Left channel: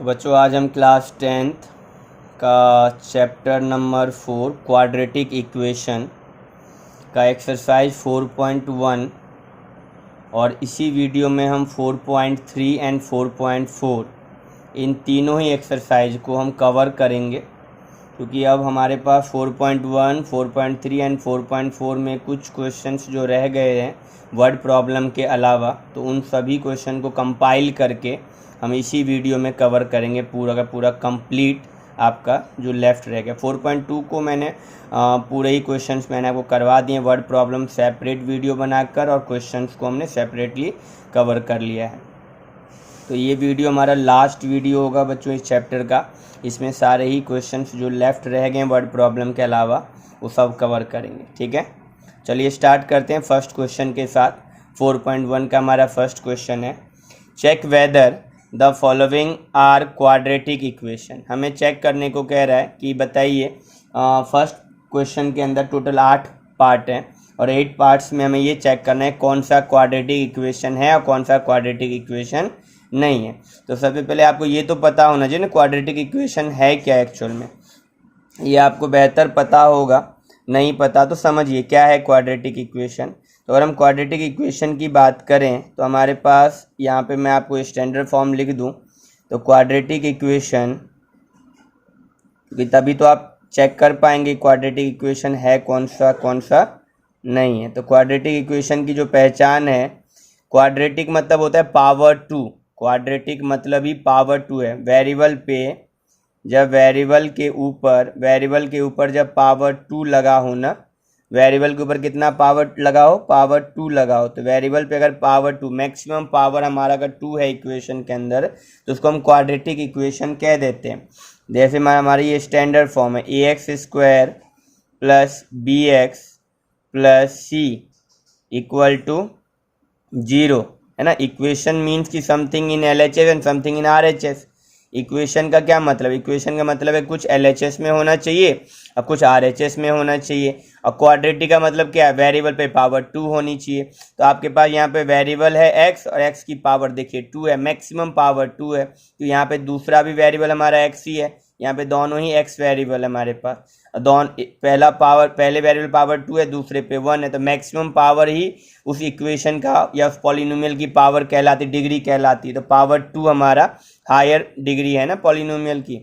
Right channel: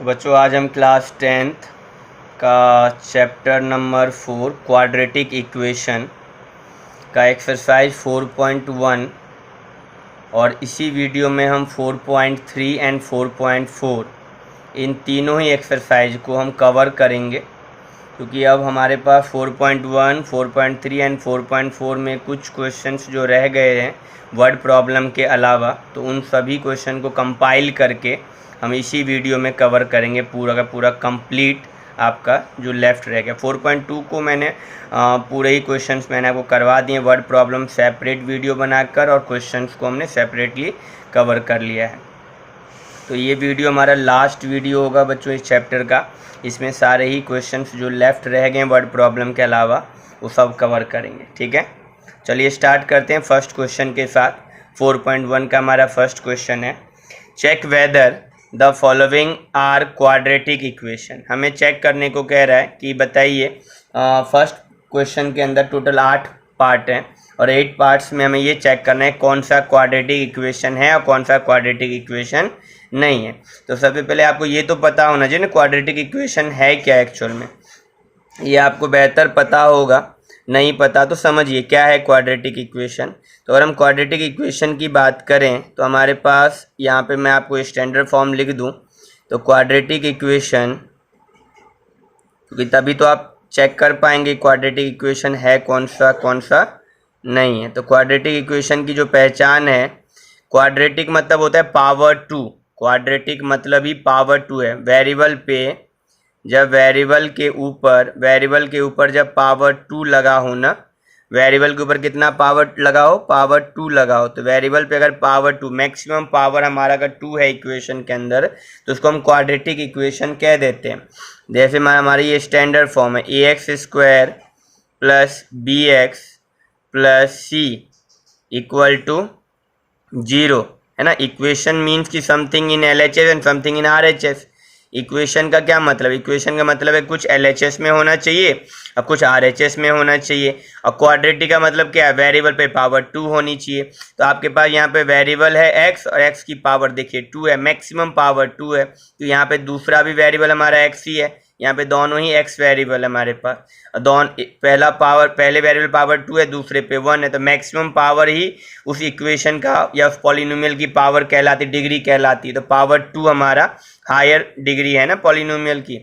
तो बच्चों आज हम क्लास 10th का चैप्टर नंबर 4 क्वाड्रेटिक इक्वेशन का एक्सरसाइज 4.1 और इसी वीडियो में हम 4.3 एंड 4.4 इन तीनों ही एक्सरसाइज को हम कवर करेंगे, क्योंकि अब हमारे पास 4.1, 4.3 एंड 4.4 में कुछ क्वेश्चंस जो रह गए हैं वर्ड प्रॉब्लम के अलावा, तो उन सभी क्वेश्चन को कंपाइल करके हम इसी वीडियो में कवर करेंगे पूरा का पूरा कंप्लीट आपका जो लेफ़्ट रह गया। 4.2 को मैंने पूरे ही क्वेश्चंस मैंने आपको करवा दिए वर्ड प्रॉब्लम सेपरेट वीडियो बनाकर, और क्वेश्चंस को हमने सेपरेटली कवर कर लिया है। तो ये वीडियो हमारा लास्ट वीडियो होगा बच्चों इस चैप्टर का। इसमें सारे ही क्वेश्चंस जो लेफ़्ट रह गए वर्ड प्रॉब्लम के अलावा वो सब कवर करेंगे। ठीक है, चलिए स्टार्ट करते हैं फर्स्ट क्वेश्चन के साथ। 4.1 का हमारा फर्स्ट क्वेश्चन है, check whether the following are quadratic equation. हमें चेक करने को कह रहा है कि बताइए, फर्स्ट क्वेश्चन के अंदर टोटल 8 पार्ट हैं और 8 पार्ट्स में हमें ये चेक करना है कौन सा क्वाड्रेटिक इक्वेशन है और कौन सा क्वाड्रेटिक इक्वेशन नहीं है। तो सबसे पहले आपको ये तो पता होना चाहिए ना क्वाड्रेटिक इक्वेशन है क्या एक्चुअल में। ये आपको बेहतर पता होगा, नहीं पता तो समझिए क्या है क्वाड्रेटिक इक्वेशन। तो अगर हम क्वाड्रेटिक इक्वेशन की बात करें तो हमारे पास यहाँ पे मैं आपको स्टैंडर्ड फॉर्म लिख दूँ तो क्वाड्रेटिक इक्वेशन, क्योंकि तभी तो आप चेक कर पाएंगे क्वाड्रेटिक इक्वेशन है कौन सा नहीं है। तो क्वाड्रेटिक इक्वेशन की जो पहचान है, क्वाड्रेटिक मतलब होता है पावर 2। क्वाड्रेटिक मतलब ही पावर 2 है। वेरिएबल पे जब वेरिएबल के ऊपर जब पावर 2 लगा हो ना, वेरिएबल के ऊपर कितना पावर लगाओ, पावर 2 लगाओ। तो वेरिएबल पे अगर पावर 2 मैक्सिमम पावर हमारा अगर 2 है इक्वेशन के अंदर, तो उसको हम क्वाड्रेटिक इक्वेशन कह देते हैं। जैसे हमारी ये स्टैंडर्ड फॉर्म है ax² plus bx plus c equal to 0, है ना। इक्वेशन मीन्स की something in LHS and something in RHS। Equation का क्या मतलब, इक्वेशन का मतलब है कुछ LHS में होना चाहिए और कुछ RHS में होना चाहिए। और क्वाड्रेटिक का मतलब क्या है, वेरिएबल पे पावर 2 होनी चाहिए। तो आपके पास यहाँ पे वेरिएबल है x और x की पावर देखिए 2 है, मैक्सिमम पावर 2 है। तो यहाँ पे दूसरा भी वेरिएबल हमारा x ही है, यहाँ पे दोनों ही x वेरिएबल हमारे पास। पहले वेरिएबल पावर 2 है, दूसरे पे 1 है। तो मैक्सिमम पावर ही उस इक्वेशन का या उस पॉलिनोमियल की पावर कहलाती, डिग्री कहलाती। तो पावर 2 हमारा हायर डिग्री है ना पॉलिनोमियल की।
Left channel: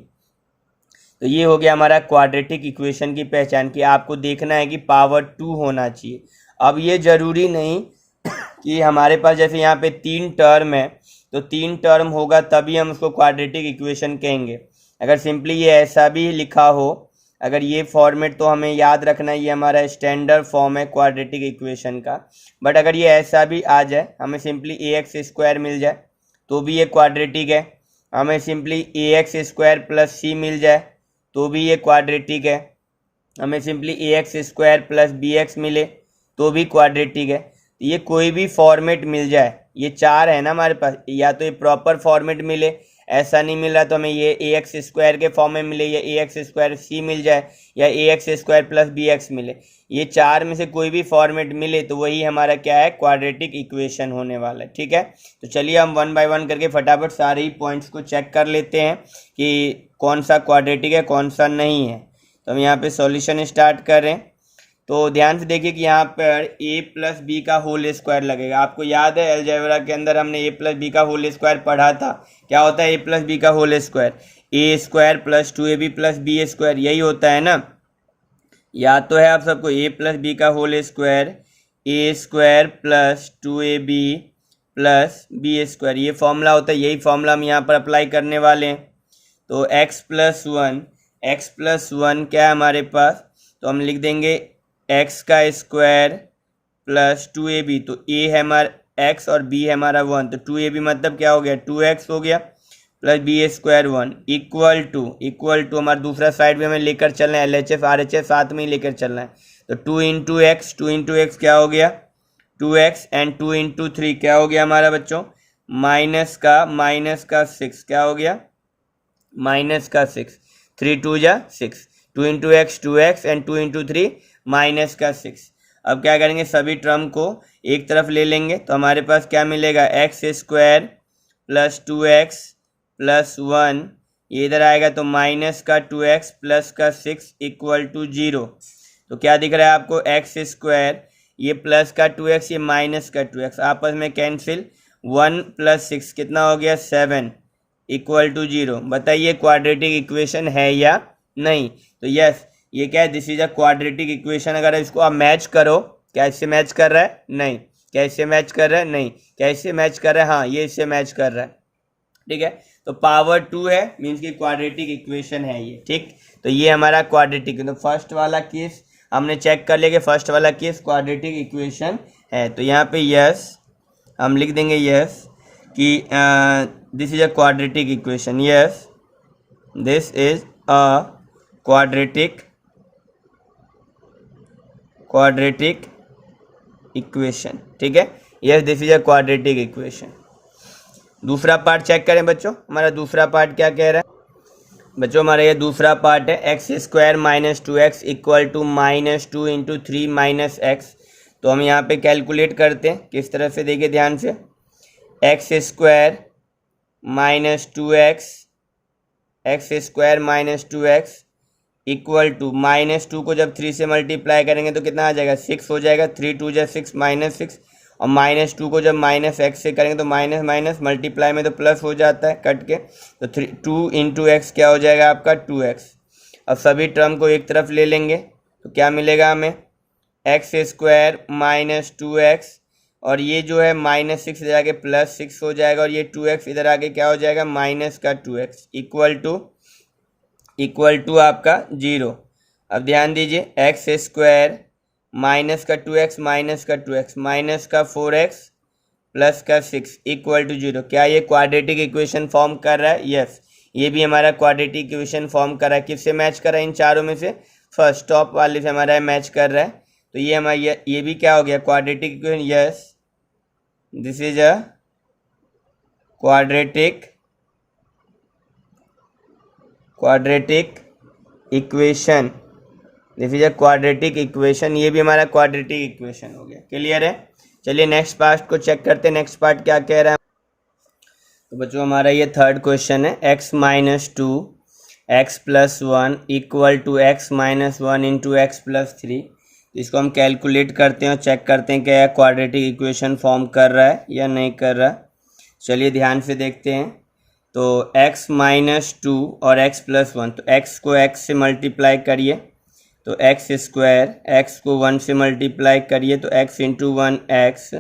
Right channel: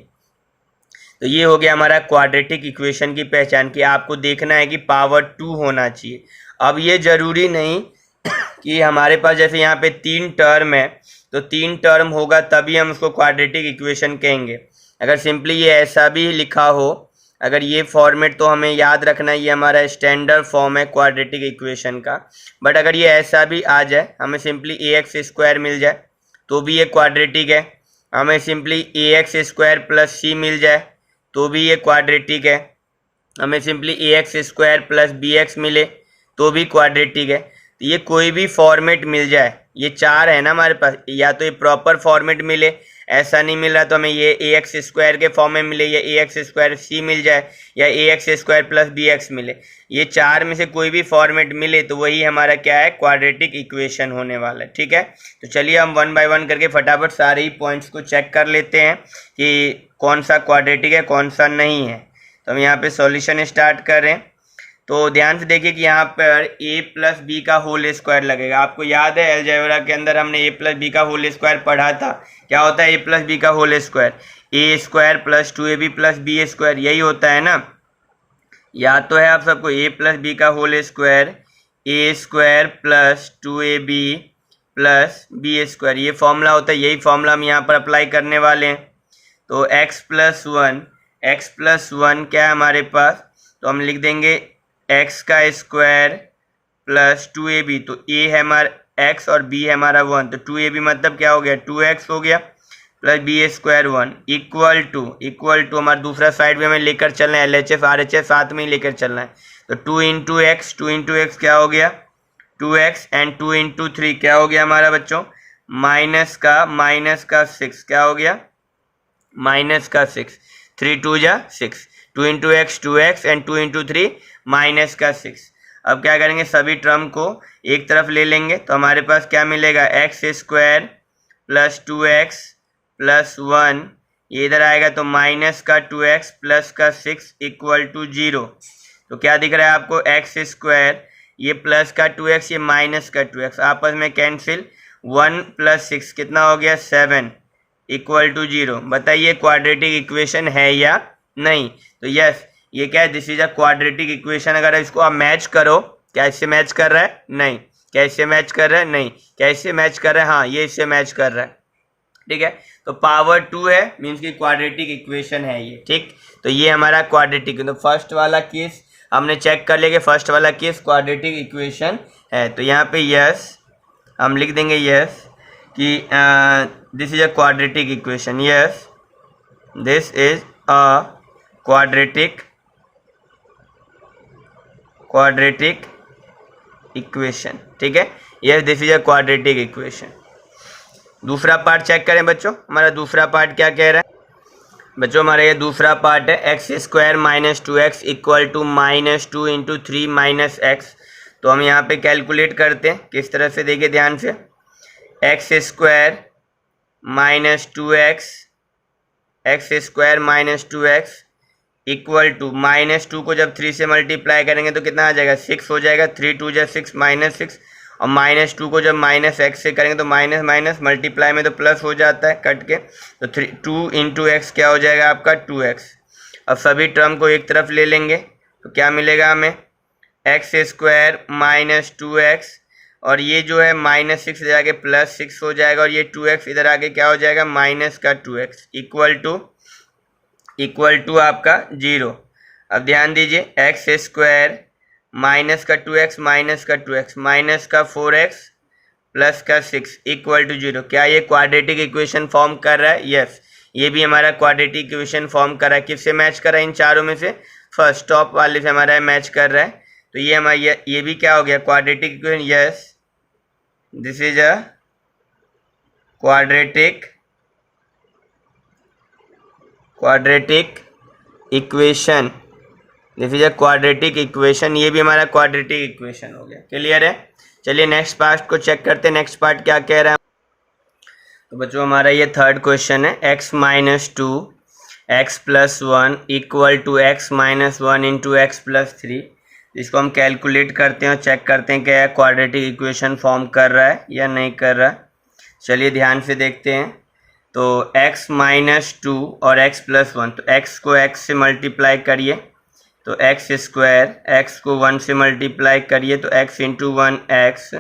तो ये हो गया हमारा क्वाड्रेटिक इक्वेशन की पहचान, कि आपको देखना है कि पावर 2 होना चाहिए। अब ये ज़रूरी नहीं कि हमारे पास जैसे यहाँ पे 3 टर्म है तो 3 टर्म होगा तभी हम उसको क्वाड्रेटिक इक्वेशन कहेंगे। अगर सिंपली ये ऐसा भी लिखा हो, अगर ये फॉर्मेट, तो हमें याद रखना ये हमारा स्टैंडर्ड फॉर्म है क्वाड्रेटिक इक्वेशन का। बट अगर ये ऐसा भी आ जाए, हमें सिंपली ax² मिल जाए तो भी ये क्वाड्रेटिक है। हमें सिंपली ax² प्लस c मिल जाए तो भी ये क्वाड्रेटिक है। हमें सिंपली ax² प्लस bx मिले तो भी क्वाड्रेटिक है। तो ये कोई भी फॉर्मेट मिल जाए, ये 4 है ना हमारे पास, या तो ये प्रॉपर फॉर्मेट मिले, ऐसा नहीं मिला तो हमें ये ax² के फॉर्म में मिले, या ax² c मिल जाए, या ax² प्लस bx मिले। ये 4 में से कोई भी फॉर्मेट मिले तो वही हमारा क्या है, क्वाड्रेटिक इक्वेशन होने वाला है। ठीक है, तो चलिए हम 1 बाय 1 करके फटाफट सारे ही पॉइंट्स को चेक कर लेते हैं कि कौन सा क्वाड्रेटिक है कौन सा नहीं है। तो हम यहाँ पे सॉल्यूशन स्टार्ट कर रहे हैं। तो ध्यान से देखिए कि यहाँ पर a प्लस बी का होल स्क्वायर लगेगा। आपको याद है अलजेब्रा के अंदर हमने a प्लस बी का होल स्क्वायर पढ़ा था। क्या होता है a प्लस बी का whole square, a² plus 2ab plus b², यही होता है ना। याद तो है आप सबको, a प्लस बी का whole square a² plus 2ab plus b², ये फॉर्मूला होता है। यही फॉर्मूला हम यहाँ पर अप्लाई करने वाले हैं। तो x प्लस 1 क्या है हमारे पास, तो हम लिख देंगे x का स्क्वायर प्लस 2ab। तो a है हमारा x और b है हमारा 1, तो 2ab मतलब क्या हो गया, 2x हो गया, प्लस b² 1 इक्वल टू हमारा दूसरा साइड में हमें लेकर चलना है, LHS RHS साथ में ही लेकर चलना है। तो 2 इंटू एक्स क्या हो गया, 2x एंड 2 इंटू 3 क्या हो गया हमारा बच्चों, माइनस का 6 क्या हो गया, माइनस का 6, 3 2 जा 6, 2 into x 2x and 2 into 3 minus का 6। अब क्या करेंगे, सभी टर्म को एक तरफ ले लेंगे तो हमारे पास क्या मिलेगा, x² प्लस 2x +1, ये इधर आएगा तो माइनस का 2x प्लस का 6 इक्वल टू 0। तो क्या दिख रहा है आपको, एक्स स्क्वायर, ये प्लस का 2x, ये माइनस का 2x, आपस में कैंसिल, 1 + 6 कितना हो गया, 7 इक्वल टू 0। बताइए क्वाड्रेटिक इक्वेशन है या नहीं। तो यस, ये क्या है, this is a quadratic equation. अगर इसको आप मैच करो, क्या इससे मैच कर रहा है, नहीं। क्या इससे मैच कर रहा है, नहीं। क्या इससे मैच कर रहा है, हाँ, ये इससे मैच कर रहा है। ठीक है, तो पावर 2 है, मीन्स की क्वाड्रेटिक इक्वेशन है ये। ठीक, तो ये हमारा क्वाड्रेटिक, तो फर्स्ट वाला केस हमने चेक कर लिया कि फर्स्ट वाला केस क्वाड्रेटिक इक्वेशन है। तो यहाँ पे यस हम लिख देंगे, यस कि this is a quadratic equation, yes this is a quadratic equation. ठीक है, yes this is a quadratic equation. दूसरा पार्ट चेक करें बच्चों, हमारा दूसरा पार्ट क्या कह रहा है बच्चों, हमारा ये दूसरा पार्ट है, x² - 2x equal to -2 × 3 - x। तो हम यहाँ पे कैलकुलेट करते हैं किस तरह से, देखिए ध्यान से, x² - 2x इक्वल टू -2 को जब 3 से मल्टीप्लाई करेंगे तो कितना आ जाएगा, 6 हो जाएगा, 3 × 2 = 6 -6, और -2 को जब -x से करेंगे तो माइनस माइनस मल्टीप्लाई में तो प्लस हो जाता है कट के, तो 2 × x क्या हो जाएगा आपका, 2x। अब सभी टर्म को एक तरफ ले लेंगे तो क्या मिलेगा हमें, x² - 2x, और ये जो है -6 इधर आके +6 हो जाएगा, और ये 2x इधर आके क्या हो जाएगा, माइनस का 2x इक्वल टू आपका 0। अब ध्यान दीजिए, x² माइनस का 2x माइनस का 4x प्लस का 6 इक्वल टू 0। क्या ये क्वाड्रेटिक इक्वेशन फॉर्म कर रहा है, यस, ये भी हमारा क्वाड्रेटिक इक्वेशन फॉर्म कर रहा है। किससे मैच कर रहा है, इन चारों में से फर्स्ट टॉप वाले से हमारा मैच कर रहा है। तो ये हमारा ये भी क्या हो गया, quadratic equation, yes this is a quadratic equation, this is a quadratic equation, ये भी हमारा क्वाड्रेटिक इक्वेशन हो गया। क्लियर है, चलिए नेक्स्ट पार्ट को चेक करते हैं, नेक्स्ट पार्ट क्या कह रहा है। तो बच्चों हमारा ये थर्ड क्वेश्चन है, x - 2 x + 1 equal to x - 1 × x + 3। इसको हम कैलकुलेट करते हैं और चेक करते हैं क्या क्वाड्रेटिक इक्वेशन फॉर्म कर रहा है या नहीं कर रहा है। चलिए ध्यान से देखते हैं। तो x - 2 और x + 1, तो x को x से मल्टीप्लाई करिए तो x² x को 1 से मल्टीप्लाई करिए तो x × 1 x,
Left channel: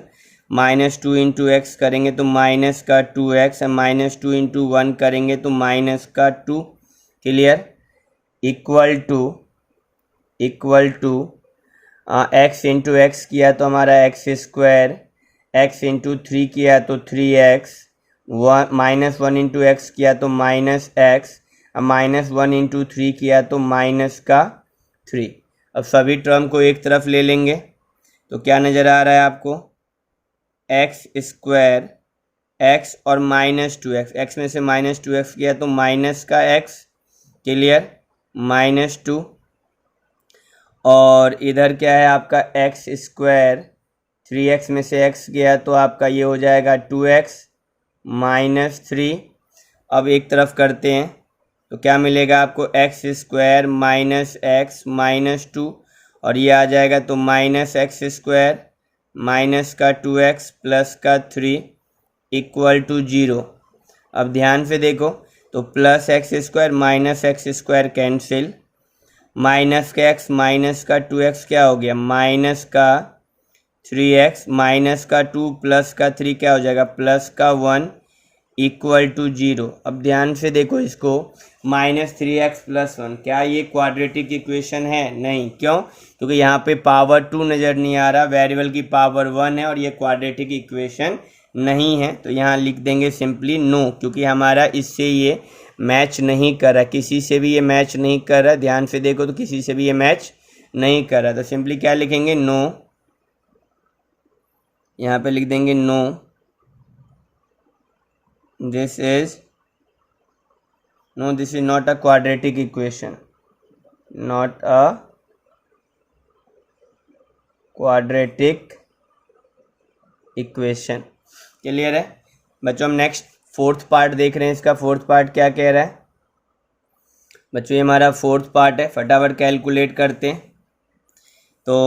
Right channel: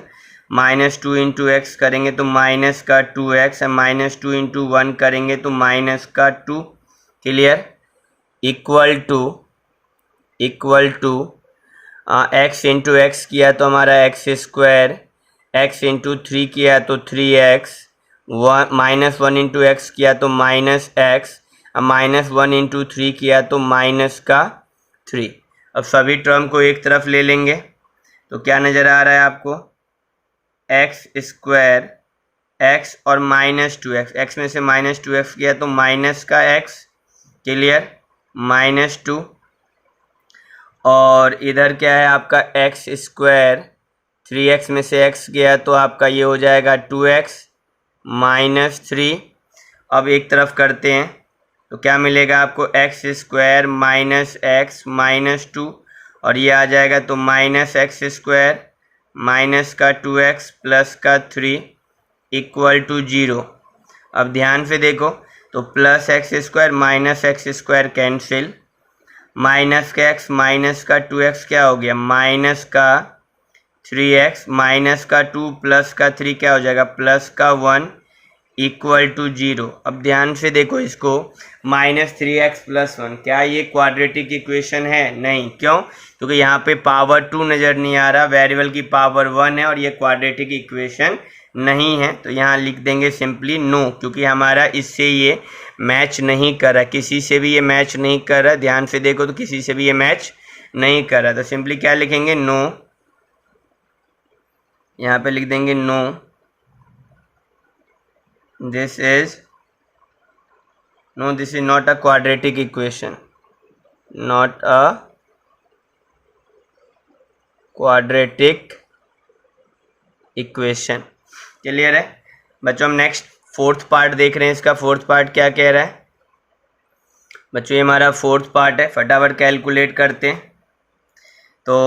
-2 × x करेंगे तो माइनस का 2x, -2 × 1 करेंगे तो माइनस का 2। Clear, equal to x × x किया तो हमारा x², x × 3 किया तो 3x, -1 × x किया तो -x, -1 × 3 किया तो माइनस का 3। अब सभी टर्म को एक तरफ ले लेंगे तो क्या नज़र आ रहा है आपको, x² x और -2x, x में से -2x किया तो माइनस का x। क्लियर, -2, और इधर क्या है आपका x², 3x में से x गया तो आपका ये हो जाएगा 2x -3। अब एक तरफ करते हैं तो क्या मिलेगा आपको, x² - x -2, और ये आ जाएगा तो -x² माइनस का 2x प्लस का 3 इक्वल टू 0। अब ध्यान से देखो तो +x² - x² कैंसिल, माइनस का x माइनस का 2x क्या हो गया, माइनस का 3x, माइनस का 2 प्लस का 3 क्या हो जाएगा, प्लस का 1 इक्वल टू 0। अब ध्यान से देखो इसको, -3x + 1, क्या ये क्वाड्रेटिक इक्वेशन है, नहीं। क्यों, क्योंकि यहाँ पे पावर 2 नज़र नहीं आ रहा, वेरिएबल की पावर 1 है और ये क्वाड्रेटिक इक्वेशन नहीं है। तो यहाँ लिख देंगे सिंपली नो, क्योंकि हमारा इससे ये मैच नहीं कर रहा, किसी से भी ये मैच नहीं कर रहा। ध्यान से देखो तो किसी से भी ये मैच नहीं कर रहा, तो सिंपली क्या लिखेंगे, नो, यहाँ पे लिख देंगे no, this is not a quadratic equation, not a quadratic equation. Clear है बच्चों, हम नेक्स्ट फोर्थ पार्ट देख रहे हैं, इसका फोर्थ पार्ट क्या कह रहा है बच्चों, ये हमारा फोर्थ पार्ट है, फटाफट कैलकुलेट करते हैं। तो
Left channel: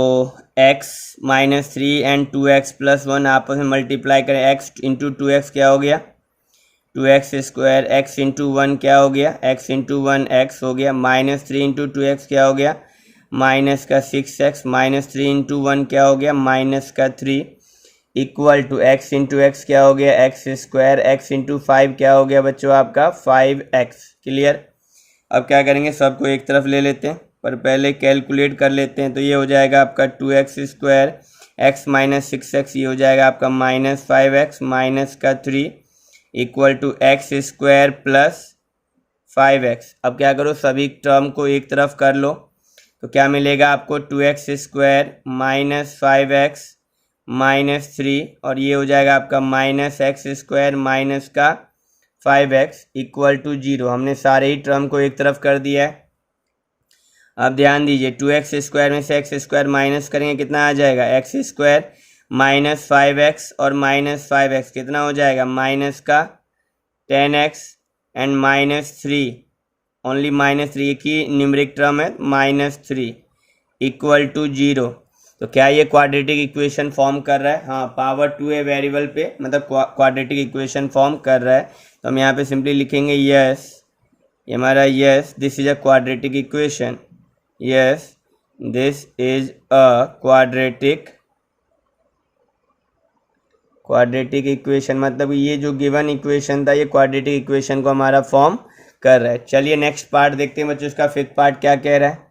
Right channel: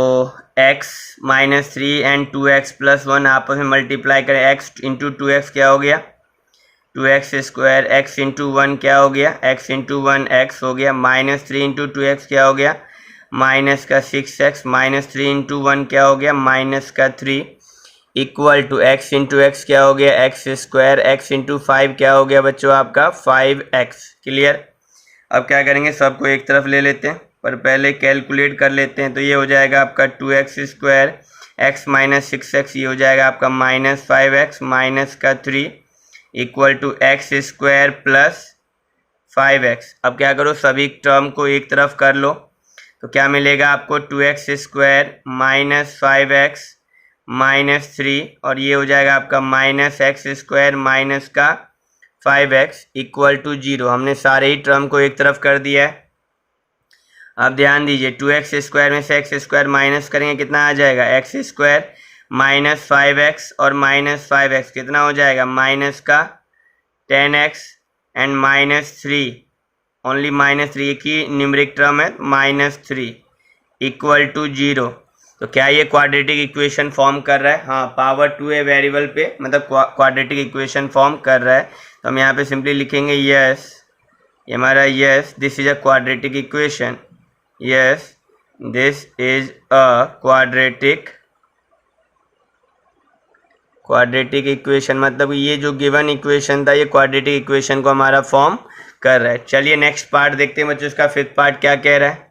x माइनस 3 एंड 2x+1 आपस में मल्टीप्लाई करें, x इंटू 2x क्या हो गया 2x², x इंटू 1 क्या हो गया x इंटू 1 x हो गया, माइनस 3 इंटू 2x क्या हो गया माइनस का 6x, माइनस 3 इंटू 1 क्या हो गया माइनस का 3, equal to x into x क्या हो गया x², x इंटू 5 क्या हो गया बच्चों आपका 5x। क्लियर। अब क्या करेंगे, सबको एक तरफ ले लेते हैं, पर पहले कैलकुलेट कर लेते हैं। तो ये हो जाएगा आपका 2x², x माइनस 6x, ये हो जाएगा आपका माइनस 5x माइनस का 3 equal to x² plus 5x। अब क्या करो, सभी टर्म को एक तरफ कर लो, तो क्या मिलेगा आपको 2x² माइनस 5x माइनस 3, और ये हो जाएगा आपका माइनस x² माइनस का 5x इक्वल टू 0। हमने सारे ही टर्म को एक तरफ कर दिया है। अब ध्यान दीजिए, 2x² में से x² माइनस करेंगे, कितना आ जाएगा x² माइनस 5x और माइनस 5x कितना हो जाएगा माइनस का 10x and minus 3, only minus 3 की न्यूमरिक टर्म है माइनस 3 इक्वल टू 0। तो क्या ये क्वाड्रेटिक इक्वेशन फॉर्म कर रहा है? हाँ, पावर 2 है वेरिएबल पे, मतलब क्वाड्रेटिक इक्वेशन फॉर्म कर रहा है। तो हम यहाँ पे सिंपली लिखेंगे यस, ये हमारा yes this is a quadratic equation, yes this is a quadratic equation, मतलब ये जो गिवन इक्वेशन था ये क्वाड्रेटिक इक्वेशन को हमारा फॉर्म कर रहा है। चलिए नेक्स्ट पार्ट देखते हैं बच्चों, इसका फिफ्थ पार्ट क्या कह रहा है।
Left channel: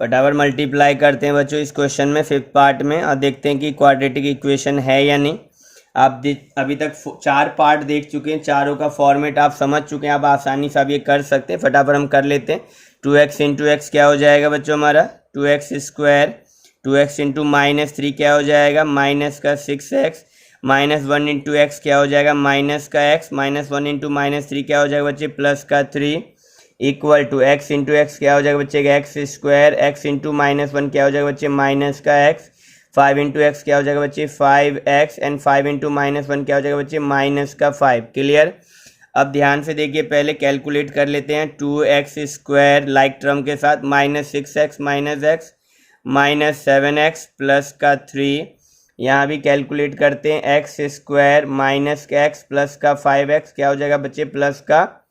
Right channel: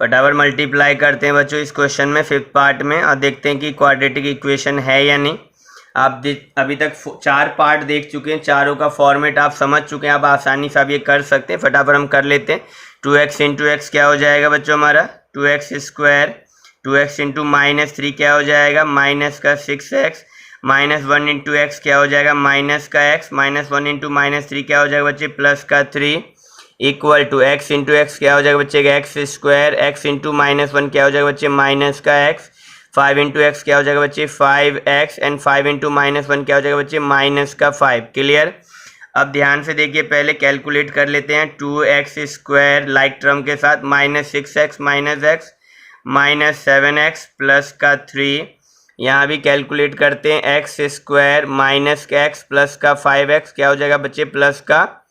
फटाफट मल्टीप्लाई करते हैं बच्चों इस क्वेश्चन में फिफ्थ पार्ट में, और देखते हैं कि क्वाड्रेटिक इक्वेशन है या नहीं। आप अभी तक 4 पार्ट देख चुके हैं, चारों का फॉर्मेट आप समझ चुके हैं, आप आसानी से आप ये कर सकते हैं। फटाफट हम कर लेते हैं। 2x इंटू एक्स क्या हो जाएगा बच्चों हमारा 2x², 2x इंटू माइनस 3 क्या हो जाएगा माइनस का 6x, माइनस 1 इंटू एक्स क्या हो जाएगा माइनस का x, माइनस 1 इंटू माइनस 3 क्या हो जाएगा बच्चे प्लस का 3 equal to x into x क्या हो जाएगा बच्चे x², x इंटू माइनस 1 क्या हो जाएगा बच्चे माइनस का x, 5 इंटू एक्स क्या हो जाएगा बच्चे 5x एंड 5 इंटू माइनस 1 क्या हो जाएगा बच्चे माइनस का 5। क्लियर। अब ध्यान से देखिए, पहले कैलकुलेट कर लेते हैं। 2x² लाइक टर्म के साथ minus 6x minus x minus 7x plus का 3, यहाँ भी कैलकुलेट करते हैं। x² माइनस का x प्लस का 5x क्या हो जाएगा बच्चे प्लस का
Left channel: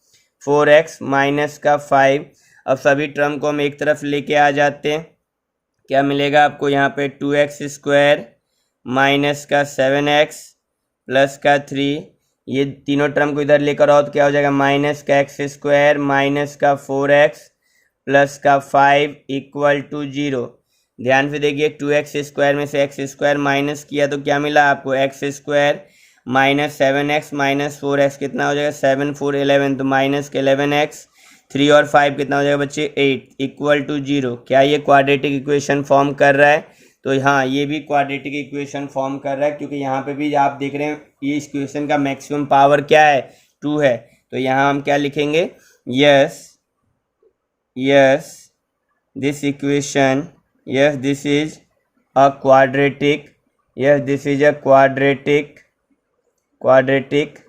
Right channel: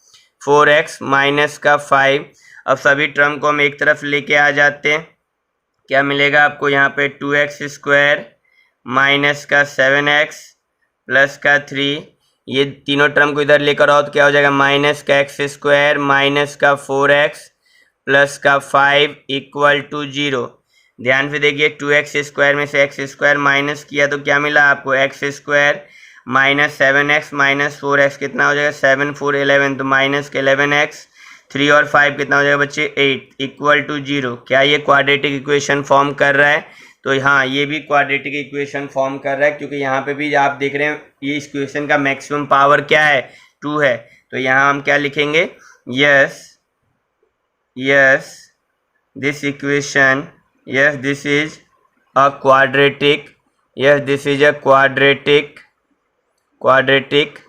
4x माइनस का 5। अब सभी टर्म को हम एक तरफ लेके आ जाते हैं, क्या मिलेगा आपको यहाँ पे 2x² माइनस का 7x प्लस का 3, ये तीनों टर्म को इधर लेकर आओ तो क्या हो जाएगा माइनस का x² माइनस का 4x प्लस का 5 इक्वल टू 0। ध्यान से देखिए, 2x² में से x² माइनस किया तो क्या मिला आपको x² minus 7x minus 4x कितना हो जाएगा 7 4 11, तो माइनस के 11x, 3 और 5 कितना हो जाएगा बच्चे 8 इक्वल टू 0। क्या ये क्वाड्रेटिक इक्वेशन फॉर्म कर रहा है? तो हाँ, ये भी क्वाड्रेटिक इक्वेशन फॉर्म कर रहा है, क्योंकि यहाँ पे भी आप देख रहे हैं ये इस इक्वेशन का मैक्सिमम पावर क्या है 2 है। तो यहाँ हम क्या लिखेंगे yes yes this equation, yes this is a quadratic, yes this is a quadratic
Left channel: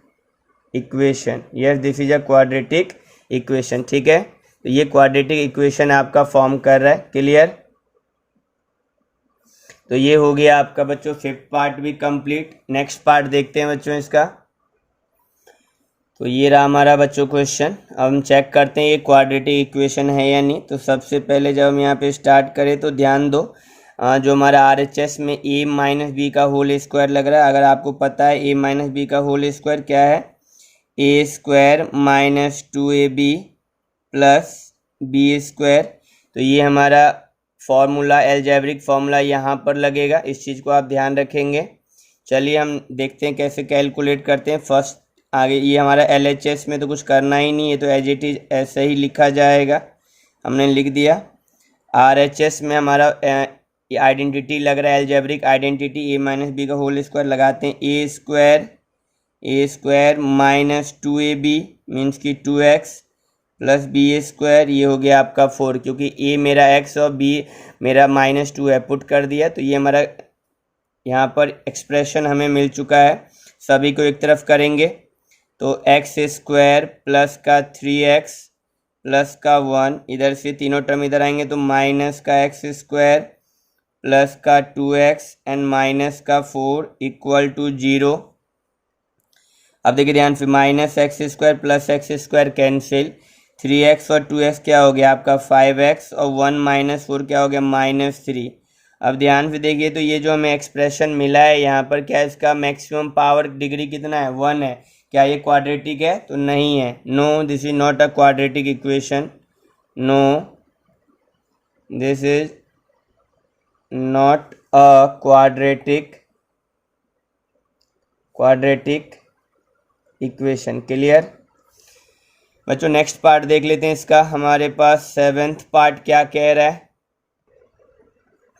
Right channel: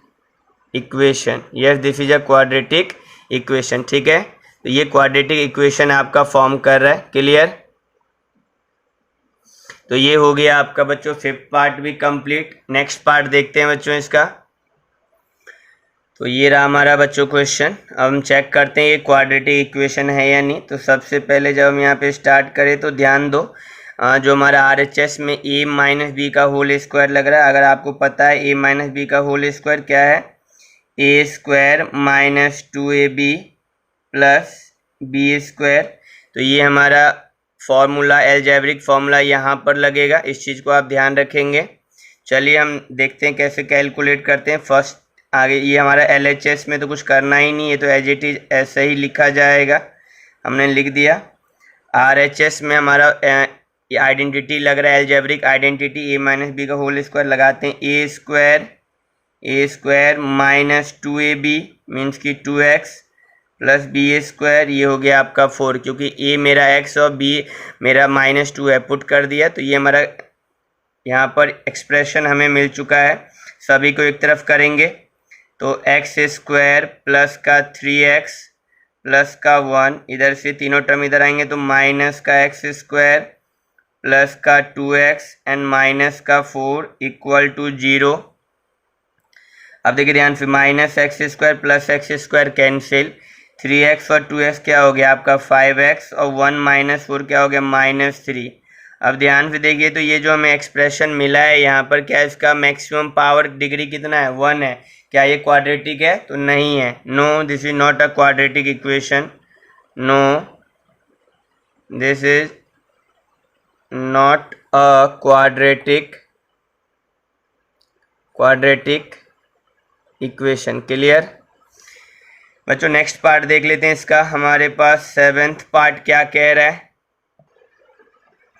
equation, yes this is a quadratic equation. ठीक है, तो ये क्वाड्रेटिक इक्वेशन आपका फॉर्म कर रहा है। क्लियर। तो ये हो गया आपका बच्चों फिफ्थ पार्ट भी कंप्लीट। नेक्स्ट पार्ट देखते हैं बच्चों इसका। तो ये रहा हमारा बच्चों क्वेश्चन। अब हम चेक करते हैं ये क्वाड्रेटिक इक्वेशन है या नहीं। तो सबसे पहले जब हम यहाँ पे स्टार्ट करें तो ध्यान दो, जो हमारा RHS में a माइनस बी का होल स्क्वायर लग रहा है। अगर आपको पता है a माइनस बी का होल स्क्वायर क्या है, a² minus 2ab plus b²। तो ये हमारा फॉर्मूला एल्जेब्रिक फॉर्मूला यहाँ पर लगेगा, इस चीज़ को आप ध्यान रखेंगे। चलिए हम देखते हैं कैसे कैलकुलेट करते हैं। फर्स्ट आगे ये हमारा LHS में तो कुछ करना ही नहीं है, तो एज इट इज ऐसे ही लिखा जाएगा, हमने लिख दिया। RHS में हमारा ये आइडेंटिटी लग रहा है algebraic identity, a minus b का होल स्क्वायर लगाते हैं। a² माइनस 2ab मीन्स की 2x प्लस b², ये हो गया आपका 4, क्योंकि a मेरा x और b मेरा माइनस 2 है, पुट कर दिया। तो ये हमारा यहाँ पर एक्सप्रेशन हमें मिल चुका है। सभी को एक तरफ करेंगे तो एक्स स्क्वायर प्लस का 3x प्लस का 1, इधर से तीनों टर्म इधर आएंगे तो माइनस का एक्स स्क्वायर प्लस का 2x एंड माइनस का 4 इक्वल टू 0। अब देखिए ध्यान से, minus x square plus x square cancel, 3x और 2x क्या हो गया आपका 5x और 1 माइनस 4 क्या हो गया -3। अब ध्यान से देखिए तो ये जो हमें एक्सप्रेशन मिला है यहाँ पर, क्या इसका मैक्सिमम पावर डिग्री कितना है 1 है। क्या ये क्वाड्रेटिक है? तो नहीं है, no this is not a quadratic equation, no this is not a quadratic equation. Clear बच्चों? नेक्स्ट पार्ट देख लेते हैं इसका। हमारे पास 7th पार्ट क्या कह रहा है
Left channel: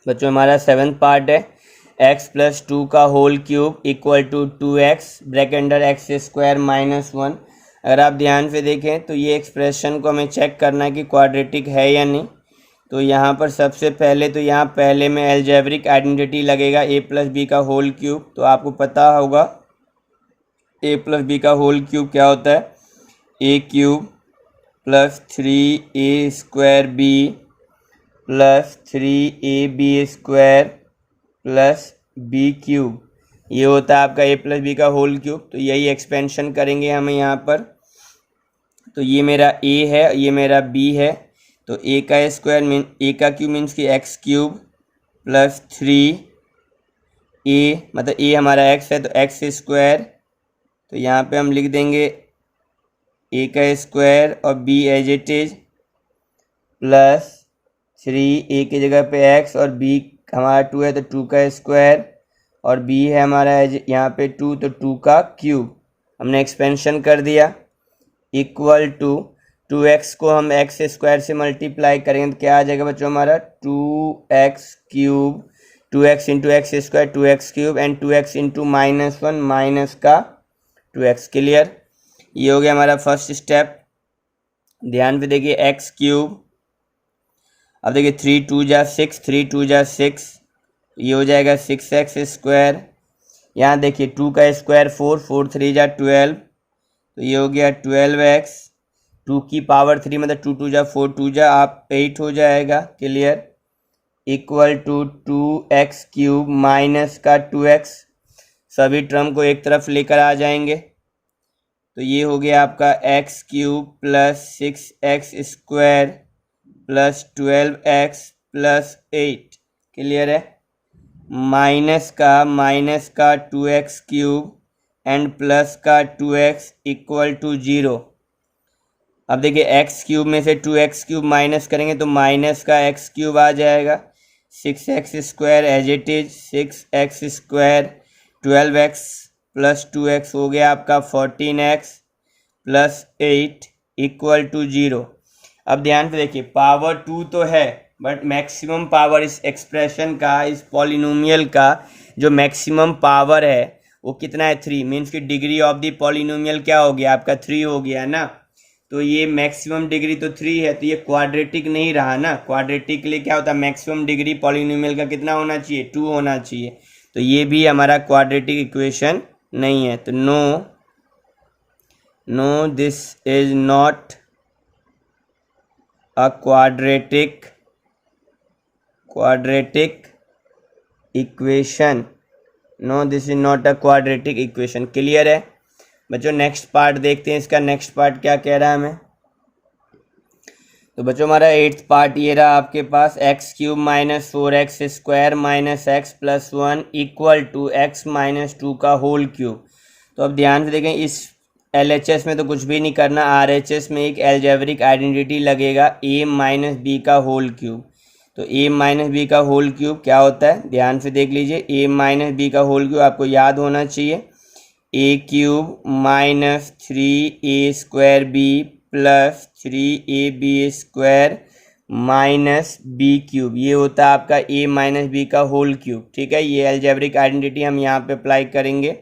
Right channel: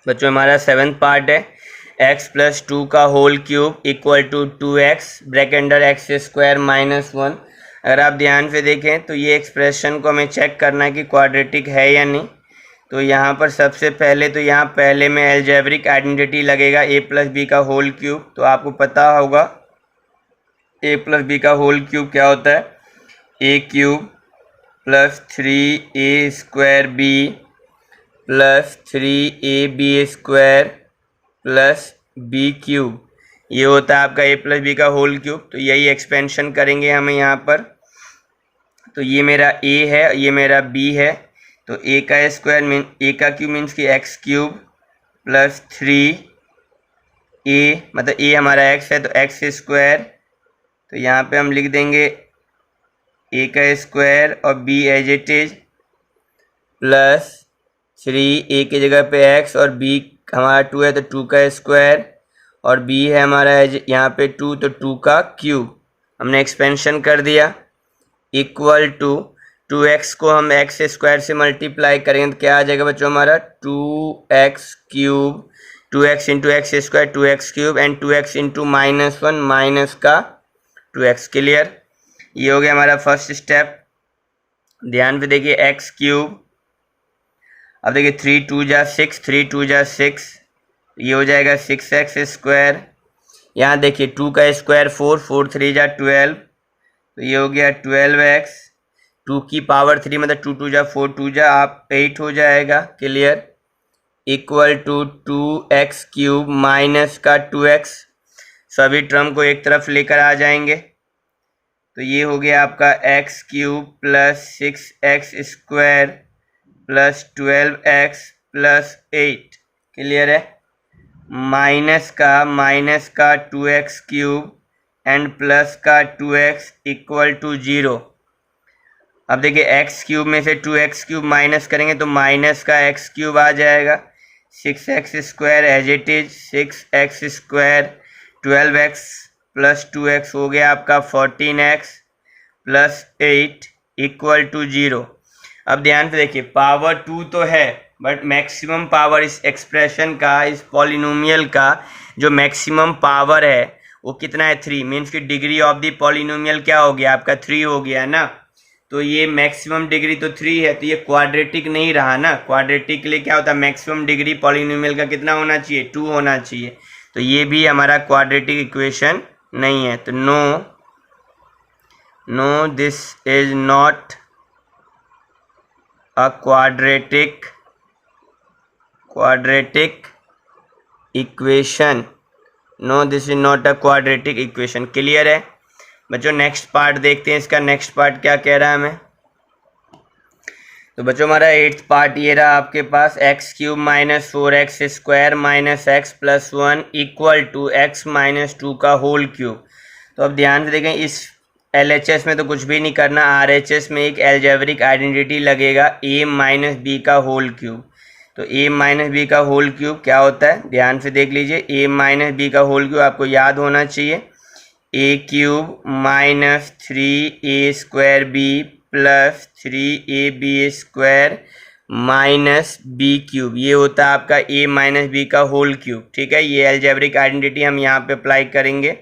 बच्चों? हमारा 7th पार्ट है x प्लस 2 का whole cube equal to 2x bracket under x square minus 1। अगर आप ध्यान से देखें तो ये एक्सप्रेशन को हमें चेक करना है कि क्वाड्रेटिक है या नहीं। तो यहाँ पर सबसे पहले तो यहाँ पहले में एल्जेब्रिक आइडेंटिटी लगेगा a प्लस बी का होल क्यूब। तो आपको पता होगा a प्लस बी का होल क्यूब क्या होता है, a cube plus 3a square b plus 3ab square plus b cube, ये होता है आपका a प्लस बी का होल क्यूब। तो यही एक्सपेंशन करेंगे हमें यहाँ पर। तो ये मेरा a है, ये मेरा b है। तो a का स्क्वायर a का क्यूब मीन्स कि x क्यूब प्लस 3a, मतलब a हमारा x है तो x स्क्वायर। तो यहाँ पे हम लिख देंगे a का स्क्वायर और b as it is plus 3a की जगह पे x और b हमारा 2 है तो 2 का स्क्वायर और b है हमारा यहाँ पे 2 तो 2 का क्यूब। हमने एक्सपेंशन कर दिया इक्वल टू 2x को हम x स्क्वायर से मल्टीप्लाई करेंगे तो क्या आ जाएगा बच्चों हमारा 2x cube, 2x into x square 2x cube and 2x into -1 minus का 2x। क्लियर? ये हो गया हमारा फर्स्ट स्टेप। ध्यान पे देखिए x क्यूब, अब देखिए 3 2 जा 6, 3 2 जा 6, ये हो जाएगा 6x स्क्वायर। यहाँ देखिए 2 का स्क्वायर 4, 4 3 जा 12, तो ये हो गया 12x, 2 की पावर 3 मतलब 2 2 जा 4, 2 जा आप 8 हो जाएगा। Clear? Equal to 2x cube minus का 2x, सभी टर्म को एक तरफ लेकर आ जाएंगे। तो ये हो गया आपका x cube plus 6x square plus 12x plus 8। Clear है? माइनस का 2x क्यूब एंड प्लस का 2x इक्वल टू 0। अब देखिए x क्यूब में से 2x क्यूब माइनस करेंगे तो माइनस का x क्यूब आ जाएगा, 6x square as it is 6x square 12x plus 2x हो गया आपका 14x प्लस 8 इक्वल टू 0। अब ध्यान से देखिए पावर 2 तो है बट मैक्सिमम पावर इस एक्सप्रेशन का, इस पॉलिनोमियल का जो मैक्सिमम पावर है वो कितना है 3, मीन्स की डिग्री ऑफ द पॉलिनोमियल क्या हो गया आपका 3 हो गया ना। तो ये मैक्सिमम डिग्री तो 3 है तो ये क्वाड्रेटिक नहीं रहा ना। क्वाड्रेटिक के लिए क्या होता है मैक्सिमम डिग्री पॉलिनोमियल का कितना होना चाहिए 2 होना चाहिए। तो ये भी हमारा क्वाड्रेटिक इक्वेशन नहीं है। तो no this is not a quadratic equation, no this is not a quadratic equation. Clear है बच्चों? नेक्स्ट पार्ट देखते हैं इसका। नेक्स्ट पार्ट क्या कह रहा है हमें? तो बच्चों हमारा 8th पार्ट ये रहा आपके पास, x cube minus 4x square minus x plus 1 equal to x minus 2 का होल क्यूब। तो अब ध्यान से देखें, इस LHS में तो कुछ भी नहीं करना, RHS में एक एल्जेब्रिक आइडेंटिटी लगेगा a माइनस बी का होल क्यूब। तो a माइनस बी का होल क्यूब क्या होता है ध्यान से देख लीजिए, a माइनस बी का होल क्यूब आपको याद होना चाहिए, a cube minus 3a square b plus 3ab square minus b cube, ये होता है आपका a माइनस बी का होल क्यूब। ठीक है, ये एल्जेब्रिक आइडेंटिटी हम यहाँ पे अप्लाई करेंगे।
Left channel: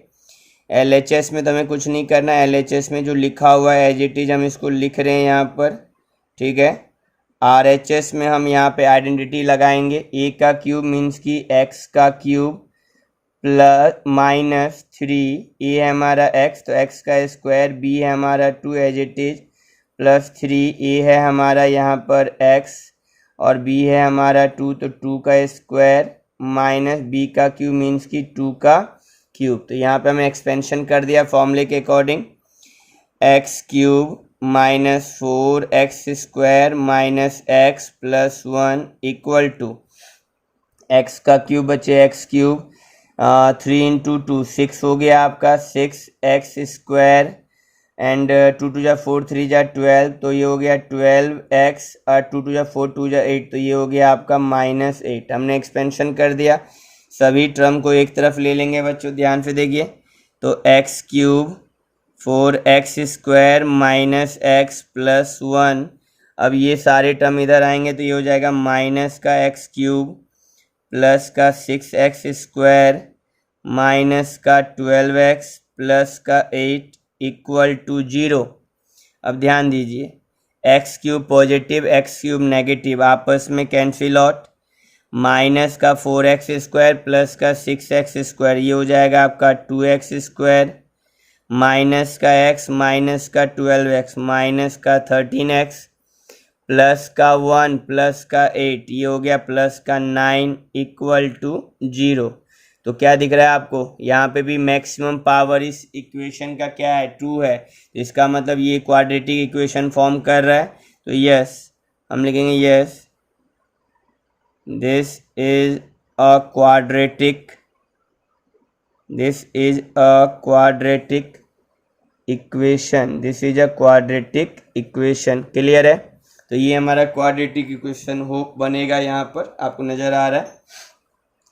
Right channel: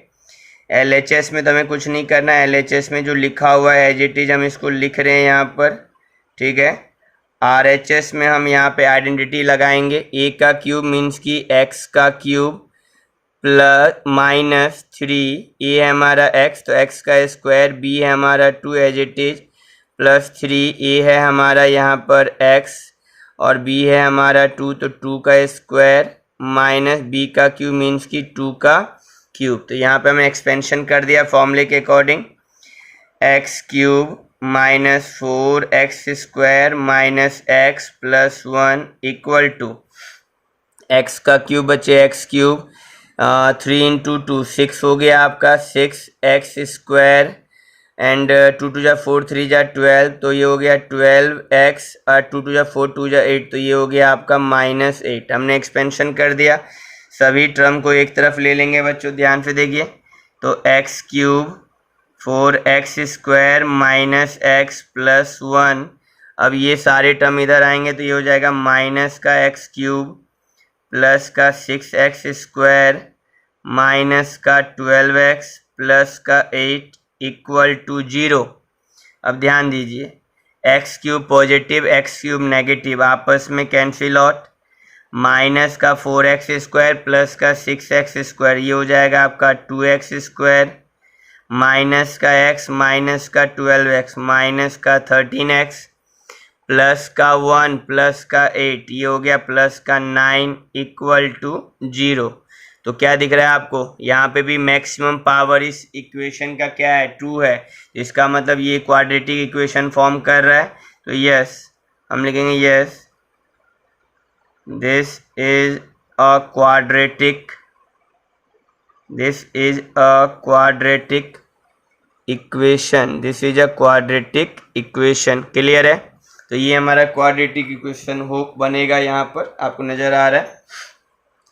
LHS में तो हमें कुछ नहीं करना, LHS में जो लिखा हुआ है एज इट इज हम इसको लिख रहे हैं यहाँ पर। ठीक है, RHS में हम यहाँ पे आइडेंटिटी लगाएंगे, a का क्यूब मीन्स की x का क्यूब प्लस -3, ए है हमारा x तो x का स्क्वायर, b है हमारा 2 एज इट इज, प्लस 3, ए है हमारा यहाँ पर x और b है हमारा 2 तो 2 का स्क्वायर माइनस b का क्यूब मीन्स की 2 का क्यूब। तो यहाँ पे हमें एक्सपेंशन कर दिया फॉर्मूले के according, x cube minus 4x² minus x plus 1 equal to x का क्यूब बचे x क्यूब 3 इंटू 2 6 हो गया आपका 6x² एंड 2 2 जा 4 3 जा 12 तो ये हो गया 12x और 2 2 जा 4 2 जा 8 तो ये हो गया आपका -8। हमने एक्सपेंशन कर दिया, सभी टर्म को एक तरफ ले लेंगे बच्चों, ध्यान से देखिए। तो x cube 4x² minus x plus 1, अब ये सारे टर्म इधर आएंगे तो ये हो जाएगा माइनस का x क्यूब प्लस का 6x² माइनस का 12x प्लस का 8 इक्वल टू 0। अब ध्यान दीजिए, x cube positive x cube negative आपस में कैंसिल आउट, माइनस का 4x² प्लस का 6x² ये हो जाएगा आपका 2x² माइनस का x माइनस का 12x माइनस का 13x प्लस का 1 प्लस का 8 ये हो गया प्लस का 9 इक्वल टू 0। तो क्या दिख रहा है आपको, यहाँ पे भी मैक्सिमम पावर इस इक्वेशन का क्या है 2 है, इसका मतलब ये क्वाड्रेटिक इक्वेशन फॉर्म कर रहा है। तो यस हम लिखेंगे yes this is a quadratic equation, this is a quadratic equation. Clear है, तो ये हमारा क्वाड्रेटिक इक्वेशन हो बनेगा, यहाँ पर आपको नज़र आ रहा है।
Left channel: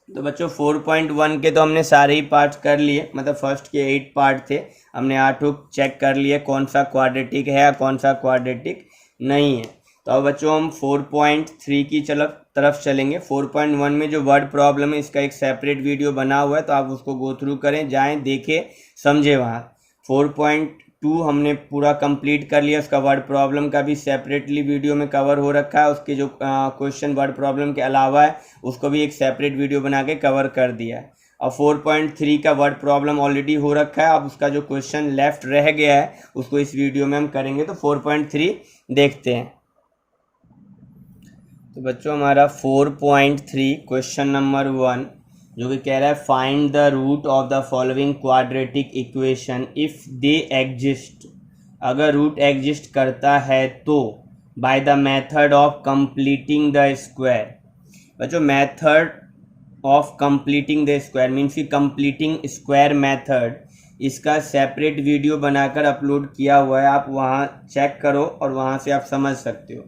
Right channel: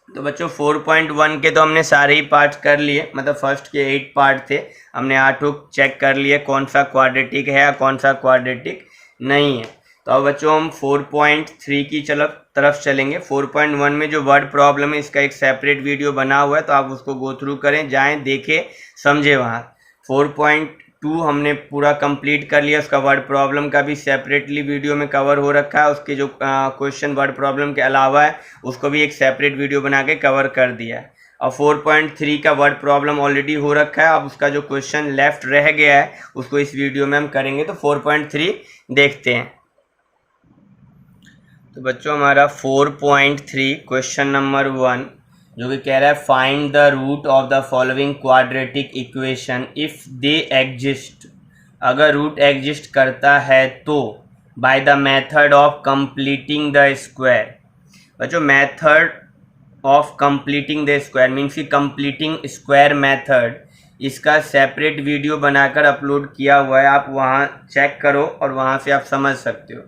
तो बच्चों 4.1 के तो हमने सारे ही पार्ट्स कर लिए, मतलब फर्स्ट के 8 पार्ट थे, हमने 8 चेक कर लिए कौन सा क्वाड्रेटिक है कौन सा क्वाड्रेटिक नहीं है। तो अब बच्चों हम 4.3 की तरफ चलेंगे। 4.1 में जो वर्ड प्रॉब्लम है इसका एक सेपरेट वीडियो बना हुआ है, तो आप उसको गो थ्रू करें, जाएं देखें समझे वहाँ। 4.2 हमने पूरा कंप्लीट कर लिया, उसका वर्ड प्रॉब्लम का भी सेपरेटली वीडियो में कवर हो रखा है, उसके जो क्वेश्चन वर्ड प्रॉब्लम के अलावा है उसको भी एक सेपरेट वीडियो बना के कवर कर दिया है। और 4.3 का वर्ड प्रॉब्लम ऑलरेडी हो रखा है, अब उसका जो क्वेश्चन लेफ्ट रह गया है उसको इस वीडियो में हम करेंगे। तो 4.3 देखते हैं। तो बच्चों हमारा 4.3 क्वेश्चन नंबर 1 जो कि कह रहा है find the root of the following quadratic equation if they exist, अगर रूट एग्जिस्ट करता है तो by the method of completing the square. बच्चों method of completing the square means की कंप्लीटिंग स्क्वायर मेथड, इसका सेपरेट वीडियो बनाकर upload किया हुआ है, आप वहाँ चेक करो और वहाँ से आप समझ सकते हो।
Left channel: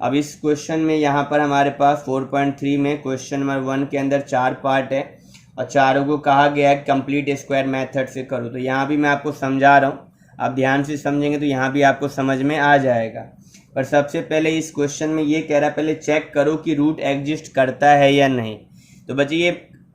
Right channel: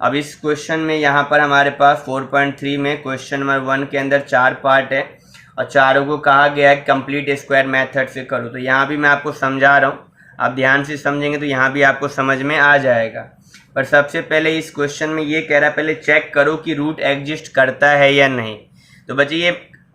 अब इस क्वेश्चन में यहाँ पर हमारे पास 4.3 में क्वेश्चन नंबर 1 के अंदर 4 पार्ट है और चारों को कहा गया है कंप्लीट स्क्वायर मेथड से करो। तो यहाँ भी मैं आपको समझा रहा हूँ, आप ध्यान से समझेंगे तो यहाँ भी आपको समझ में आ जाएगा। पर सबसे पहले इस क्वेश्चन में ये कह रहा है पहले चेक करो कि रूट एग्जिस्ट करता है या नहीं। तो बच्चे ये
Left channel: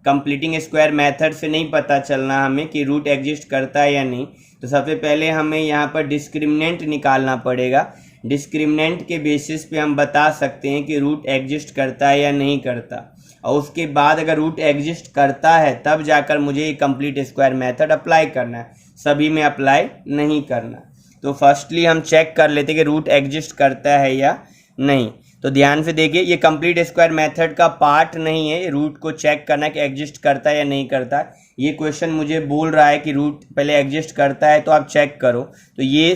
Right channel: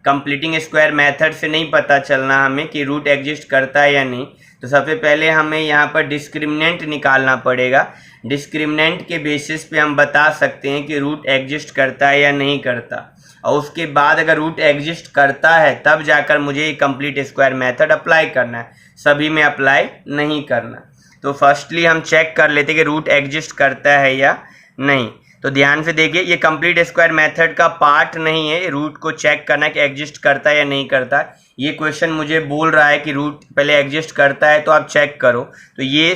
कंप्लीटिंग स्क्वायर मेथड से नहीं पता चलना हमें कि रूट एग्जिस्ट करता है या नहीं, तो सबसे पहले हमें यहाँ पर डिस्क्रिमिनेंट निकालना पड़ेगा। डिस्क्रिमिनेंट के बेसिस पे हम बता सकते हैं कि रूट एग्जिस्ट करता है या नहीं करता, और उसके बाद अगर रूट एग्जिस्ट करता है तब जाकर मुझे ये कंप्लीट स्क्वायर मेथड अप्लाई करना है, सभी में अप्लाई नहीं करना। तो फर्स्टली हम चेक कर लेते कि रूट एग्जिस्ट करता है या नहीं। तो ध्यान से देखिए, ये कंप्लीट स्क्वायर मेथड का पार्ट नहीं है रूट को चेक करना कि एग्जिस्ट करता है या नहीं करता। ये क्वेश्चन मुझे बोल रहा है कि रूट पहले एग्जिस्ट करता है तो आप चेक करो। तो ये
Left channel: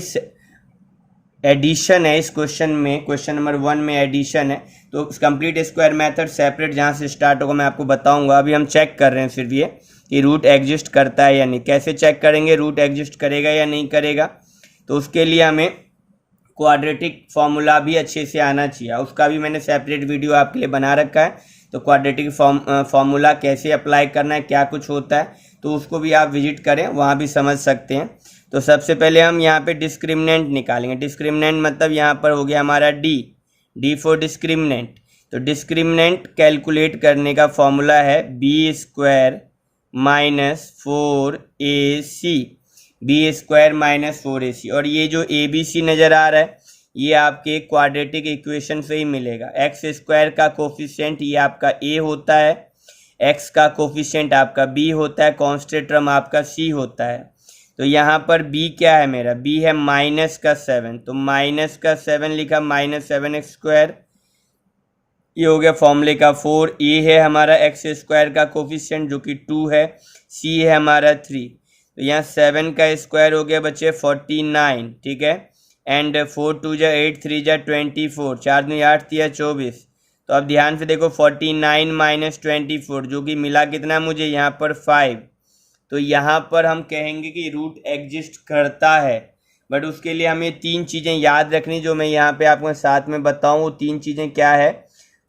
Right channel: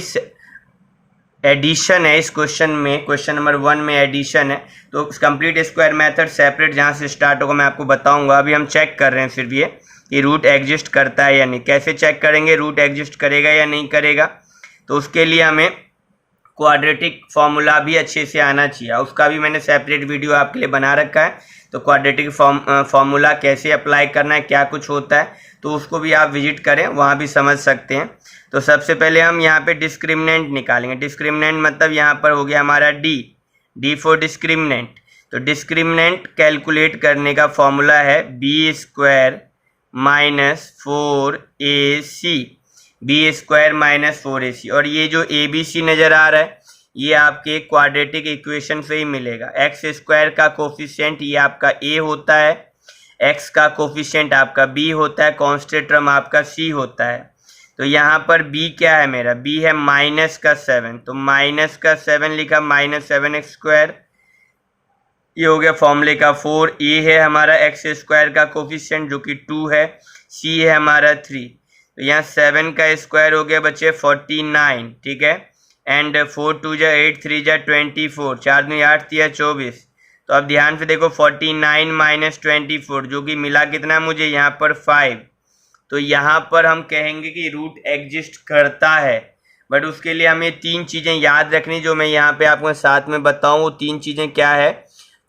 एडिशन है इस क्वेश्चन में, क्वेश्चन नंबर 1 में एडिशन है। तो कंप्लीट स्क्वायर मेथड सेपरेट जहाँ से स्टार्ट होगा मैं आपको बताऊंगा। अभी हम चेक कर रहे हैं सिर्फ ये कि रूट एग्जिस्ट करता है या नहीं। कैसे चेक करेंगे रूट एग्जिस्ट करेगा या नहीं करेगा, तो उसके लिए हमें क्वाड्रेटिक फॉर्मूला भी अच्छे से आना चाहिए, उसका भी मैंने सेपरेट वीडियो आपके लिए बना रखा है। तो क्वाड्रेटिक फॉर्मूला कैसे अप्लाई करना है, क्या कुछ होता है, तो उसको भी आप विजिट करें, वहाँ भी समझ सकते हैं। तो सबसे पहले हम यहाँ पे डिस्क्रिमिनेंट निकालेंगे। डिस्क्रिमिनेंट मतलब यहाँ पर हो गया हमारा डी फॉर डिस्क्रिमिनेंट। तो डिस्क्रिमिनेंट कैलकुलेट करने का फॉर्मूला है b² minus 4ac, b² minus 4ac। और ये जो ABC नज़र आ रहा है ये आपके क्वाड्रेटिक इक्वेशन से ही मिलेगा। x² का कोफिशिएंट ये आपका a होता है, एक्स का कोफिशिएंट आपका बी होता है, कांस्टेंट टर्म आपका सी होता है। तो यहाँ पर बी क्या है मेरा, बी है -7, तो -7 लिखा, -7x², ये हो गया फॉर्मूले का 4। ए है हमारा x² का कोफिशिएंट जो कि 2 है, सी है हमारा 3, तो यहाँ 7 का स्क्वायर हो गया बच्चे 49, ठीक है। एंड 4 2 जा 8, 3 जा 24, 4 दूनी 8, 3 24। तो अब ध्यान से देखो 49 - 24 जो कि मिला कितना मुझे यहाँ पर 5। तो यहाँ पर हम कहेंगे कि रूट एग्जिस्ट करता है, बट उसके लिए हमें 3 चीज़ें याद रखनी जो मैं यहाँ पे आपको साथ में बताऊँ। वो 3 चीज़ें क्या है।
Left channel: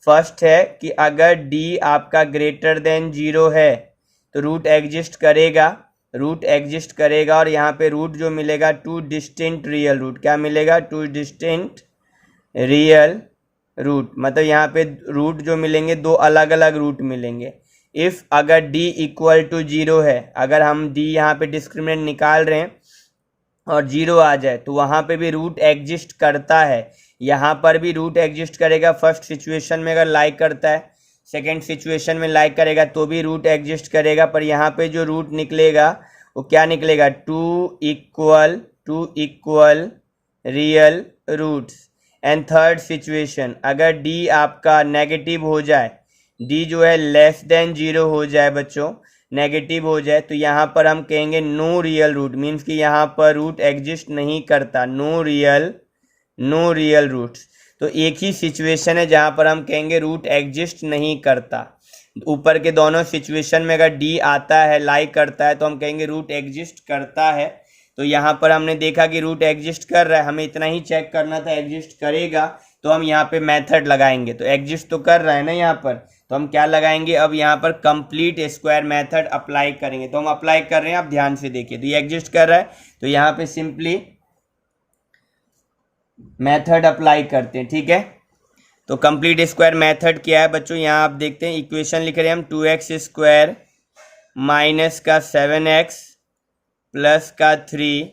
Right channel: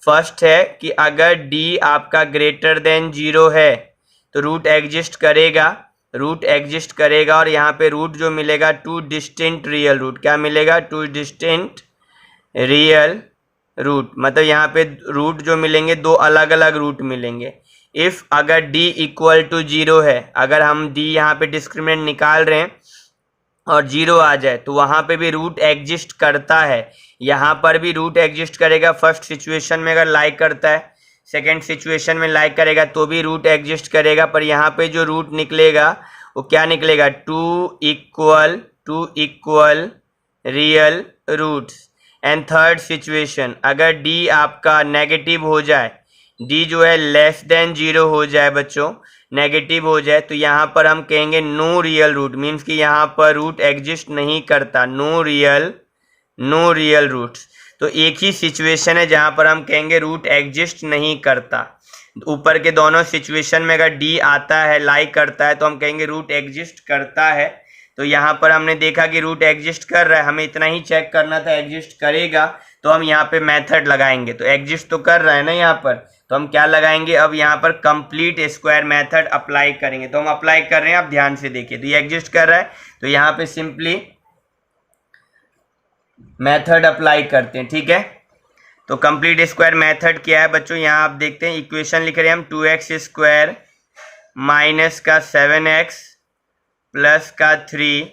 फर्स्ट है कि अगर d आपका ग्रेटर देन 0 है तो रूट एग्जिस्ट करेगा, और यहाँ पे रूट जो मिलेगा 2 डिस्टिंक्ट रियल रूट, क्या मिलेगा, 2 डिस्टिंक्ट रियल रूट, मतलब यहाँ पे रूट जो मिलेंगे 2 अलग अलग रूट मिलेंगे। इफ़ अगर d इक्वल टू 0 है, अगर हम d यहाँ पे डिस्क्रिमिनेंट निकाल रहे हैं और 0 आ जाए तो वहाँ पे भी रूट एग्जिस्ट करता है, यहाँ पर भी रूट एग्जिस्ट करेगा। फर्स्ट सिचुएशन में अगर लाइक करता है, सेकेंड सिचुएशन में लाइक करेगा तो भी रूट एग्जिस्ट करेगा, पर यहाँ पे जो रूट निकलेगा वो क्या निकलेगा, 2 equal real roots. And third situation, अगर d आपका नेगेटिव हो जाए, d जो है लेस देन 0 हो जाए बच्चों, नेगेटिव हो जाए, तो यहाँ पर हम कहेंगे नो रियल रूट, मीन्स कि यहाँ पर रूट एग्जिस्ट नहीं करता, नो रियल रूट्स। तो एक ही सिचुएशन है जहाँ पर हम कहेंगे रूट एग्जिस्ट नहीं करता। ऊपर के दोनों सिचुएशन में अगर d आता है, लाइक करता है, तो हम कहेंगे रूट एग्जिस्ट करता है। तो यहाँ पर हमने देखा कि रूट एग्जिस्ट कर रहा है, हमें इतना ही चेक करना था एग्जिस्ट करेगा, तो हम यहाँ पे मेथड लगाएंगे। तो एग्जिस्ट तो कर रहा है ना यहाँ पर, तो हम क्या लगाएंगे, अब यहाँ पर कंप्लीट स्क्वायर मेथड अप्लाई करेंगे। तो हम अप्लाई कर रहे हैं, आप ध्यान से देखिए। तो ये एग्जिस्ट कर रहा है तो यहाँ पे सिंपली मेथड अप्लाई करते हैं, ठीक है। तो कंप्लीट स्क्वायर मेथड क्या है बच्चों, यहाँ आप देखते हैं इक्वेशन लिख रहे हैं हम, 2x² माइनस का 7x प्लस का 3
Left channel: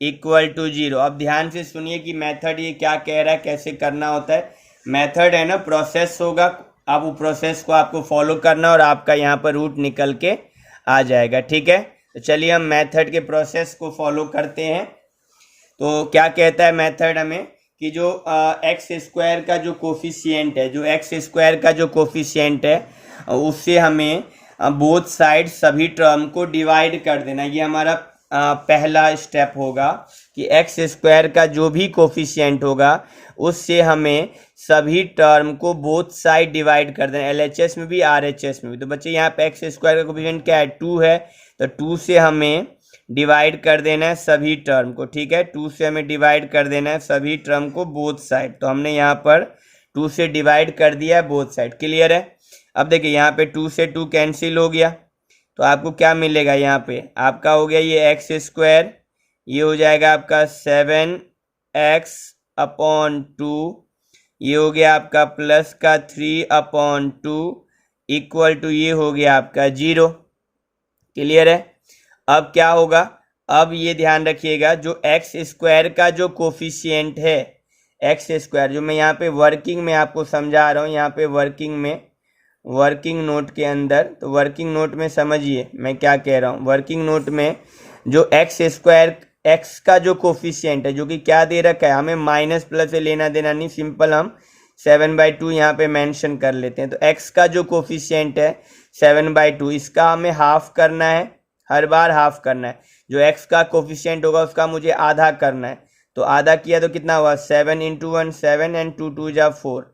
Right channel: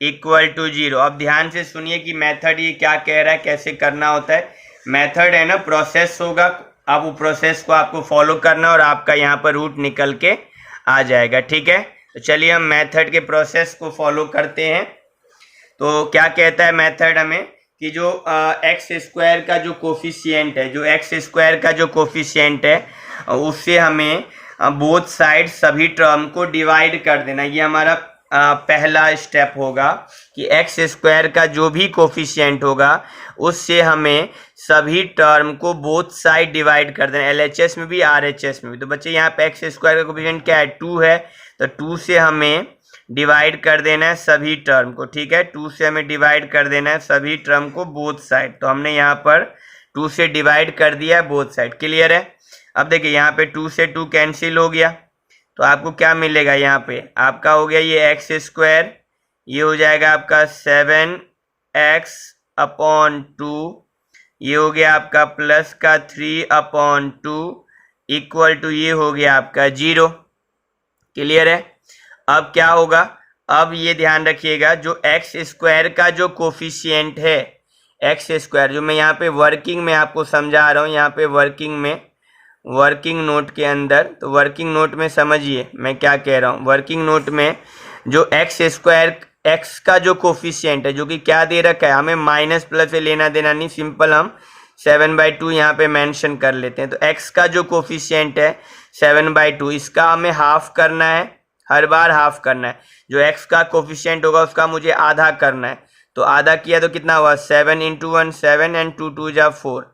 इक्वल टू 0। अब ध्यान से सुनिए कि मेथड ये क्या कह रहा है, कैसे करना होता है। मेथड है ना, प्रोसेस होगा, आप वो प्रोसेस को आपको फॉलो करना और आपका यहाँ पर रूट निकल के आ जाएगा, ठीक है। तो चलिए हम मेथड के प्रोसेस को फॉलो करते हैं। तो क्या कहता है मेथड हमें कि जो x² का जो कोफिशिएंट है, उससे हमें बोथ साइड सभी टर्म को डिवाइड कर देना। ये हमारा पहला स्टेप होगा कि x² का जो भी कोफिशिएंट होगा उससे हमें सभी टर्म को बोथ साइड डिवाइड कर देना, LHS में भी RHS में भी। तो बच्चे यहाँ पे x² का कोफिशिएंट क्या है, 2 है, तो 2 से हमें डिवाइड कर देना है सभी टर्म को, ठीक है। 2 से हमें डिवाइड कर देना है सभी टर्म को बोथ साइड। तो हमने यहाँ पर 2 से डिवाइड कर दिया है बोथ साइड, क्लियर है। अब देखिए यहाँ पे 2 से 2 कैंसिल हो गया, तो आपको क्या मिलेगा, यहाँ पे आपका हो गया ये x², ये हो जाएगा आपका 7x/2, ये हो गया आपका प्लस का 3/2 इक्वल टू ये हो गया आपका 0, क्लियर है। अब क्या होगा, अब ये ध्यान रखिएगा जो x² का जो कोफिशिएंट है, x² जो मैं यहाँ पे वर्किंग में आपको समझा रहा हूँ, यहाँ पे वर्किंग नोट के अंदर, तो वर्किंग नोट में समझिए मैं क्या कह रहा हूँ। वर्किंग नोट में जो x² x का जो कोफिशिएंट है, जो कि क्या दे रखा है, हमें माइनस प्लस से लेना देना नहीं, सिंपल हम 7/2 यहाँ पे मेंशन कर लेते हैं। तो x का जो कोफिशिएंट है 7/2, इसका हमें हाफ करना है, हर बार हाफ करना है। जो x का कोफिशिएंट होगा उसका मुझे आधा करना है, तो आधा किया तो कितना हुआ, 7 × 1 7 एंड 2 2 जा 4।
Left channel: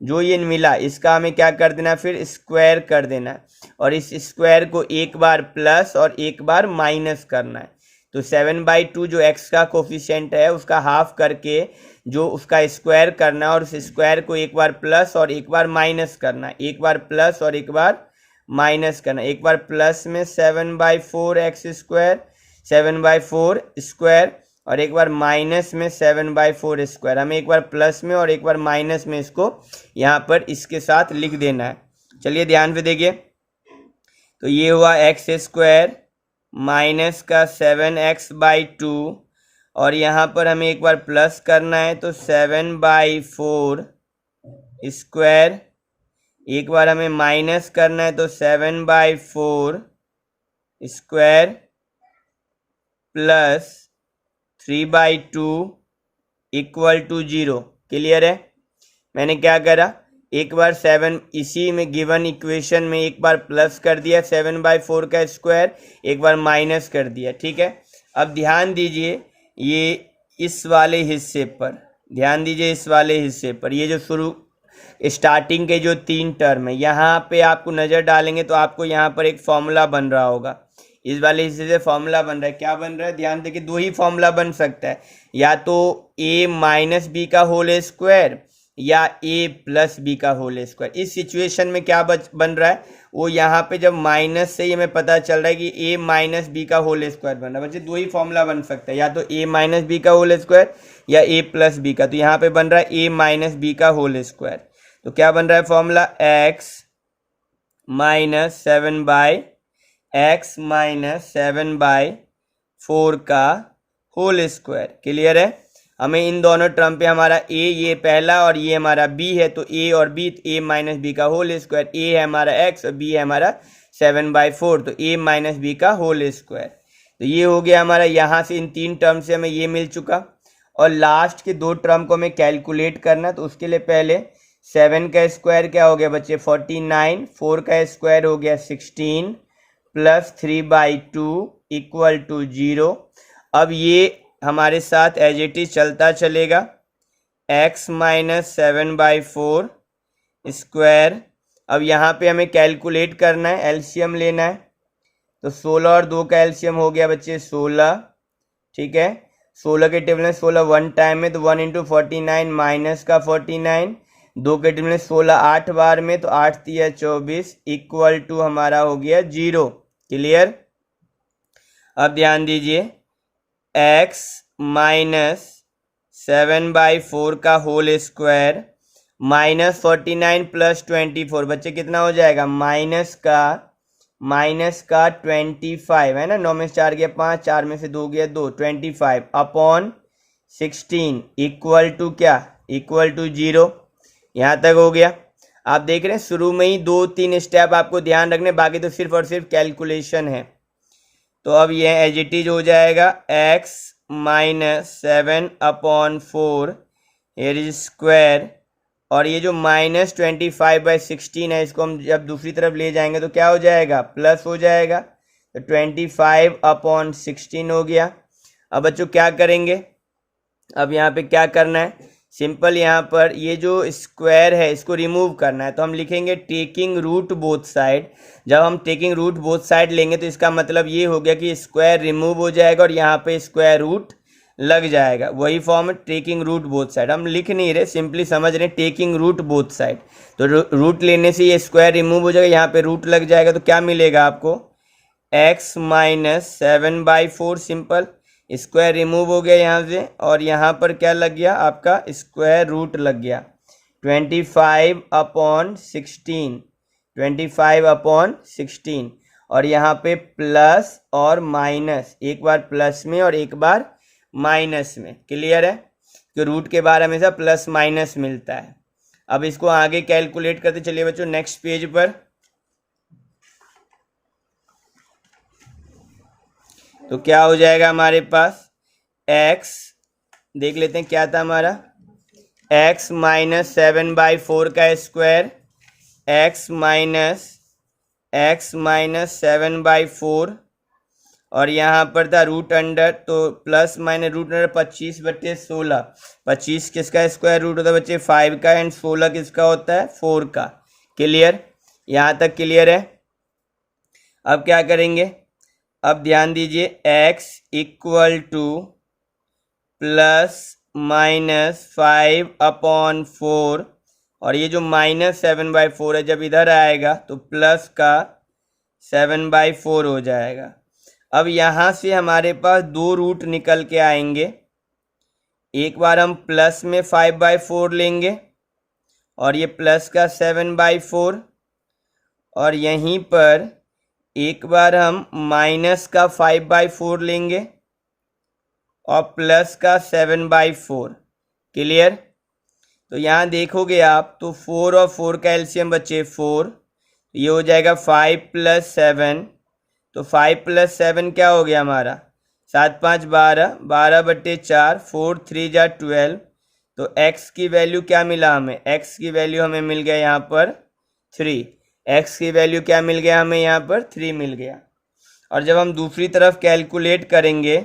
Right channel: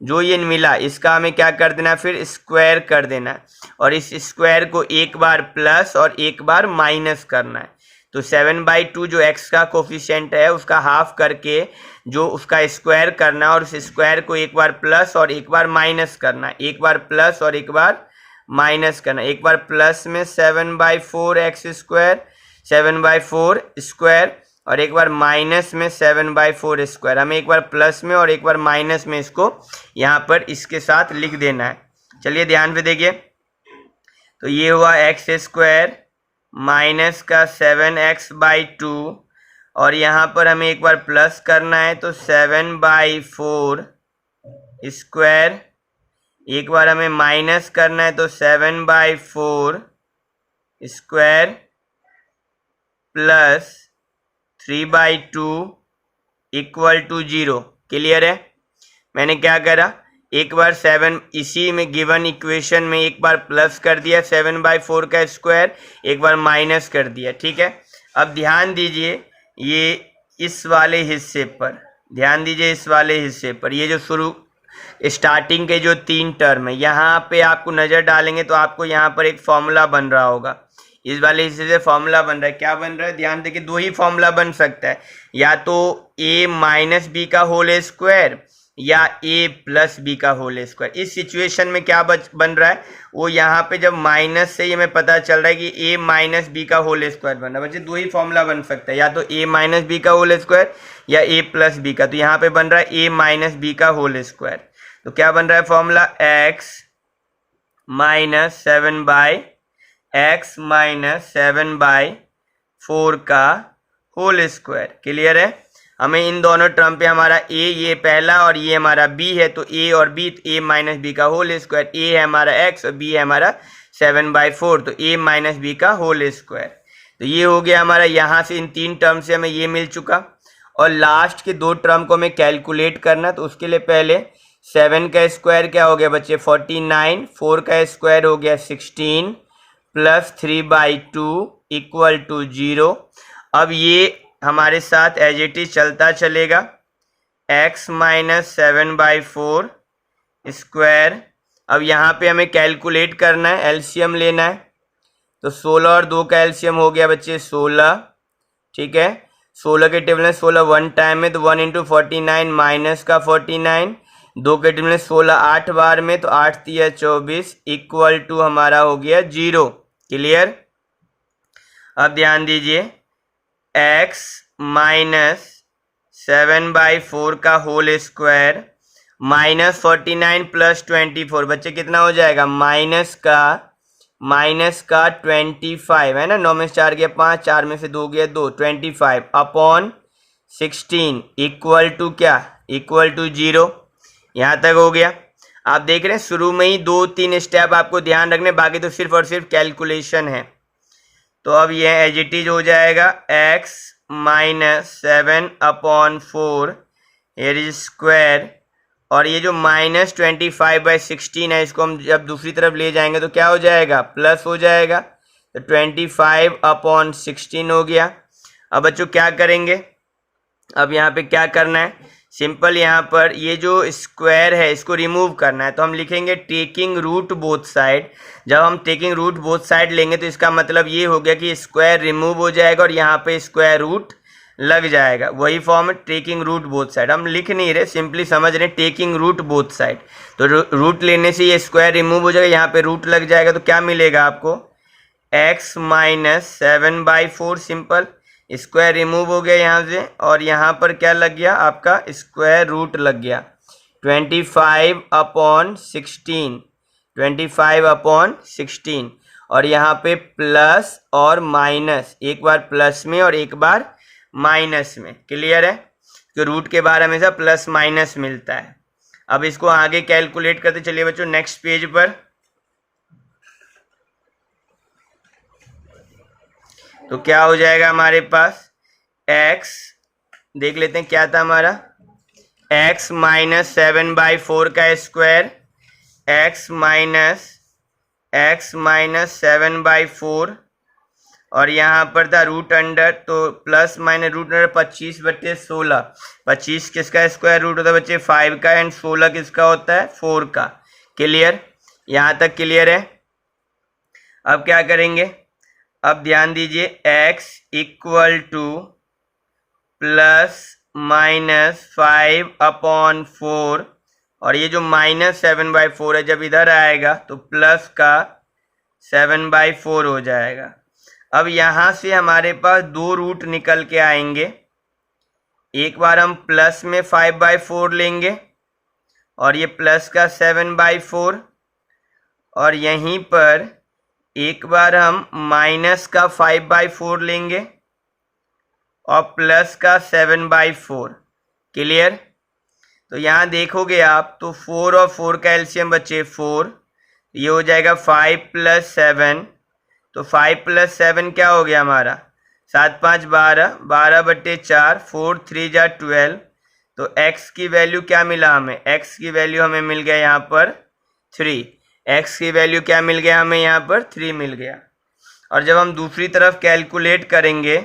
जो ये मिला इसका हमें क्या कर देना, फिर स्क्वायर कर देना है, और इस स्क्वायर को एक बार प्लस और एक बार माइनस करना है। तो 7/2 जो x का कोफिशिएंट है उसका हाफ करके जो उसका स्क्वायर करना है, और उस स्क्वायर को एक बार प्लस और एक बार माइनस करना है, एक बार प्लस और एक बार माइनस करना। एक बार प्लस में 7/4x², 7/4 स्क्वायर, और एक बार माइनस में 7/4 स्क्वायर। हमें एक बार प्लस में और एक बार माइनस में इसको यहाँ पर इसके साथ लिख देना है। चलिए ध्यान से देखिए, तो ये हुआ x² माइनस का 7x/2, और यहाँ पर हमें एक बार प्लस करना है, तो 7/4 स्क्वायर एक बार हमें माइनस करना है तो 7/4 square plus 3/2 equal to 0। Clear है? मैंने क्या करा, एक बार 7 इसी में गिवन इक्वेशन में एक बार प्लस कर दिया 7/4 का स्क्वायर, एक बार माइनस कर दिया। ठीक है, अब ध्यान दीजिए ये इस वाले हिस्से पर, ध्यान दीजिए इस वाले हिस्से पर, ये जो शुरू स्टार्टिंग के जो 3 टर्म है यहाँ पे आपको नज़र डालेंगे तो आपको यहाँ पर एक फॉर्मूला बन रहा होगा। इस वाले हिस्से से फॉर्मूला बन रहा है, क्या बन रहा है ध्यान देखिए, दो ही फॉर्मूला बन सकता है, या तो a माइनस बी का होल स्क्वायर या a प्लस बी का होल स्क्वायर। इस सिचुएशन में क्या बन रहा है, वो यहाँ पे जब माइनस से ही हमें पता चल रहा है कि a माइनस बी का होल स्क्वायर बन रहा है। बच्चे दो ही फॉर्मूला बन सकता है, या तो a माइनस बी का होल स्क्वायर या a प्लस बी का। तो यहाँ पे बन रहा है a माइनस बी का होल स्क्वायर। तो क्या बन रहा है फॉर्मूला, x माइनस 7/4 का होल स्क्वायर। क्लियर है? हमें इन दोनों टर्म पे हमारा a ये पहला और ये हमारा b है, तो a और b, तो a माइनस बी का होल स्क्वायर, a है हमारा x और b है हमारा 7/4, तो a माइनस बी का होल स्क्वायर। तो ये हो गया हमारा, यहाँ से इन 3 टर्म से हमें ये मिल चुका। और लास्ट के 2 टर्म को हमें कैलकुलेट करना, तो उसके लिए पहले 7 का स्क्वायर क्या हो गया बच्चे 49, 4 का स्क्वायर हो गया 16 प्लस 3/2 इक्वल टू 0। अब ये हमारे साथ एज इट इज चलता चलेगा, x माइनस 7/4 स्क्वायर। अब यहाँ पे हमें कैलकुलेट करना है, एलसीएम लेना है, तो 16 और 2 का एलसीएम हो गया बच्चे 16। ठीक है, 16 के टेबल में 16 1 टाइम में, तो 1 इंटू 49 माइनस का 49, 2 के टेबल में 16 8 बार में, तो 8 3 24 इक्वल टू हमारा हो गया 0। क्लियर? अब ध्यान दीजिए, x माइनस 7/4 का होल स्क्वायर माइनस 49 प्लस 24, बच्चे कितना हो जाएगा, माइनस का 25 है ना, 9 में से 4 गया 5, 4 में से 2 गया 2, 25 अपॉन 16 इक्वल टू क्या, इक्वल टू 0। यहाँ तक हो गया। आप देख रहे हैं शुरू में ही 2-3 स्टेप आपको ध्यान रखने, बाकी तो सिर्फ और सिर्फ कैलकुलेशन है। तो अब यह एज इट इज हो जाएगा, x minus 7/4 here is square, और ये जो माइनस 25/16 है इसको हम जब दूसरी तरफ ले जाएंगे तो क्या हो जाएगा, प्लस हो जाएगा, तो 25/16 हो गया। अब बच्चों क्या करेंगे, अब यहाँ पे क्या करना है, सिंपल यहाँ पर ये जो स्क्वायर है इसको रिमूव करना है, तो हम लिखेंगे टेकिंग रूट बोथ साइड। जब हम टेकिंग रूट बोथ साइड लेंगे तो इसका मतलब ये हो गया कि स्क्वायर रिमूव हो जाएगा और यहाँ पे स्क्वायर रूट लग जाएगा। वही फॉर्म है टेकिंग रूट बोथ साइड, हम लिख नहीं रहे, सिंपली समझ रहे टेकिंग रूट बोथ साइड। तो रूट लेने से ये स्क्वायर रिमूव हो जाएगा, यहाँ पे रूट लग जाएगा, तो क्या मिलेगा आपको, x minus 7/4, simple square remove हो गया यहाँ से, और यहाँ पर क्या लग गया आपका, स्क्वायर रूट लग गया 25/16, और यहाँ पे प्लस और माइनस, एक बार प्लस में और एक बार माइनस में। क्लियर है? तो रूट के बारे में हमेशा प्लस माइनस मिलता है। अब इसको आगे कैलकुलेट करते चलिए बच्चों नेक्स्ट पेज पर। तो क्या हो जाएगा हमारे पास, x देख लेते हैं क्या था हमारा, x माइनस 7/4 का स्क्वायर, x माइनस 7/4, और यहाँ पर था रूट अंडर, तो प्लस माइनस रूट अंडर 25/16, 25 किसका स्क्वायर रूट होता है बच्चे 5 का, एंड 16 किसका होता है 4 का। क्लियर? यहाँ तक क्लियर है? अब क्या करेंगे, अब ध्यान दीजिए, x equal to plus minus 5/4, और ये जो माइनस 7/4 है जब इधर आएगा तो प्लस का 7/4 हो जाएगा। अब यहाँ से हमारे पास 2 रूट निकल के आएंगे, एक बार हम प्लस में 5/4 लेंगे और ये प्लस का 7/4, और यहीं पर एक बार हम माइनस का 5/4 लेंगे और प्लस का 7/4। क्लियर? तो यहाँ देखोगे आप तो 4 और 4 का एलसीएम बचे 4, ये हो जाएगा 5 + 7। तो 5 + 7 क्या हो गया हमारा 7 × 5 = 12, 12/4, 4 × 3 = 12। तो x की वैल्यू क्या मिला हमें, x की वैल्यू हमें मिल गया यहाँ पर 3। x की वैल्यू क्या मिल गया हमें यहाँ पर 3 मिल गया। और जब हम दूसरी तरफ कैलकुलेट करेंगे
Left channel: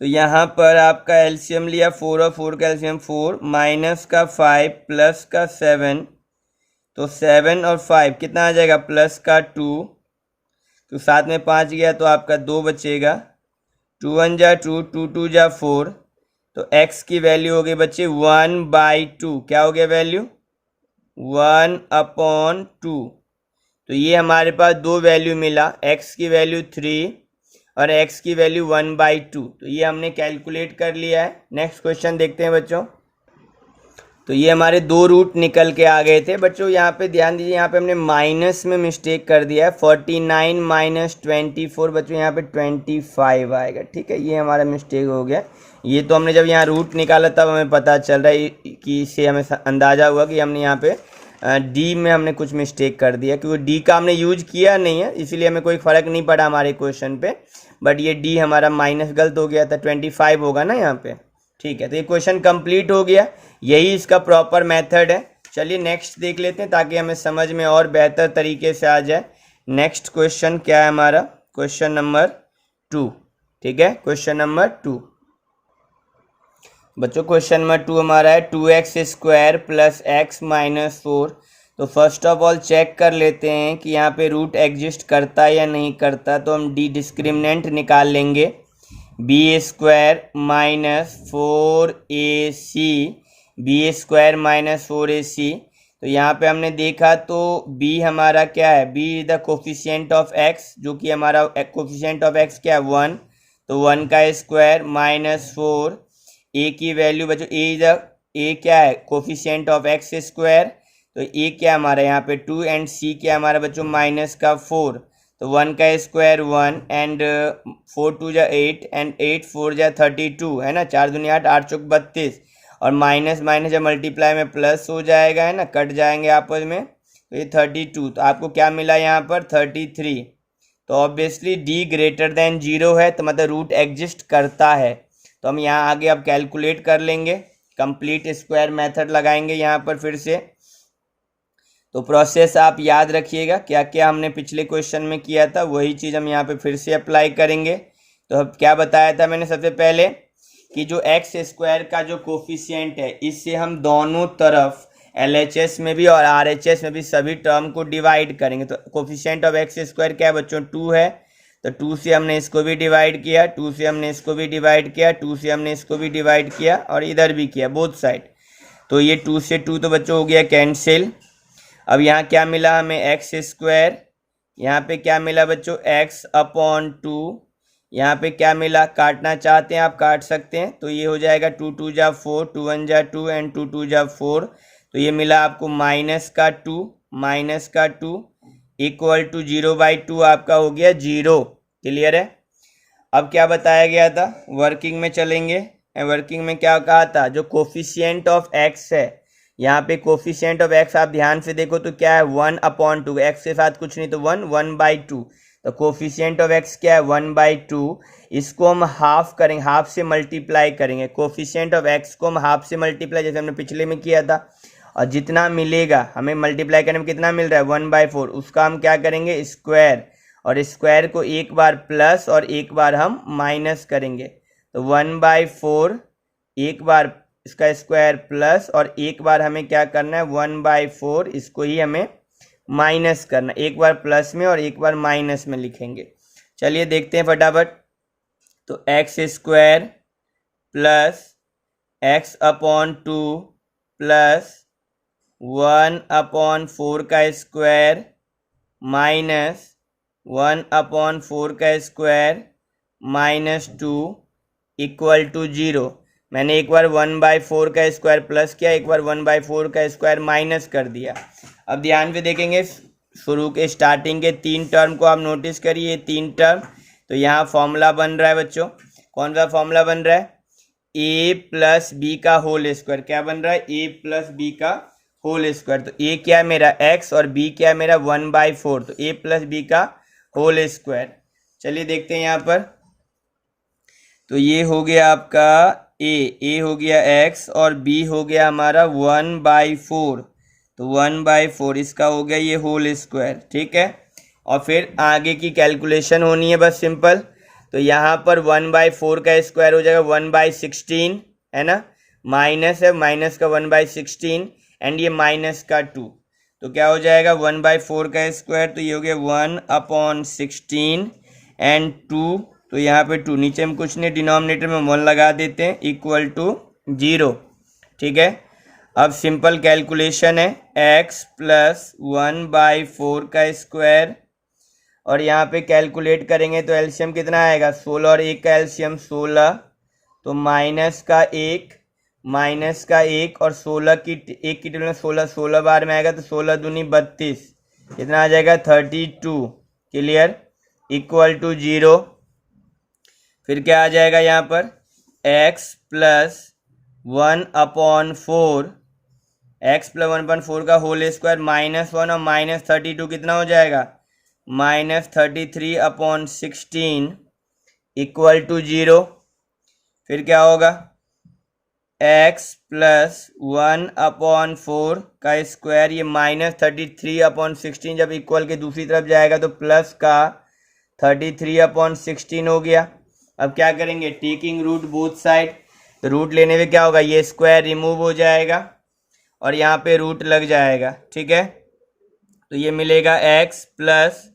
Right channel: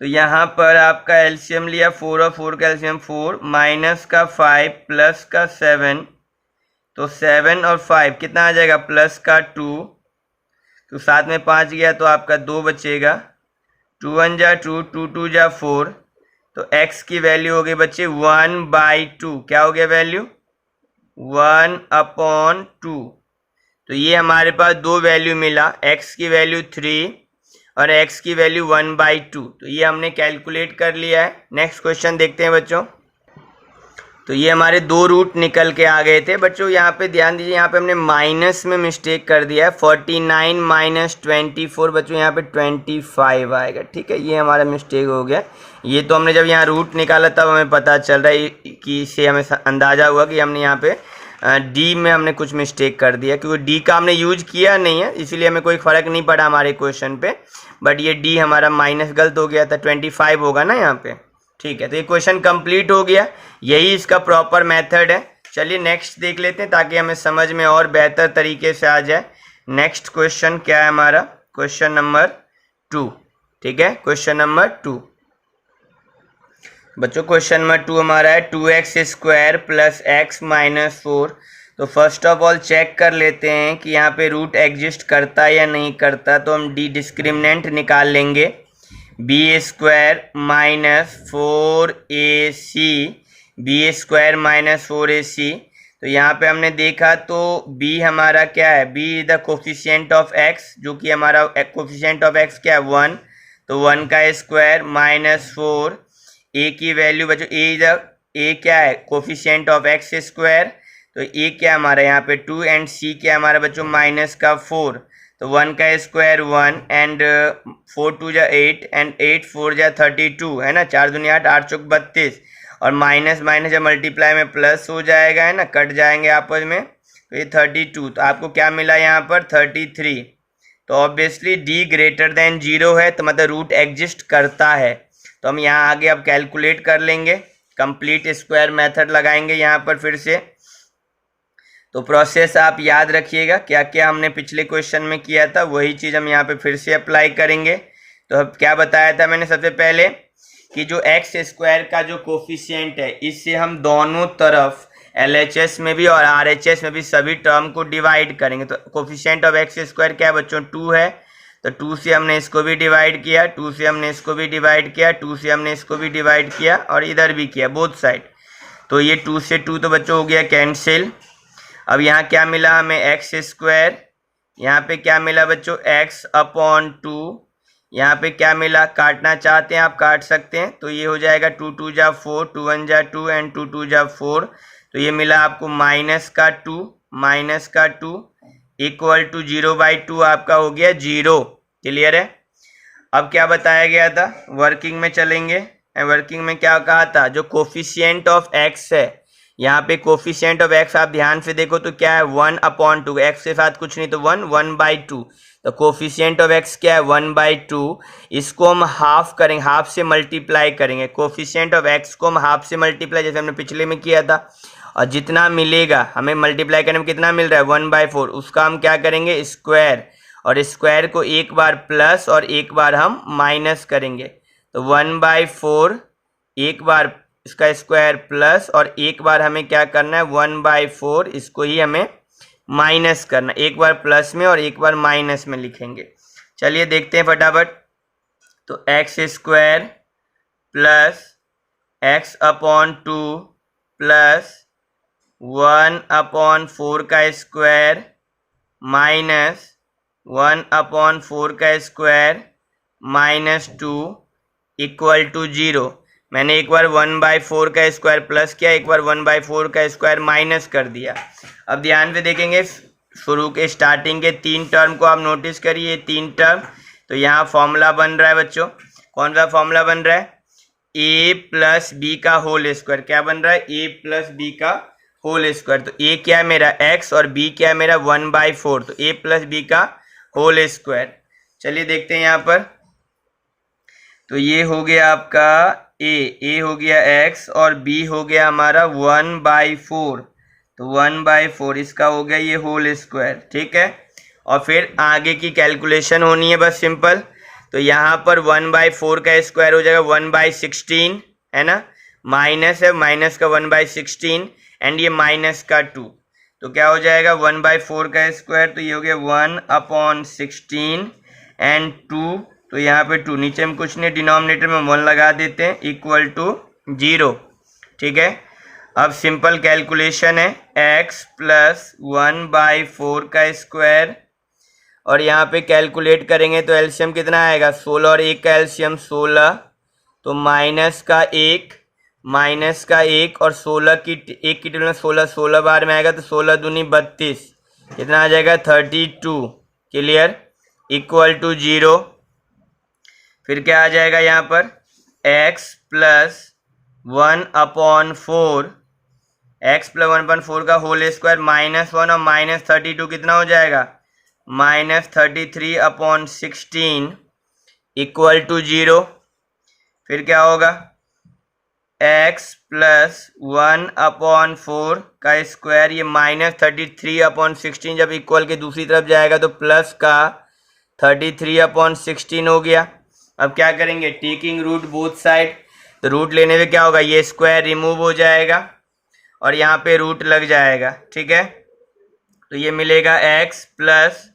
तो यहाँ पर आपका एलसीएम लिया 4 और 4 का एलसीएम 4 माइनस का 5 प्लस का 7, तो 7 और 5 कितना आ जाएगा प्लस का 2, तो साथ में 5 गया तो आपका 2 बचेगा, 2 1 जा 2, 2 2 जा 4। तो x की वैल्यू हो गई बच्चे 1/2। क्या हो गया वैल्यू 1/2। तो ये हमारे पास दो वैल्यू मिला, x की वैल्यू 3 और x की वैल्यू 1/2। तो ये हमने कैलकुलेट कर लिया है। नेक्स्ट क्वेश्चन देखते हैं बच्चों। तो ये हमारे दो रूट निकल के आ गए थे बच्चों। यहाँ पे ध्यान दीजिए, यहाँ पे हमने माइनस में मिस्टेक कर दिया है। 49 - 24 बच्चों यहाँ पे 25 आएगा, ठीक है, ये हमारा मिस्टेक हो गया। ये तो हमने जब यहाँ रूट निकाला तब हमें पता चल रहा है कि इससे हमें अंदाज़ा हुआ कि हमने यहाँ पे डी में हमने कुछ मिस्टेक कर दिया, क्योंकि डी का हमने यूज किया नहीं है, इसीलिए हमें कोई फ़र्क नहीं पड़ा हमारे क्वेश्चन पे। बट ये डी हमारा माइनस गलत हो गया था, 25 होगा ना यहाँ पे, ठीक है। तो ये क्वेश्चन कंप्लीट हो गया, यही इसका प्रॉपर मेथड है। चलिए नेक्स्ट देख लेते हैं ताकि हमें समझ में और बेहतर तरीके से आ जाए। नेक्स्ट क्वेश्चन क्या है हमारा, क्वेश्चन नंबर 2, ठीक है, क्वेश्चन नंबर 2 बच्चों। क्वेश्चन नंबर 2 हमारा है 2x² + x - 4। तो फर्स्ट ऑफ ऑल चेक कर लेते हैं कि यहाँ पे रूट एग्जिस्ट करता है या नहीं करता। तो हम डी डिस्क्रिमिनेंट निकाल लेंगे, b² - 4ac, b² - 4ac। तो यहाँ पे हमने देखा तो b हमारा क्या है, b is the coefficient of x, जो कि हमारा कोफिशिएंट ऑफ x क्या है 1, तो 1 का स्क्वायर माइनस 4। a की वैल्यू बच्चों a क्या है कोफिशिएंट ऑफ x², तो a क्या हमारा यहाँ पे 2 एंड c क्या हमारा बच्चों माइनस का 4। तो 1 का स्क्वायर 1 एंड 4 2 जा 8 एंड 8 4 जा 32 है ना, 4 दूनी 8, 8 चौक 32, और माइनस माइनस जब मल्टीप्लाई में प्लस हो जाएगा है ना, कट जाएंगे आपस में, तो ये 32। तो आपको क्या मिला यहाँ पर 33। तो ऑब्वियसली d ग्रेटर देन 0 है, तो मतलब रूट एग्जिस्ट करता है। तो हम यहाँ आगे अब कैलकुलेट कर लेंगे, कंप्लीट स्क्वायर मेथड लगाएंगे यहाँ पर फिर से। तो प्रोसेस आप याद रखिएगा, क्या क्या हमने पिछले क्वेश्चन में किया था वही चीज़ हम यहाँ पे फिर से अप्लाई करेंगे। तो अब क्या बताया था मैंने सबसे पहले कि जो x² का जो कोफिशिएंट है, इससे हम दोनों तरफ LHS में भी और RHS में भी सभी टर्म को डिवाइड करेंगे। तो कोफिशिएंट ऑफ x² क्या है बच्चों 2 है, तो 2 से हमने इसको भी डिवाइड किया, 2 से हमने इसको भी डिवाइड किया, 2 से हमने इसको भी डिवाइड किया और इधर भी किया बोथ साइड। तो ये 2 से 2 तो बच्चों हो गया कैंसिल। अब यहाँ क्या मिला हमें x², यहाँ पे क्या मिला बच्चों x/2, यहाँ पे क्या मिला, काटना चाहते हैं आप काट सकते हैं, तो ये हो जाएगा 2 2 जा 4, 2 1 जा 2 एंड 2 2 जा 4। तो ये मिला आपको -2 इक्वल टू 0/2 आपका हो गया 0। क्लियर है। अब क्या बताया गया था, वर्किंग में चलेंगे। वर्किंग में क्या कहा था, जो कोफिशिएंट ऑफ x है, यहाँ पे कोफिशिएंट ऑफ x आप ध्यान से देखो तो क्या है 1/2, x के साथ कुछ नहीं तो 1/2। तो कोफिशिएंट ऑफ x क्या है 1/2, इसको हम हाफ करेंगे, हाफ से मल्टीप्लाई करेंगे। कोफिशिएंट ऑफ x को हम हाफ से मल्टीप्लाई जैसे हमने पिछले में किया था, और जितना मिलेगा हमें मल्टीप्लाई करने में कितना मिल रहा है 1/4, उसका हम क्या करेंगे स्क्वायर, और स्क्वायर को एक बार प्लस और एक बार हम माइनस करेंगे। तो 1/4 एक बार इसका स्क्वायर प्लस और एक बार हमें क्या करना है 1/4 इसको ही हमें माइनस करना, एक बार प्लस में और एक बार माइनस में लिखेंगे। चलिए देखते हैं फटाफट। तो x² प्लस x/2 प्लस 1/4 का स्क्वायर माइनस 1/4 का स्क्वायर -2 इक्वल टू 0। मैंने एक बार 1/4 का स्क्वायर प्लस किया, एक बार 1/4 का स्क्वायर माइनस कर दिया। अब ध्यान से देखेंगे, शुरू के स्टार्टिंग के 3 टर्म को आप नोटिस करिए, 3 टर्म। तो यहाँ फॉर्मूला बन रहा है बच्चों, कौन सा फॉर्मूला बन रहा है, ए प्लस बी का होल स्क्वायर। क्या बन रहा है? ए प्लस बी का होल स्क्वायर। तो ए क्या है मेरा? एक्स, और बी क्या है मेरा? 1/4। तो ए प्लस बी का होल स्क्वायर। चलिए देखते हैं यहाँ पर। तो ये हो गया आपका ए हो गया एक्स, और बी हो गया हमारा 1/4। तो 1/4 इसका हो गया ये होल स्क्वायर। ठीक है, और फिर आगे की कैलकुलेशन होनी है बस सिंपल। तो यहाँ पर 1/4 का स्क्वायर हो जाएगा 1/16, है ना। माइनस है, माइनस का 1/16, एंड ये माइनस का 2। तो क्या हो जाएगा? 1/4 का स्क्वायर, तो ये हो गया 1/16 एंड 2। तो यहाँ पे 2, नीचे में कुछ नहीं, डिनोमिनेटर में 1 लगा देते हैं, इक्वल टू 0। ठीक है, अब सिंपल कैलकुलेशन है, x प्लस 1/4 का स्क्वायर, और यहाँ पे कैलकुलेट करेंगे तो एलसीएम कितना आएगा? 16 और 1 का एलसीएम 16। तो माइनस का 1, माइनस का 1, और 16 की 1 की टेबल में 16 बार में आएगा, तो 16 दूनी 32, कितना आ जाएगा? 32। Clear, equal to 0। फिर क्या आ जाएगा यहाँ पर? x प्लस 1/4, x प्लस 1/4 का होल स्क्वायर, -1 और -32 कितना हो जाएगा? -33/16 इक्वल टू 0। फिर क्या होगा? x प्लस 1/4 का स्क्वायर, ये -33/16 जब इक्वल के दूसरी तरफ जाएगा तो प्लस का 33/16 हो गया। अब क्या करेंगे? Taking root both side. तो रूट लेने से क्या होगा? ये स्क्वायर रिमूव हो जाएगा और यहाँ पे रूट लग जाएगा। ठीक है, तो ये मिलेगा x प्लस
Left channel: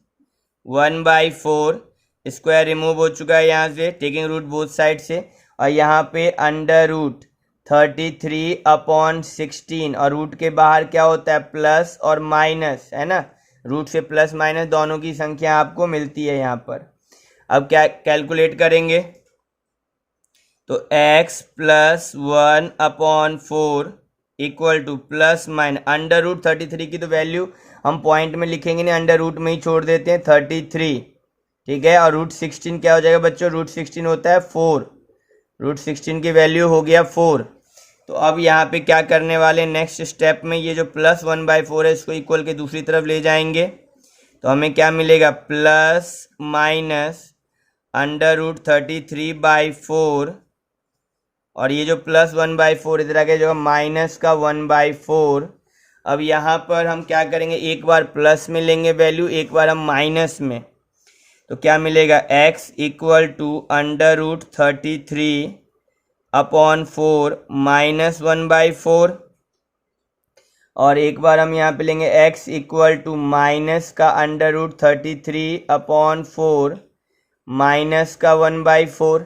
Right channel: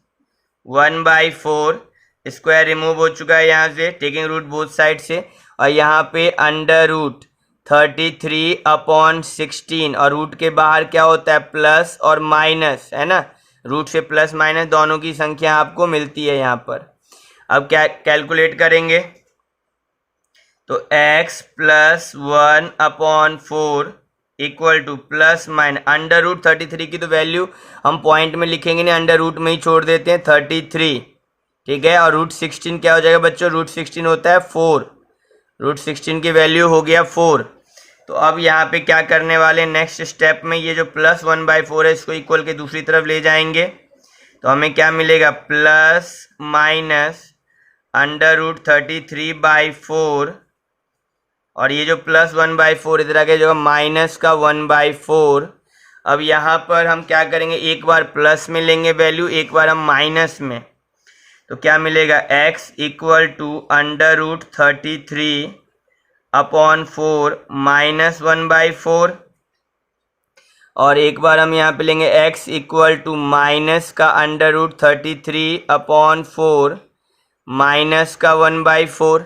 1/4, स्क्वायर रिमूव हो चुका है यहाँ से, टेकिंग रूट बोथ साइड से, और यहाँ पे अंडर रूट 33/16, और रूट के बाहर क्या होता है? प्लस और माइनस, है ना। रूट से प्लस माइनस दोनों की संख्या आपको मिलती है यहाँ पर। अब क्या कैलकुलेट करेंगे? तो x plus 1/4 equal to plus minus under root 33 की तो वैल्यू हम पॉइंट में लिखेंगे नहीं, अंडर रूट में ही छोड़ देते हैं, 33। ठीक है, और रूट 16 क्या हो जाएगा बच्चों? रूट 16 होता है 4। रूट 16 की वैल्यू हो गया 4। तो अब यहाँ पे क्या करने वाले? नेक्स्ट स्टेप में ये जो प्लस 1/4 है इसको इक्वल के दूसरी तरफ ले जाएंगे। तो हमें क्या मिलेगा? प्लस माइनस अंडर रूट 33/4, और ये जो प्लस 1/4 इधर आके जो माइनस का 1/4। अब यहाँ पर हम क्या करेंगे? एक बार प्लस में लेंगे वैल्यू, एक बार हम माइनस में। तो क्या मिलेगा? x equal to under root 33/4 minus 1/4, और एक बार हम यहाँ पे लेंगे x इक्वल टू माइनस का अंडर रूट 33/4 माइनस का 1/4।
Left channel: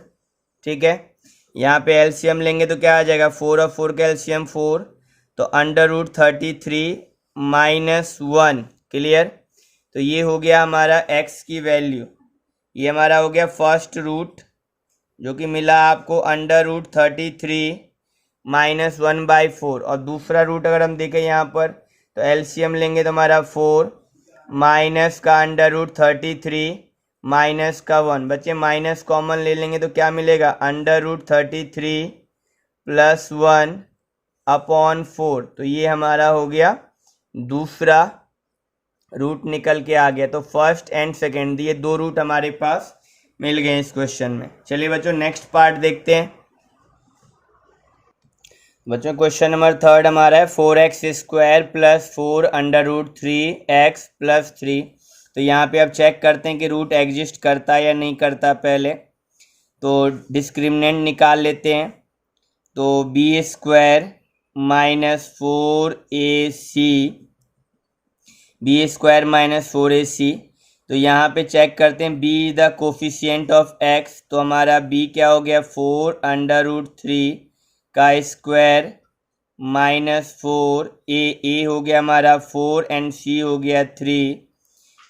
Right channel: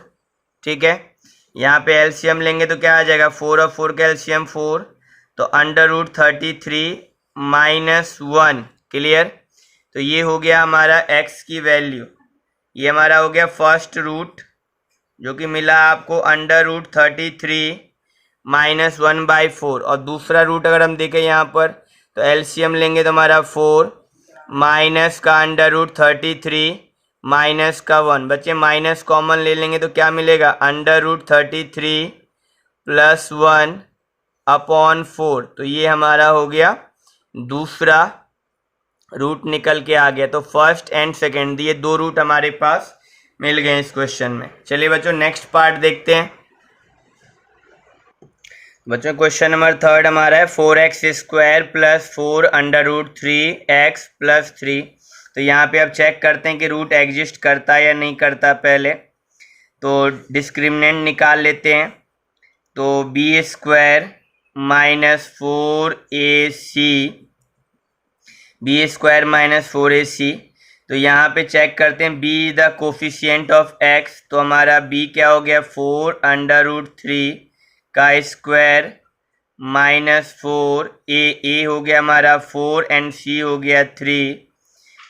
ठीक है, यहाँ पे एलसीएम लेंगे तो क्या आ जाएगा? 4 और 4 का एलसीएम 4, तो अंडर रूट 33 माइनस 1। क्लियर, तो ये हो गया हमारा x की वैल्यू। ये हमारा हो गया फर्स्ट रूट जो कि मिला आपको अंडर रूट 33 माइनस 1/4, और दूसरा रूट अगर हम देखें यहाँ पर तो एलसीएम लेंगे तो हमारा 4 माइनस का अंडर रूट 33 माइनस का 1। बच्चे माइनस कॉमन ले लेंगे तो क्या मिलेगा? Under root 33 plus 1/4। तो ये हमारा हो गया दूसरा रूट निकल के आ गया। तो फर्स्ट एंड सेकेंड ये दो रूट हमारे पास मिल गए इस क्वेश्चन में। चलिए बच्चों नेक्स्ट पार्ट देखते हैं। बच्चों क्वेश्चन नंबर 3 हमारा है 4x² plus 4 under root 3x plus 3। तो यहाँ पे अब चेक करते हैं कि रूट एग्जिस्ट करता है या नहीं करता। पहले तो डिस्क्रिमिनेंट निकाल लेते हैं। तो b² minus 4ac, b² minus 4ac। तो यहाँ पे चेक करते हैं b the coefficient of x। तो हमारा b क्या हो गया? 4 अंडर रूट 3 का स्क्वायर माइनस 4 a हो गया हमारा 4 एंड c हो गया 3।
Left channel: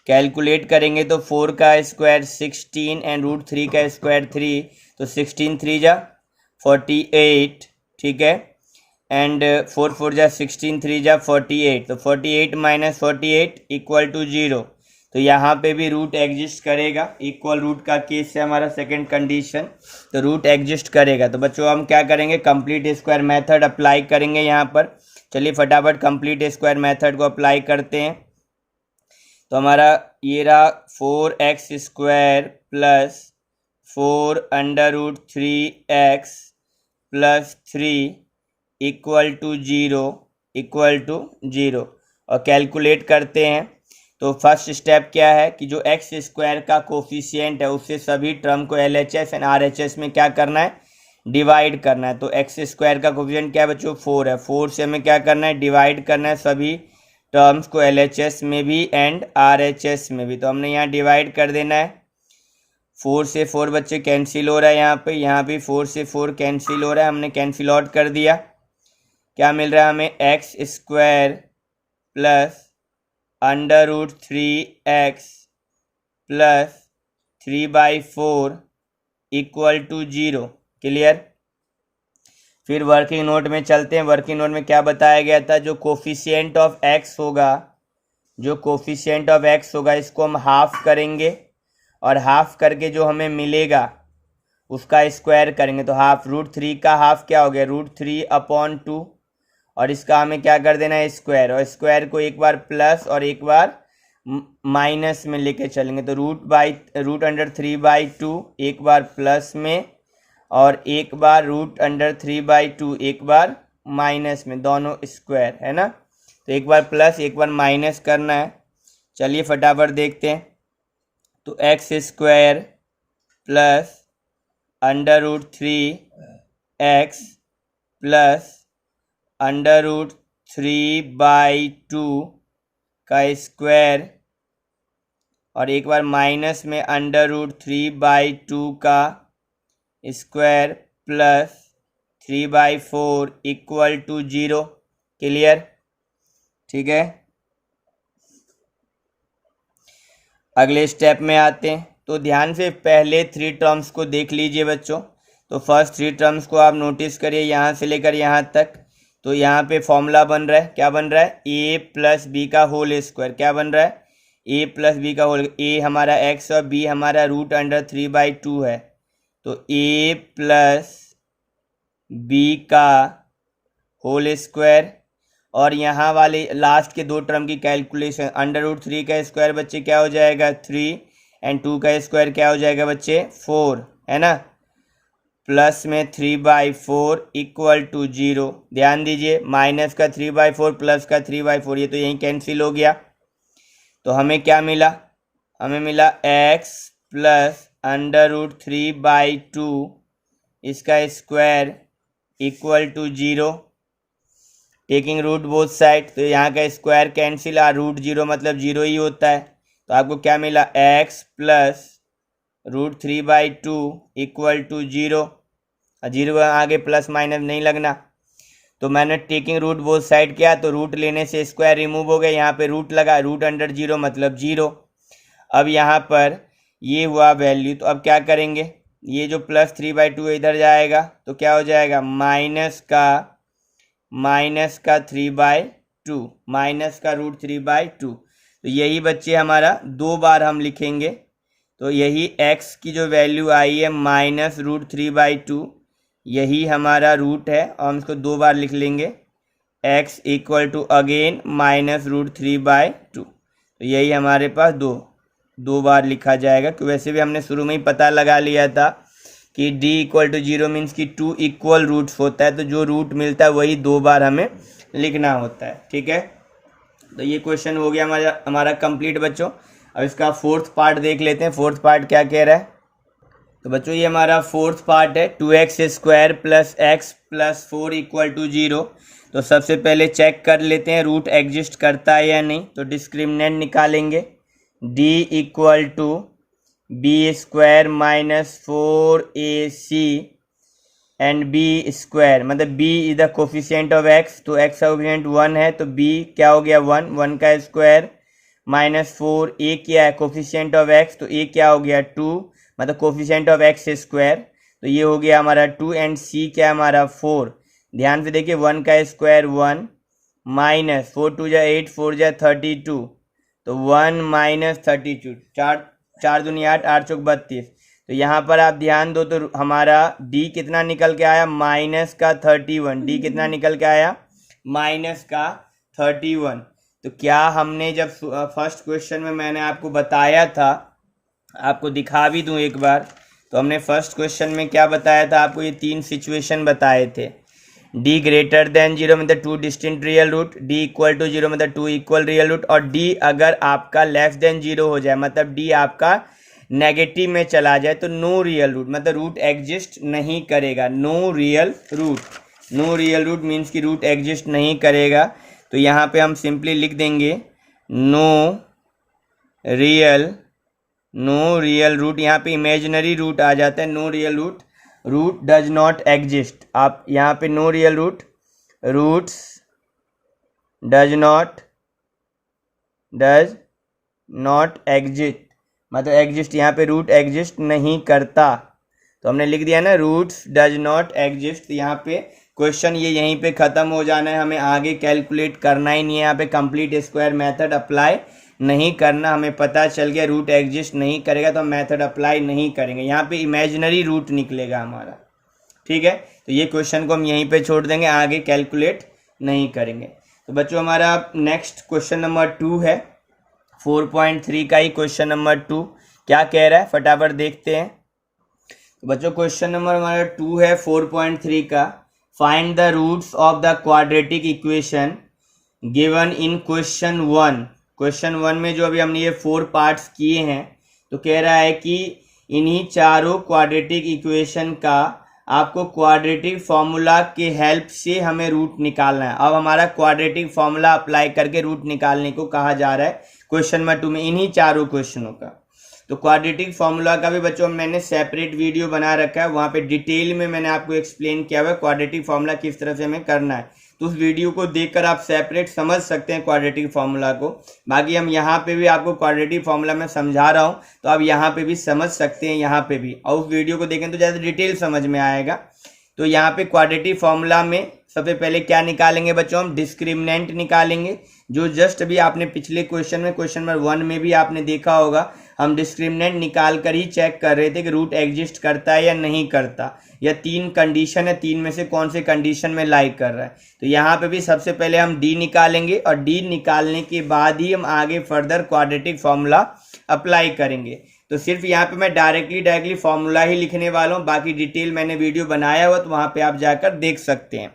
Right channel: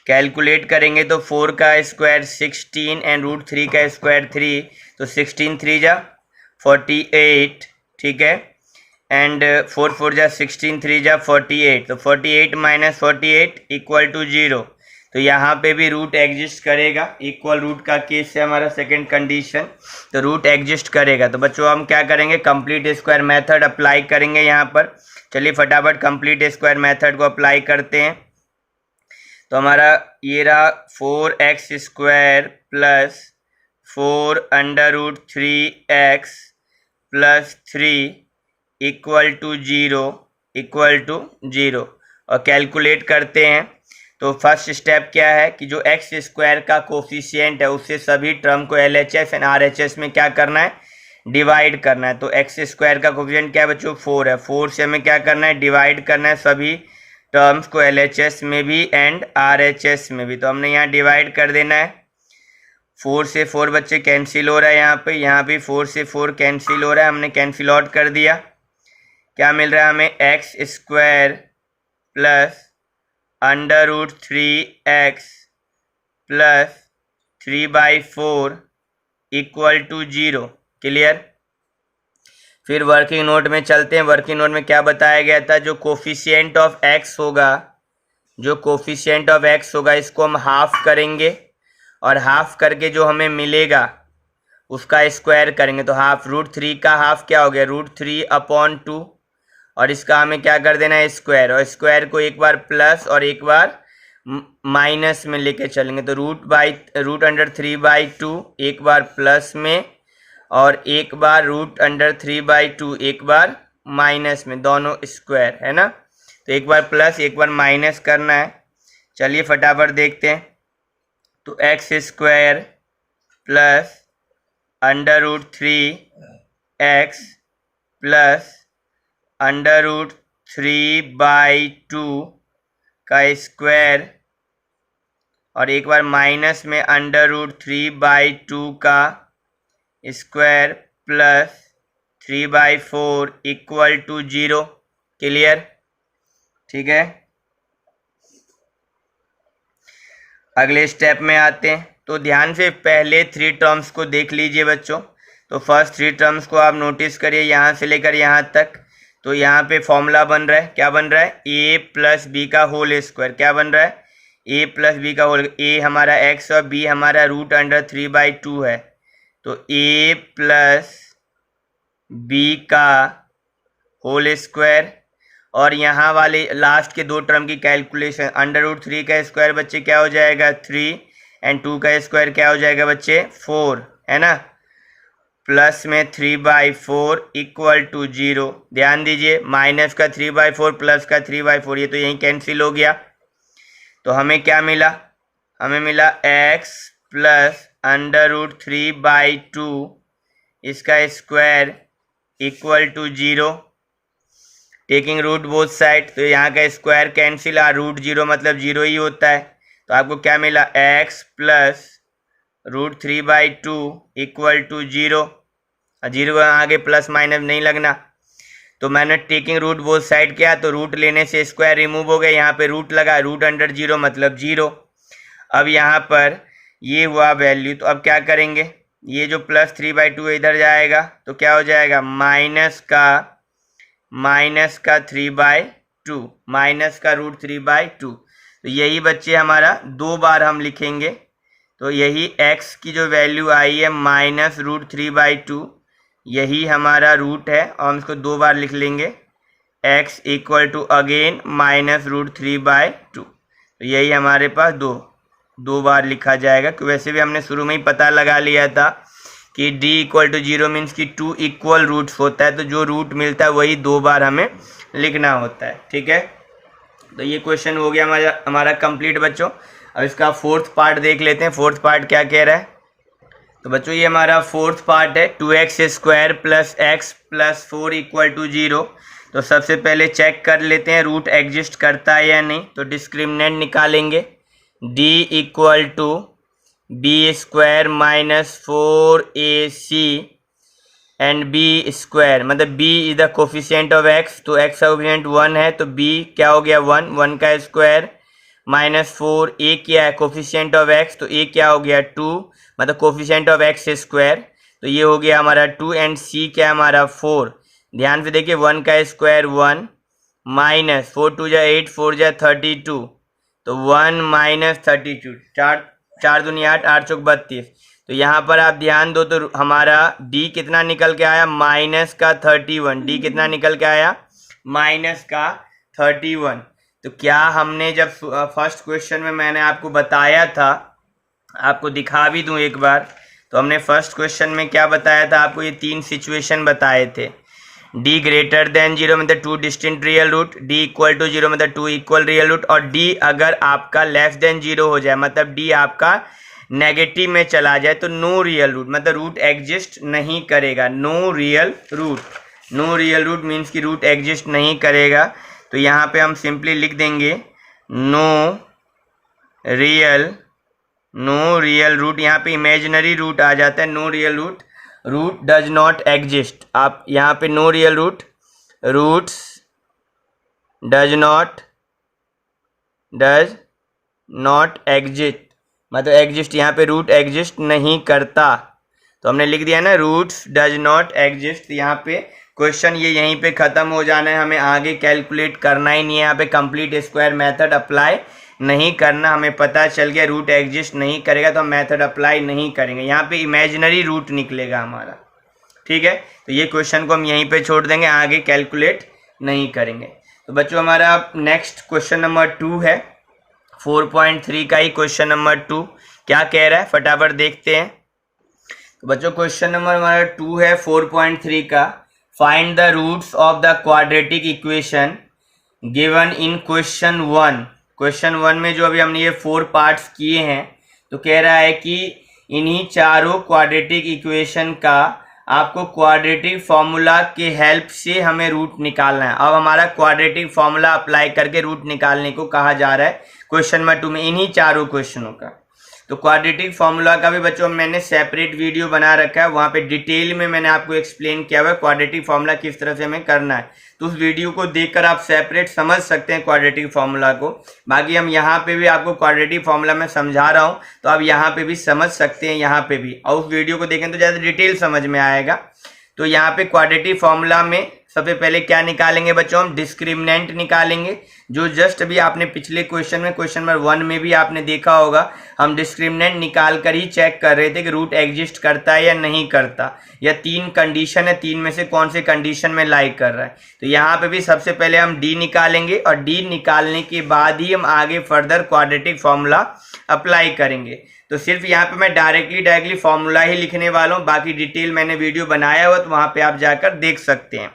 कैलकुलेट करेंगे तो 4 का स्क्वायर 16 एंड रूट 3 का स्क्वायर 3, तो 16 3 जा 48। ठीक है, एंड 4 4 जा 16 3 जा 48। तो 48 माइनस 48 इक्वल टू 0। तो यहाँ पे भी रूट एग्जिस्ट करेगा, इक्वल रूट का केस है हमारा सेकंड कंडीशन, तो रूट एग्जिस्ट करेगा। तो बच्चों हम क्या करेंगे, कंप्लीट स्क्वायर मेथड अप्लाई करेंगे यहाँ पर। चलिए फटाफट कंप्लीट स्क्वायर मेथड को अप्लाई करते हैं। तो हमारा ये रहा 4x² plus 4√3x plus 3 equal to 0 और कैलकुलेट करते हैं। तो फर्स्ट स्टेप क्या है कि जो x² का कोफिशिएंट है उससे सभी टर्म को LHS एंड RHS में क्या करना है, डिवाइड करना है। तो x² का कोफिशिएंट क्या है बच्चों, 4 है। 4 से हमें क्या करना है, डिवाइड करना है सभी टर्म्स को LHS में भी एंड RHS में भी। तो हमने यहाँ डिवाइड कर देना है। 4 से 4 बच्चे कैंसिल हो रहा है, यहाँ भी 4 से 4 कैंसिल हो रहा है, हमने कैंसिल आउट कर दिया। क्या मिल रहा है हमें, x² plus √3x plus 3/4 equal to 0। Clear. फिर वर्किंग नोट में चलते हैं। वर्किंग नोट में क्या बताया गया था, जो कोफिशिएंट ऑफ x होगा इसको हम हाफ करेंगे और हाफ करके जो हमें मिलेगा उसका स्क्वायर करेंगे। तो हाफ √3 का हाफ क्या हो गया, √3/2 और इसका हमें क्या कर देना है, स्क्वायर। और स्क्वायर को एक बार प्लस और एक बार माइनस में लेके चलेंगे। तो √3/2 एक बार प्लस में और एक बार √3/2 एक बार माइनस में, दोनों स्क्वायर है ना। तो एक बार प्लस एक बार माइनस करना है। चलिए फटाफट देखते हैं। तो x² प्लस √3x प्लस √3/2 का स्क्वायर और एक बार माइनस में √3/2 का square plus 3/4 equal to 0। Clear, ठीक है। अगले स्टेप में आते हैं। तो ध्यान से पहले 3 टर्म्स को देख लीजिए बच्चों। तो फर्स्ट 3 टर्म्स को आप नोटिस करिए यहाँ से लेकर यहाँ तक। तो यहाँ पे फॉर्मूला बन रहा है, क्या बन रहा है, a प्लस बी का होल स्क्वायर। क्या बन रहा है, a प्लस बी का होल, a हमारा x और b हमारा √3/2 है। तो a प्लस बी का होल स्क्वायर और यहाँ वाले लास्ट के 2 टर्म की कैलकुलेशन, √3 का स्क्वायर बच्चे क्या हो जाएगा 3 एंड 2 का स्क्वायर क्या हो जाएगा बच्चे 4, है ना। प्लस में 3/4 इक्वल टू 0। ध्यान दीजिए, माइनस का 3/4 प्लस का 3/4 ये तो यहीं कैंसिल हो गया। तो हमें क्या मिला, हमें मिला x प्लस √3/2 इसका square equal to 0, taking root both side. तो यहाँ का स्क्वायर कैंसिल, √0 मतलब 0 ही होता है। तो आपको क्या मिला, x प्लस √3/2 इक्वल टू 0। 0 आगे प्लस माइनस नहीं लगना। तो मैंने टेकिंग रूट बोथ साइड किया, तो रूट लेने से स्क्वायर रिमूव हो गया, यहाँ पे रूट लगा, √0 मतलब 0। अब यहाँ पर ये हुआ वैल्यू। तो अब क्या करेंगे, ये जो प्लस 3/2 इधर जाएगा तो क्या हो जाएगा, माइनस का 3/2, माइनस का √3/2। तो यही बच्चे हमारा 2 बार हम लिखेंगे। तो यही x की जो वैल्यू आई है -√3/2, यही हमारा रूट है और हम इसको 2 बार लिख लेंगे, x इक्वल टू अगेन -√3/2। तो यही हमारे पास दो बार लिखा जाएगा। कि वैसे भी हमने शुरू में ही पता लगा लिया था कि d इक्वल टू 0 मीन्स कि 2 इक्वल रूट्स होता है। तो जो रूट मिलता है वही 2 बार हमें लिखना होता है, ठीक है। तो ये क्वेश्चन हो गया हमारा कंप्लीट बच्चों। अब इसका 4th पार्ट देख लेते हैं। 4th पार्ट क्या कह रहा है। तो बच्चों ये हमारा 4th पार्ट है, 2x² plus x plus 4 equal to 0। तो सबसे पहले चेक कर लेते हैं रूट एग्जिस्ट करता है या नहीं। तो डिस्क्रिमिनेंट निकालेंगे, d equal to b² minus 4ac and b square, मतलब b is the coefficient of x। तो x का कोफिशिएंट 1 है तो b क्या हो गया 1 का स्क्वायर माइनस 4, a क्या है कोफिशिएंट ऑफ x, तो a क्या हो गया 2, मतलब कोफिशिएंट ऑफ x स्क्वायर। तो ये हो गया हमारा 2 एंड c क्या हमारा 4। ध्यान से देखिए 1 का स्क्वायर 1 माइनस 4 2 जा 8 4 जा 32, तो 1 माइनस 32, चार चार दूनी 8, 8 चौक 32। तो यहाँ पर आप ध्यान दो तो हमारा डी कितना निकल के आया, माइनस का 31। डी कितना निकल के आया, माइनस का 31। तो क्या हमने जब फर्स्ट क्वेश्चन में मैंने आपको बताया था, आपको दिखा भी दूं एक बार, तो हमने फर्स्ट क्वेश्चन में क्या बताया था आपको, ये 3 सिचुएशन बताए थे। डी ग्रेटर देन 0 मतलब 2 distinct real root, d equal to 0 मतलब 2 इक्वल रियल रूट, और डी अगर आपका लेस देन 0 हो जाए मतलब डी आपका नेगेटिव में चला जाए तो नो रियल रूट, मतलब रूट एग्जिस्ट नहीं करेगा। No real root, no real root means कि रूट एग्जिस्ट नहीं करेगा। तो यहाँ पे हम सिंपली लिख देंगे नो रियल रूट। यहाँ पे इमेजिनरी रूट आ जाता है, no real root, root does not exist. आप यहाँ पे no real root, roots does not exist, मतलब एग्जिस्ट, यहाँ पे रूट एग्जिस्ट नहीं करता। तो हमने लिख दिया ना रूट्स डज नॉट एग्जिस्ट। यहाँ पे क्वेश्चन ये यहीं पे ख़त्म हो जाना है, हमें आगे कैलकुलेट करना ही नहीं है। यहाँ पे कंप्लीट स्क्वायर मेथड अप्लाई नहीं करना, हमें पता चल गया रूट एग्जिस्ट नहीं करेगा तो हम मेथड अप्लाई नहीं करेंगे। यहाँ पे इमेजिनरी रूट निकलेगा हमारा, ठीक है। तो ये क्वेश्चन को हम यहीं पे छोड़ देंगे, आगे कैलकुलेट नहीं करेंगे। तो बच्चों हमारा नेक्स्ट क्वेश्चन नंबर 2 है, 4.3 का ही क्वेश्चन नंबर 2 क्या कह रहा है फटाफट देखते हैं। तो बच्चों क्वेश्चन नंबर हमारा 2 है 4.3 का, find the roots of the quadratic equation given in question 1। Question 1 में जो अभी हमने ये 4 पार्ट्स किए हैं, तो कह रहा है कि इन्हीं चारों क्वाड्रेटिक इक्वेशन का आपको क्वाड्रेटिक फॉर्मूला के हेल्प से हमें रूट निकालना है। अब हमारा क्वाड्रेटिक फॉर्मूला अप्लाई करके रूट निकालने को कहा जा रहा है क्वेश्चन नंबर 2 में, इन्हीं चारों क्वेश्चनों का। तो क्वाड्रेटिक फॉर्मूला का भी बच्चों मैंने सेपरेट वीडियो बना रखा है, वहाँ पे डिटेल में मैंने आपको एक्सप्लेन किया हुआ है क्वाड्रेटिक फॉर्मूला किस तरह से हमें करना है। तो उस वीडियो को देखकर आप सेपरेट समझ सकते हैं क्वाड्रेटिक फॉर्मूला को। बाकी हम यहाँ पे भी आपको क्वाड्रेटिक फॉर्मूला में समझा रहा हूँ, तो आप यहाँ पे भी समझ सकते हैं, यहाँ पे भी, और उस वीडियो को देखें तो ज़्यादा डिटेल समझ में आएगा। तो यहाँ पे क्वाड्रेटिक फॉर्मूला में सबसे पहले क्या निकालेंगे बच्चों, हम डिस्क्रिमिनेंट निकालेंगे, जो जस्ट अभी आपने पिछले क्वेश्चन में, क्वेश्चन नंबर 1 में भी आपने देखा होगा, हम डिस्क्रिमिनेंट निकाल कर ही चेक कर रहे थे कि रूट एग्जिस्ट करता है या नहीं करता, या 3 कंडीशन है, 3 में से कौन से कंडीशन में लाइक कर रहा है। तो यहाँ पे भी सबसे पहले हम डी निकालेंगे, और डी निकालने के बाद ही हम आगे फर्दर क्वाड्रेटिक फॉर्मूला अप्लाई करेंगे। तो सिर्फ यहाँ पे मैं डायरेक्टली फॉर्मूला ही लिखने वाला हूँ, बाकी डिटेल मैंने वीडियो बनाया हुआ तो वहाँ पे आप जाकर देख सकते हैं।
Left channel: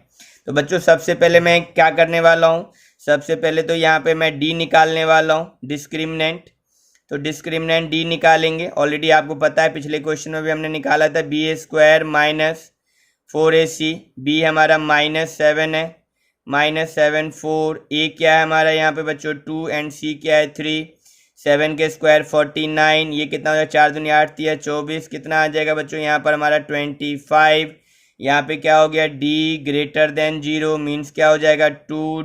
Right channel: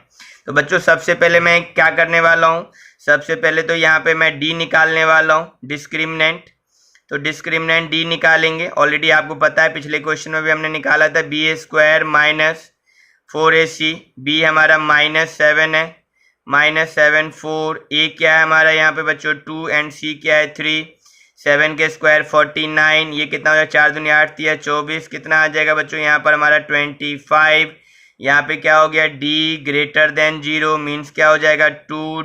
तो बच्चों सबसे पहले मैं क्या करने वाला हूँ, सबसे पहले तो यहाँ पे मैं डी निकालने वाला हूँ, डिस्क्रिमिनेंट। तो डिस्क्रिमिनेंट डी निकालेंगे, ऑलरेडी आपको पता है पिछले क्वेश्चन में भी हमने निकाला था, बी ए स्क्वायर माइनस 4ac, बी हमारा -7 है, -7 4, ए क्या है हमारा यहाँ पे बच्चों 2, एंड सी क्या है 3, 7 के स्क्वायर 49, ये कितना हो जाएगा 4 दूनी 8 3 24, कितना आ जाएगा बच्चों यहाँ पर हमारा 25। यहाँ पे क्या हो गया, डी ग्रेटर देन 0 मीन्स क्या हो जाएगा 2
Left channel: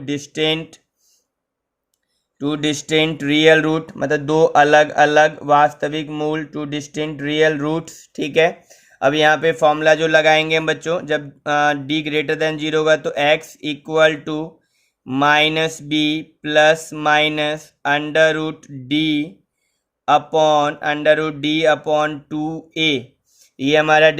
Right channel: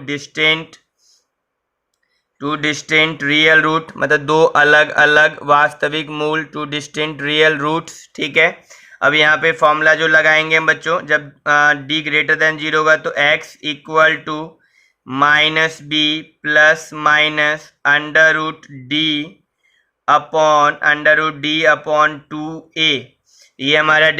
डिस्टिंक्ट रियल रूट, मतलब 2 अलग अलग वास्तविक मूल, 2 डिस्टिंक्ट रियल रूट्स, ठीक है। अब यहाँ पे फॉर्मूला जो लगाएंगे हम बच्चों, जब डी ग्रेटर देन 0 होगा तो x equal to minus b plus minus under root d upon 2a, ये हमारा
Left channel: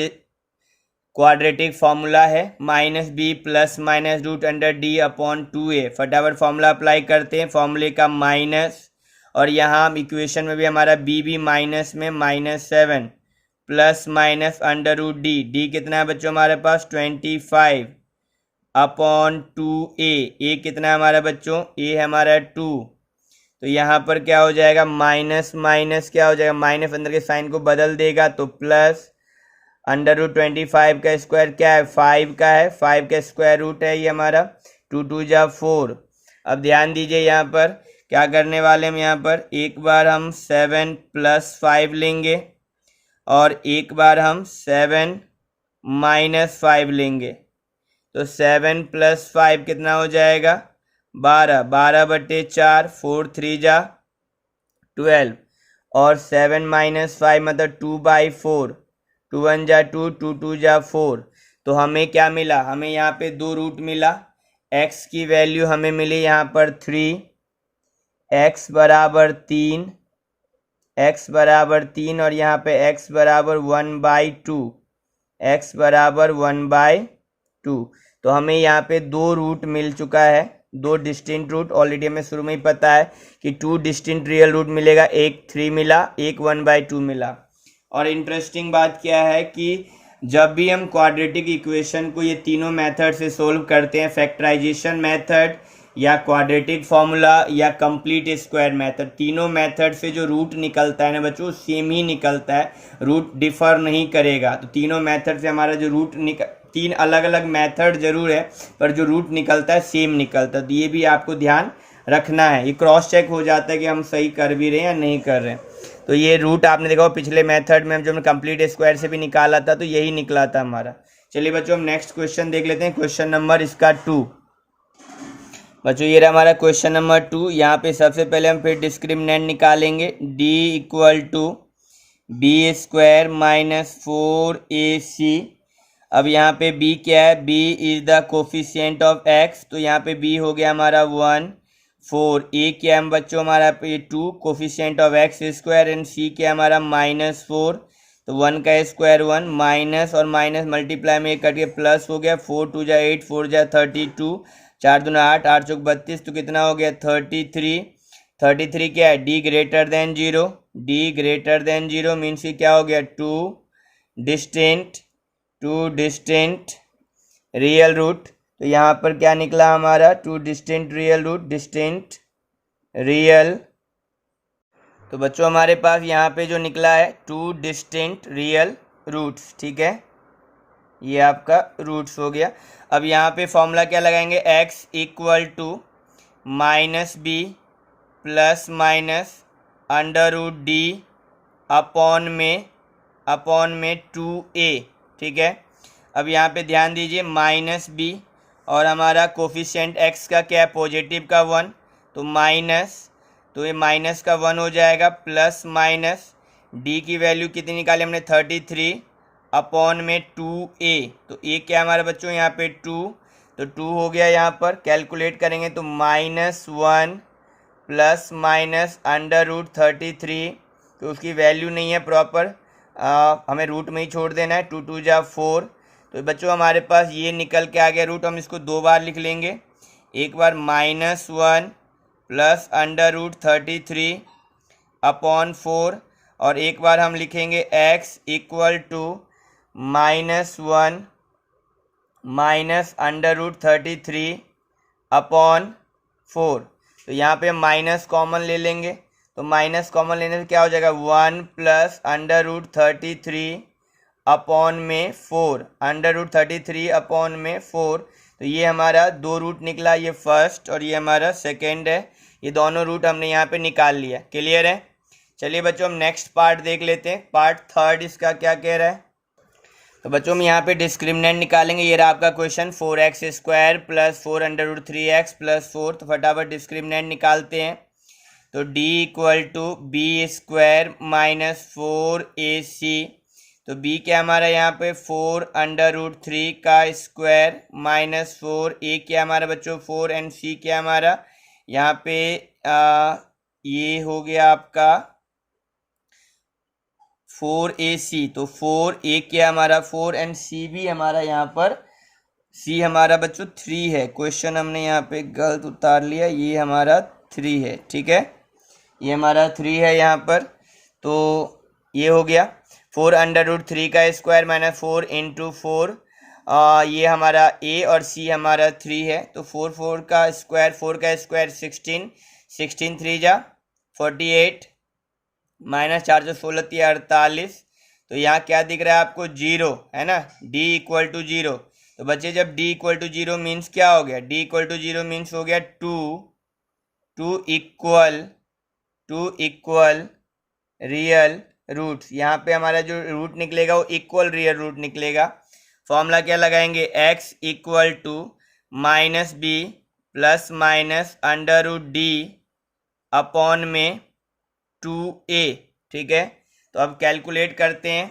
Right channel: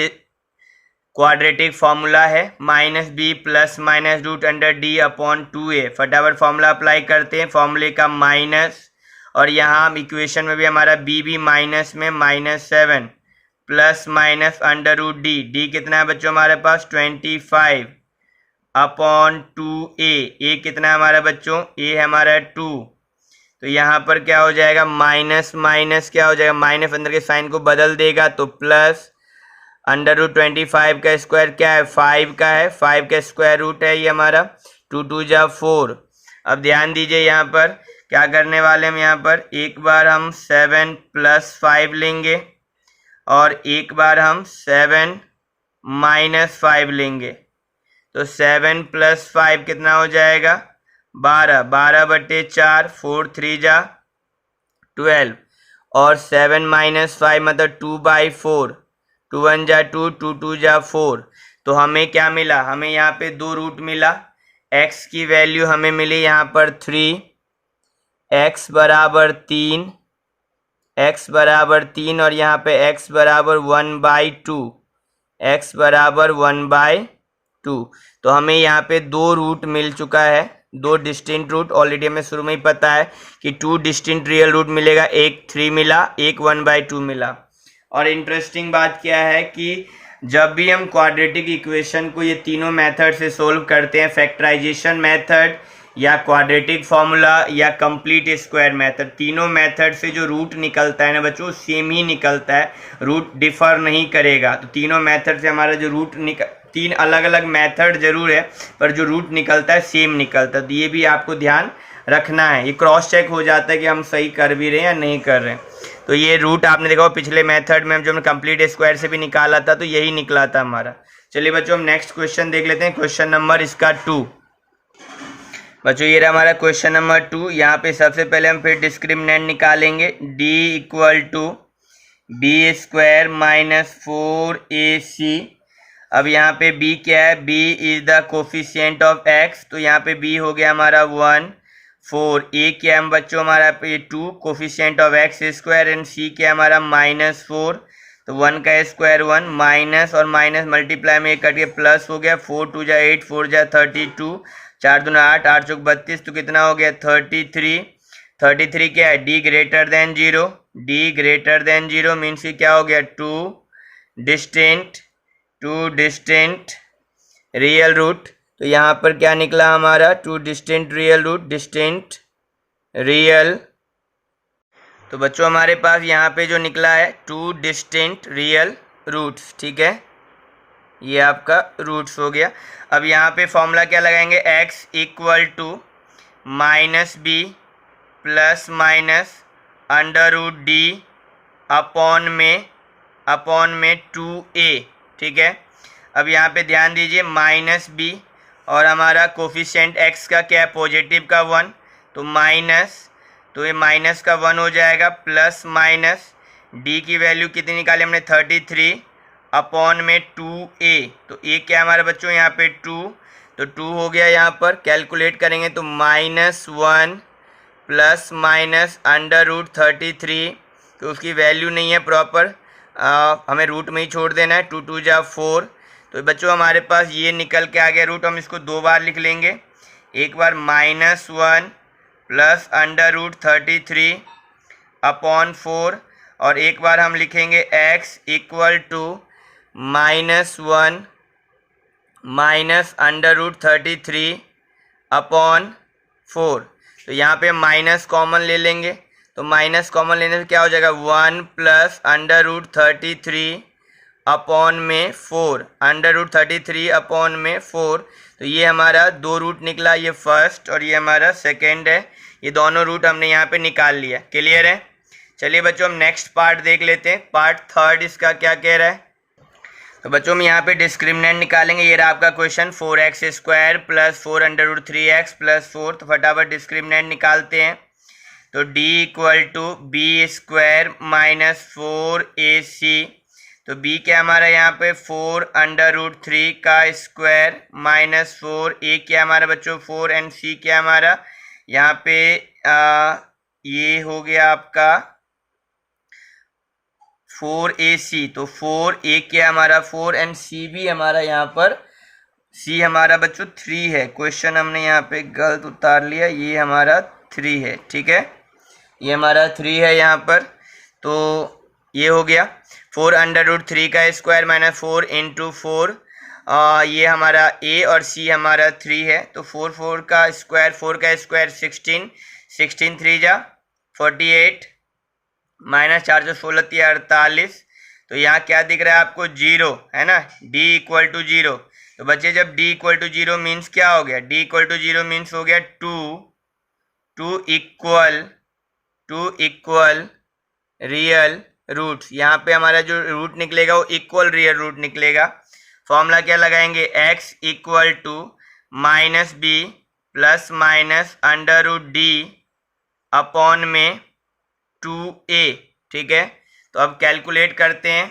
क्वाड्रेटिक फॉर्मूला है, -b plus minus root under d upon 2a। फटाफट फॉर्मूला अप्लाई करते हैं, फॉर्मूले का माइनस, और यहाँ हम इक्वेशन में भी हमारा b भी माइनस में -7 plus minus under root d कितना है बच्चों हमारे पास 25 अपॉन 2a, ए कितना है हमारा बच्चों, ए हमारा 2। तो यहाँ पर क्या हो जाएगा, माइनस माइनस क्या हो जाएगा, माइनस अंदर के साइन को बदल देगा तो प्लस अंडर रूट 25 का स्क्वायर क्या है 5 का है, 5 का स्क्वायर रूट है ये हमारा, 2 2 जा 4। अब ध्यान दीजिए यहाँ पर क्या करने वाले हम, यहाँ पर एक बार हम 7 + 5 लेंगे और एक बार हम 7 - 5 लेंगे। तो 7 + 5 कितना हो जाएगा 12, 12/4, 4 3 जा 12, और 7 - 5 मतलब 2/4, 2 1 जा 2, 2 2 जा 4। तो हमें क्या मिला, हमें यहाँ पे 2 रूट मिला, x की वैल्यू हमें मिली यहाँ पर 3, x बराबर 3, x बराबर 3 और यहाँ पे x बराबर 1/2, x बराबर 1/2। तो हमें यहाँ पे दो रूट मिल चुका है, दो डिस्टिंक्ट रूट। ऑलरेडी हमें शुरू में ही पता है कि 2 डिस्टिंक्ट रियल रूट मिलेगा, एक 3 मिला, एक 1/2 मिला। और इंटरेस्टिंग बात क्या है कि जब भी हम क्वाड्रेटिक इक्वेशन को ये तीनों मेथड से सोल्व करते हैं, फैक्टराइजेशन मेथड या क्वाड्रेटिक फॉर्मूला या कंप्लीट स्क्वायर मेथड, तीनों मेथड से जो रूट निकलता है ना बच्चों, सेम ही निकलता है, रूट डिफर नहीं करेगा। तो तीनों मेथड से हमारा जो रूट तीन अलग अलग मेथड जरूर है पर जो रूट निकलता है सेम निकलता है। तो ये भी आपको ध्यान रखना है, ये क्रॉस चेक हो जाता है कि हम सही कर भी रहे हैं या नहीं कर रहे हैं। तो ये रूट आपने देखा पिछले मेथड में जो हमने कंप्लीट स्क्वायर से भी निकाला था, तो यही निकला था हमारा। चलिए बच्चों हम नेक्स्ट क्वेश्चन देख लेते हैं, क्वेश्चन नंबर इसका 2। बच्चों ये रहा हमारा क्वेश्चन नंबर 2। यहाँ पे सबसे पहले हम फिर डिस्क्रिमिनेंट निकालेंगे, d equal to b² minus 4ac। अब यहाँ पे b क्या है, b is the coefficient of x, तो यहाँ पे b हो गया हमारा 1, 4, a क्या है बच्चों हमारा पे 2, coefficient of x², and c क्या है हमारा -4, तो 1 का स्क्वायर 1, माइनस और माइनस मल्टीप्लाई में कट के प्लस हो गया, 4 2 जा 8, 4 जा 32, 4 दूना 8, 8 चौक 32, तो कितना हो गया 33। 33 क्या है, d greater than 0, d greater than 0 means कि क्या हो गया, टू डिस्टिंक्ट रियल रूट। तो यहाँ पर क्या निकला हमारा, 2 distinct real root, distinct real. तो बच्चों हमारे पास यहाँ पे जो निकला है 2 डिस्टिंक्ट रियल रूट्स, ठीक है, ये आपका रूट्स हो गया। अब यहाँ पे फॉर्मूला क्या लगाएंगे, x equal to -b plus minus √d upon में 2a, ठीक है। अब यहाँ पे ध्यान दीजिए -b और हमारा कोफिशिएंट x का क्या है, पॉजिटिव का 1, तो माइनस, तो ये माइनस का 1 हो जाएगा, प्लस माइनस d की वैल्यू कितनी निकाली हमने 33 अपॉन में 2a, तो a क्या है हमारे बच्चों यहाँ पे 2, तो 2 हो गया। यहाँ पर कैलकुलेट करेंगे तो -1 प्लस माइनस √33, तो उसकी वैल्यू नहीं है प्रॉपर, हमें रूट में ही छोड़ देना है, 2 2 जा 4। तो बच्चों हमारे पास ये निकल के आ गया रूट। हम इसको दो बार लिख लेंगे, एक बार -1 प्लस √33 अपॉन 4, और एक बार हम लिखेंगे x equal to -1 minus √33 upon 4। तो यहाँ पे माइनस कॉमन ले लेंगे, तो माइनस कॉमन लेने से क्या हो जाएगा, 1 प्लस √33 अपॉन में 4, √33 अपॉन में 4। तो ये हमारा दो रूट निकला, ये फर्स्ट और ये हमारा सेकेंड है, ये दोनों रूट हमने यहाँ पे निकाल लिया। क्लियर है। चलिए बच्चों हम नेक्स्ट पार्ट देख लेते हैं, पार्ट थर्ड इसका क्या कह रहा है। तो बच्चों हम यहाँ पे डिस्क्रिमिनेंट निकालेंगे, ये रहा आपका question, 4x² plus 4 √3x plus 4। तो फटाफट डिस्क्रिमिनेंट निकालते हैं। तो d equal to b² minus 4ac, तो b क्या हमारा यहाँ पे 4 √3 का स्क्वायर माइनस 4, a क्या हमारा बच्चों 4, एंड c क्या हमारा यहाँ पे ये हो गया आपका 4ac, तो 4a क्या हमारा 4, एंड c भी हमारा यहाँ पर c हमारा बच्चों 3 है। क्वेश्चन हमने यहाँ पे गलत उतार लिया, ये हमारा 3 है, ठीक है, ये हमारा 3 है यहाँ पर। तो ये हो गया 4 √3 का स्क्वायर माइनस 4 इंटू 4, ये हमारा a और c हमारा 3 है। तो 4 का स्क्वायर 16, 16 3 जा 48, माइनस 416 48। तो यहाँ क्या दिख रहा है आपको, 0 है ना, d इक्वल टू 0। तो बच्चे जब d इक्वल टू 0 मीन्स क्या हो गया, d इक्वल टू 0 मीन्स हो गया टू इक्वल रियल रूट्स। यहाँ पे हमारा जो रूट निकलेगा वो इक्वल रियल रूट निकलेगा। फॉर्मूला क्या लगाएंगे, x equal to -b plus minus √d upon में 2a, ठीक है। तो अब कैलकुलेट करते हैं,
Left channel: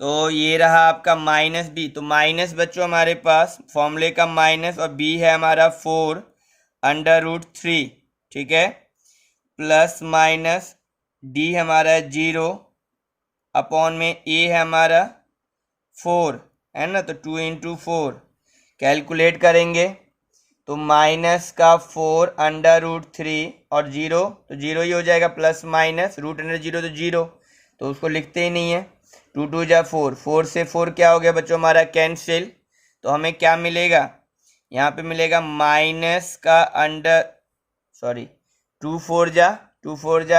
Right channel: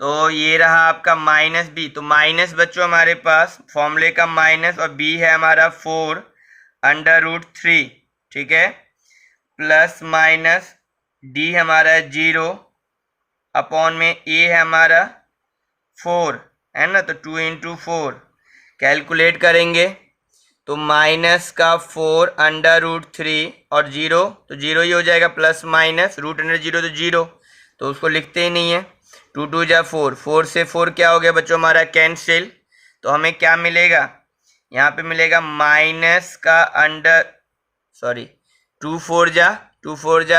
तो ये रहा आपका -b, तो माइनस बच्चों हमारे पास फॉर्मूले का माइनस, और b है हमारा 4 √3, ठीक है, प्लस माइनस डी हमारा 0 अपॉन में ए है हमारा 4 है ना, तो 2 इंटू 4 कैलकुलेट करेंगे तो माइनस का 4 अंडर रूट 3 और 0 तो 0 ही हो जाएगा, प्लस माइनस रूट अंडर 0 तो 0, तो उसको लिखते ही नहीं है। 2 2 जा 4, 4 से 4 क्या हो गया बच्चों हमारा कैंसिल, तो हमें क्या मिलेगा यहाँ पे मिलेगा माइनस का अंडर 2 4 जा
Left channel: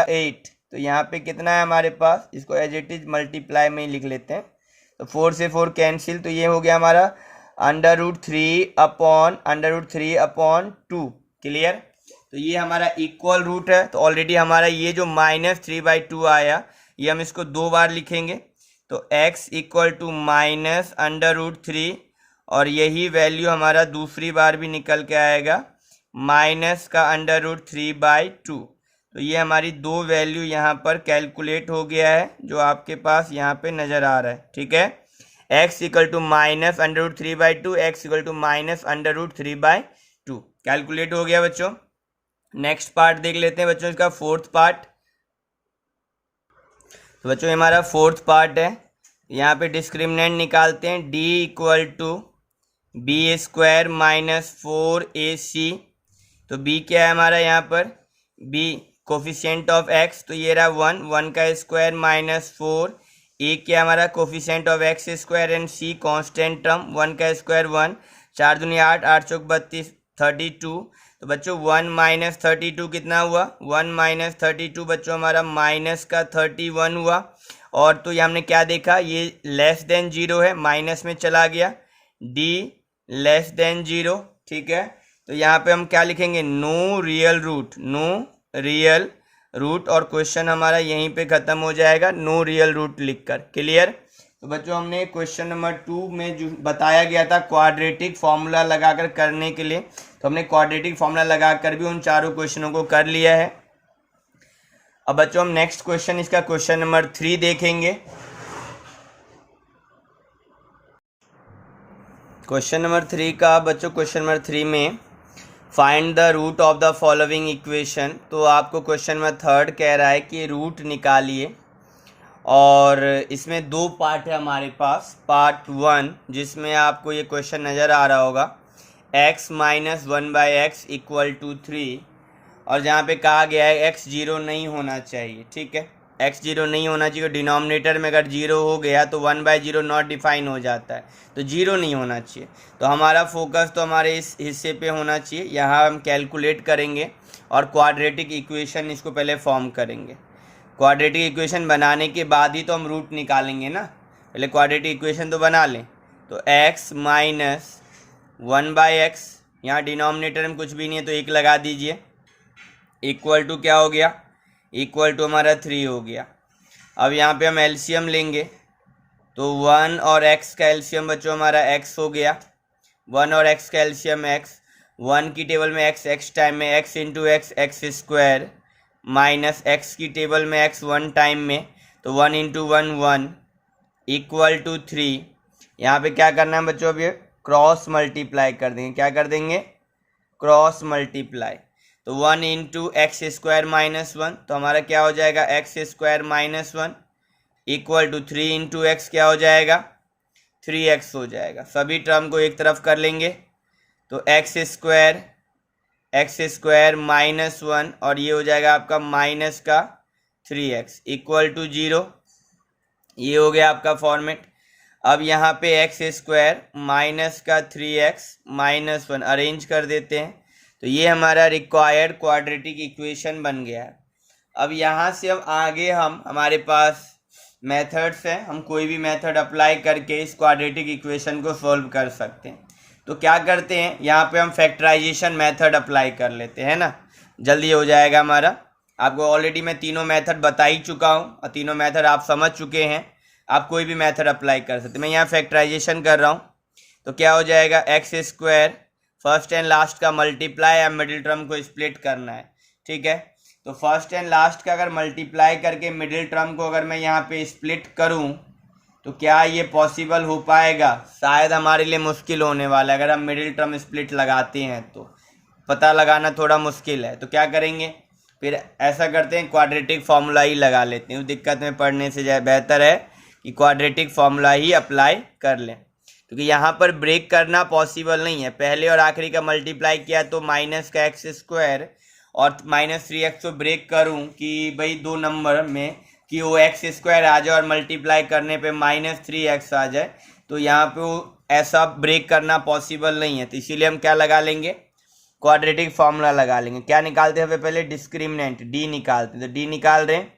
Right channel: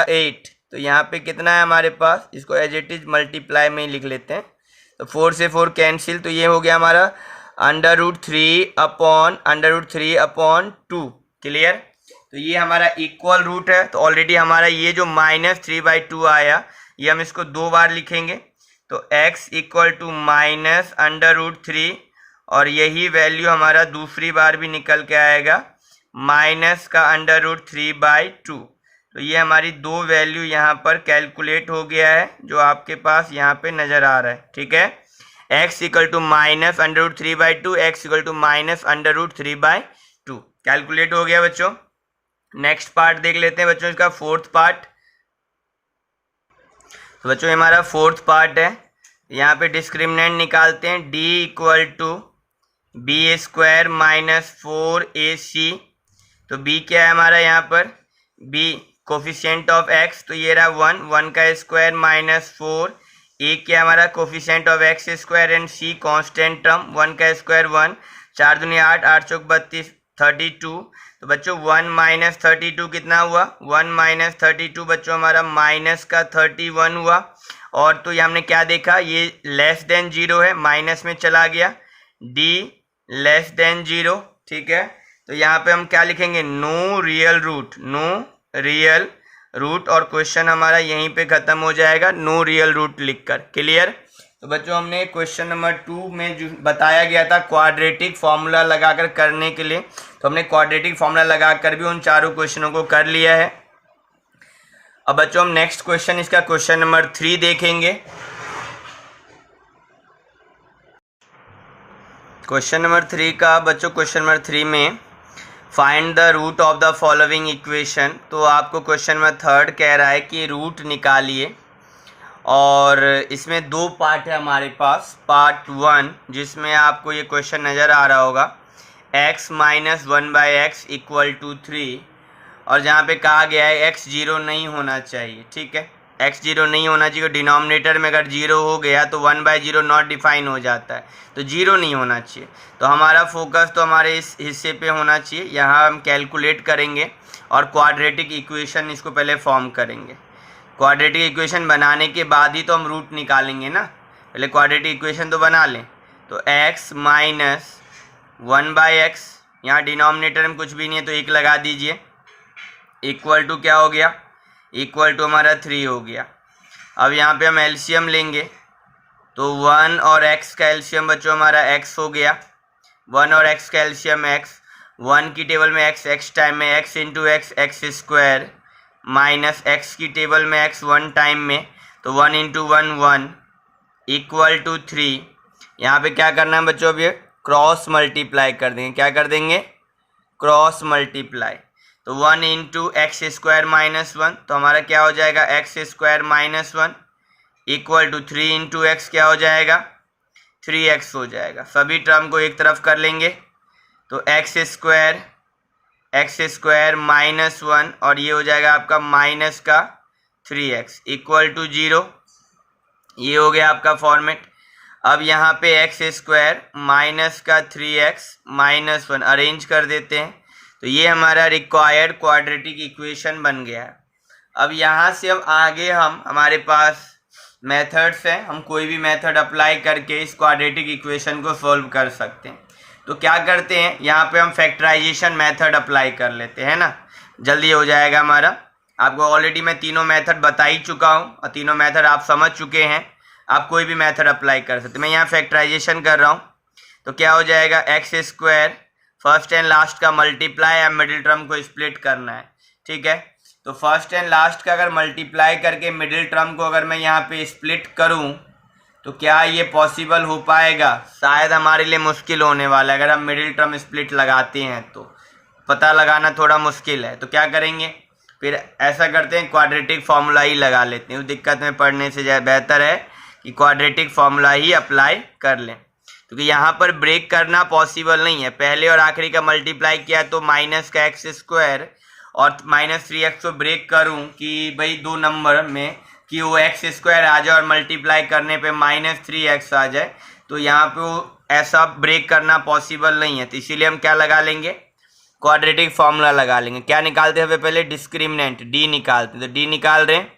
8, तो यहाँ पे कितना है हमारे पास, इसको एज इट इज मल्टीप्लाई में ही लिख लेते हैं, तो 4 से 4 कैंसिल, तो ये हो गया हमारा अंडर रूट 3 अपॉन 2। क्लियर, तो ये हमारा इक्वल रूट है, तो ऑलरेडी हमारा ये जो -3/2 आया ये हम इसको 2 बार लिखेंगे, तो x equal to minus under root 3 और यही वैल्यू हमारा दूसरी बार भी निकल के आएगा माइनस का अंडर रूट 3/2। तो ये हमारी दो वैल्यू यहाँ पर कैलकुलेट हो गया है जो आपके पास यहाँ पे नज़र आ रहा है। ठीक है, x equal to minus under root 3/2, x equal to minus under root 3/2 calculate हो गया बच्चों। नेक्स्ट पार्ट देख लेते हैं बच्चों, इसका फोर्थ पार्ट। तो बच्चों हमारा फोर्थ पार्ट है, यहाँ पे डिस्क्रिमिनेंट निकालते हैं, d equal to b square minus 4ac। तो b क्या है हमारा यहाँ पर, b कोफिशिएंट ऑफ x, तो ये रहा 1 का स्क्वायर माइनस 4, a क्या हमारा coefficient of x square and c constant term 1 का स्क्वायर 1, 4 दूनी 8, 8 चौक 32, 32। तो बच्चों 1 माइनस 32 कितना हुआ, 1 माइनस 32 बच्चों हमारा माइनस का 31 हुआ। और तो ये हमने क्या देखा, ये लेस देन 0 है, माइनस में चला गया, d लेस देन 0। ठीक है, तो यहाँ पे हम क्या लिखेंगे, नो रियल रूट और क्वेश्चन हमारा यहीं पे खत्म हो जाएगा नो रियल रूट लिखकर। क्लियर, तो बच्चों हमने क्वेश्चन नंबर 2 में जो बताया गया था क्वाड्रेटिक फॉर्मूला लगाकर करने के लिए, तो हमने क्वाड्रेटिक फॉर्मूला लगाकर भी उन चारों क्वेश्चनों को कर लिया है। अब बच्चों हम नेक्स्ट क्वेश्चन, इसका क्वेश्चन नंबर 3 देखेंगे। क्वेश्चन नंबर 3 का बच्चों, क्वेश्चन नंबर 3 में find the root of the following equation. तो आपको क्वेश्चन नंबर 3 कह रहा है कि रूट निकालिए, और इसमें दो पार्ट है हमारे पास। पार्ट 1 जिसमें आपको ये क्वेश्चन नज़र आ रहा होगा, x minus 1/x equal to 3, और जहाँ पे कहा गया है x 0 नहीं होना चाहिए। ठीक है, x 0 नहीं होना चाहिए, डिनोमिनेटर में अगर 0 हो गया तो 1/0 नॉट डिफाइन हो जाता है, तो 0 नहीं होना चाहिए। तो हमारा फोकस तो हमारे इस हिस्से पे होना चाहिए, यहाँ हम कैलकुलेट करेंगे और क्वाड्रेटिक इक्वेशन इसको पहले फॉर्म करेंगे। क्वाड्रेटिक इक्वेशन बनाने के बाद ही तो हम रूट निकालेंगे ना, पहले क्वाड्रेटिक इक्वेशन तो बना लें। तो x माइनस 1/x, यहाँ डिनोमिनेटर में कुछ भी नहीं है तो 1 लगा दीजिए, इक्वल टू क्या हो गया, इक्वल टू हमारा 3 हो गया। अब यहाँ पे हम एलसीएम लेंगे, तो 1 और x का एलसीएम बच्चों हमारा x हो गया, 1 और x का एलसीएम x, 1 की टेबल में x टाइम में x into x square, minus x की टेबल में x 1 टाइम में, तो 1 इंटू 1 1 इक्वल टू 3। यहाँ पे क्या करना है बच्चों, अब ये क्रॉस मल्टीप्लाई कर देंगे, क्या कर देंगे, क्रॉस मल्टीप्लाई। तो 1 इंटू एक्स स्क्वायर माइनस 1, तो हमारा क्या हो जाएगा, x square minus 1 equal to 3 into x क्या हो जाएगा, 3x हो जाएगा। सभी टर्म को एक तरफ कर लेंगे, तो एक्स स्क्वायर माइनस 1 और ये हो जाएगा आपका माइनस का 3x इक्वल टू 0। ये हो गया आपका फॉर्मेट। अब यहाँ पे एक्स स्क्वायर माइनस का 3x माइनस 1 अरेंज कर देते हैं, तो ये हमारा रिक्वायर्ड क्वाड्रेटिक इक्वेशन बन गया है। अब यहाँ से हम आगे हमारे पास मेथड्स हैं, हम कोई भी मेथड अप्लाई करके इस क्वाड्रेटिक इक्वेशन को सॉल्व कर सकते हैं। तो क्या करते हैं, यहाँ पे हम फैक्टराइजेशन मेथड अप्लाई कर लेते हैं ना, जल्दी हो जाएगा हमारा। आपको ऑलरेडी मैं तीनों मेथड बता ही चुका हूँ और तीनों मेथड आप समझ चुके हैं, आप कोई भी मेथड अप्लाई कर सकते हैं। मैं यहाँ फैक्टराइजेशन कर रहा हूँ, तो क्या हो जाएगा, x square first and last का मल्टीप्लाई या मिडिल टर्म को स्प्लिट करना है। ठीक है, तो फर्स्ट एंड लास्ट का अगर मल्टीप्लाई करके मिडिल टर्म को अगर मैं यहाँ पे स्प्लिट करूँ तो क्या ये पॉसिबल हो पाएगा, शायद हमारे लिए मुश्किल होने वाला है अगर हम मिडिल टर्म स्प्लिट लगाते हैं तो। पता लगाना थोड़ा मुश्किल है, तो क्या करेंगे फिर ऐसा करते हैं क्वाड्रेटिक फार्मूला ही लगा लेते हैं। उस दिक्कत में पढ़ने से बेहतर है कि क्वाड्रेटिक फार्मूला ही अप्लाई कर लें, क्योंकि यहाँ पर ब्रेक करना पॉसिबल नहीं है। पहले और आखिरी का मल्टीप्लाई किया तो माइनस का एक्स स्क्वायर और -3x को ब्रेक करूँ कि भाई दो नंबर में कि वो एक्स स्क्वायर आ जाए और मल्टीप्लाई करने पे -3x आ जाए, तो यहाँ पे वो ऐसा ब्रेक करना पॉसिबल नहीं है। तो इसीलिए हम क्या लगा लेंगे, क्वाड्रेटिक फार्मूला लगा लेंगे। क्या निकालते हैं पहले, डिस्क्रिमिनेंट डी निकालते हैं। तो डी निकाल रहे हैं,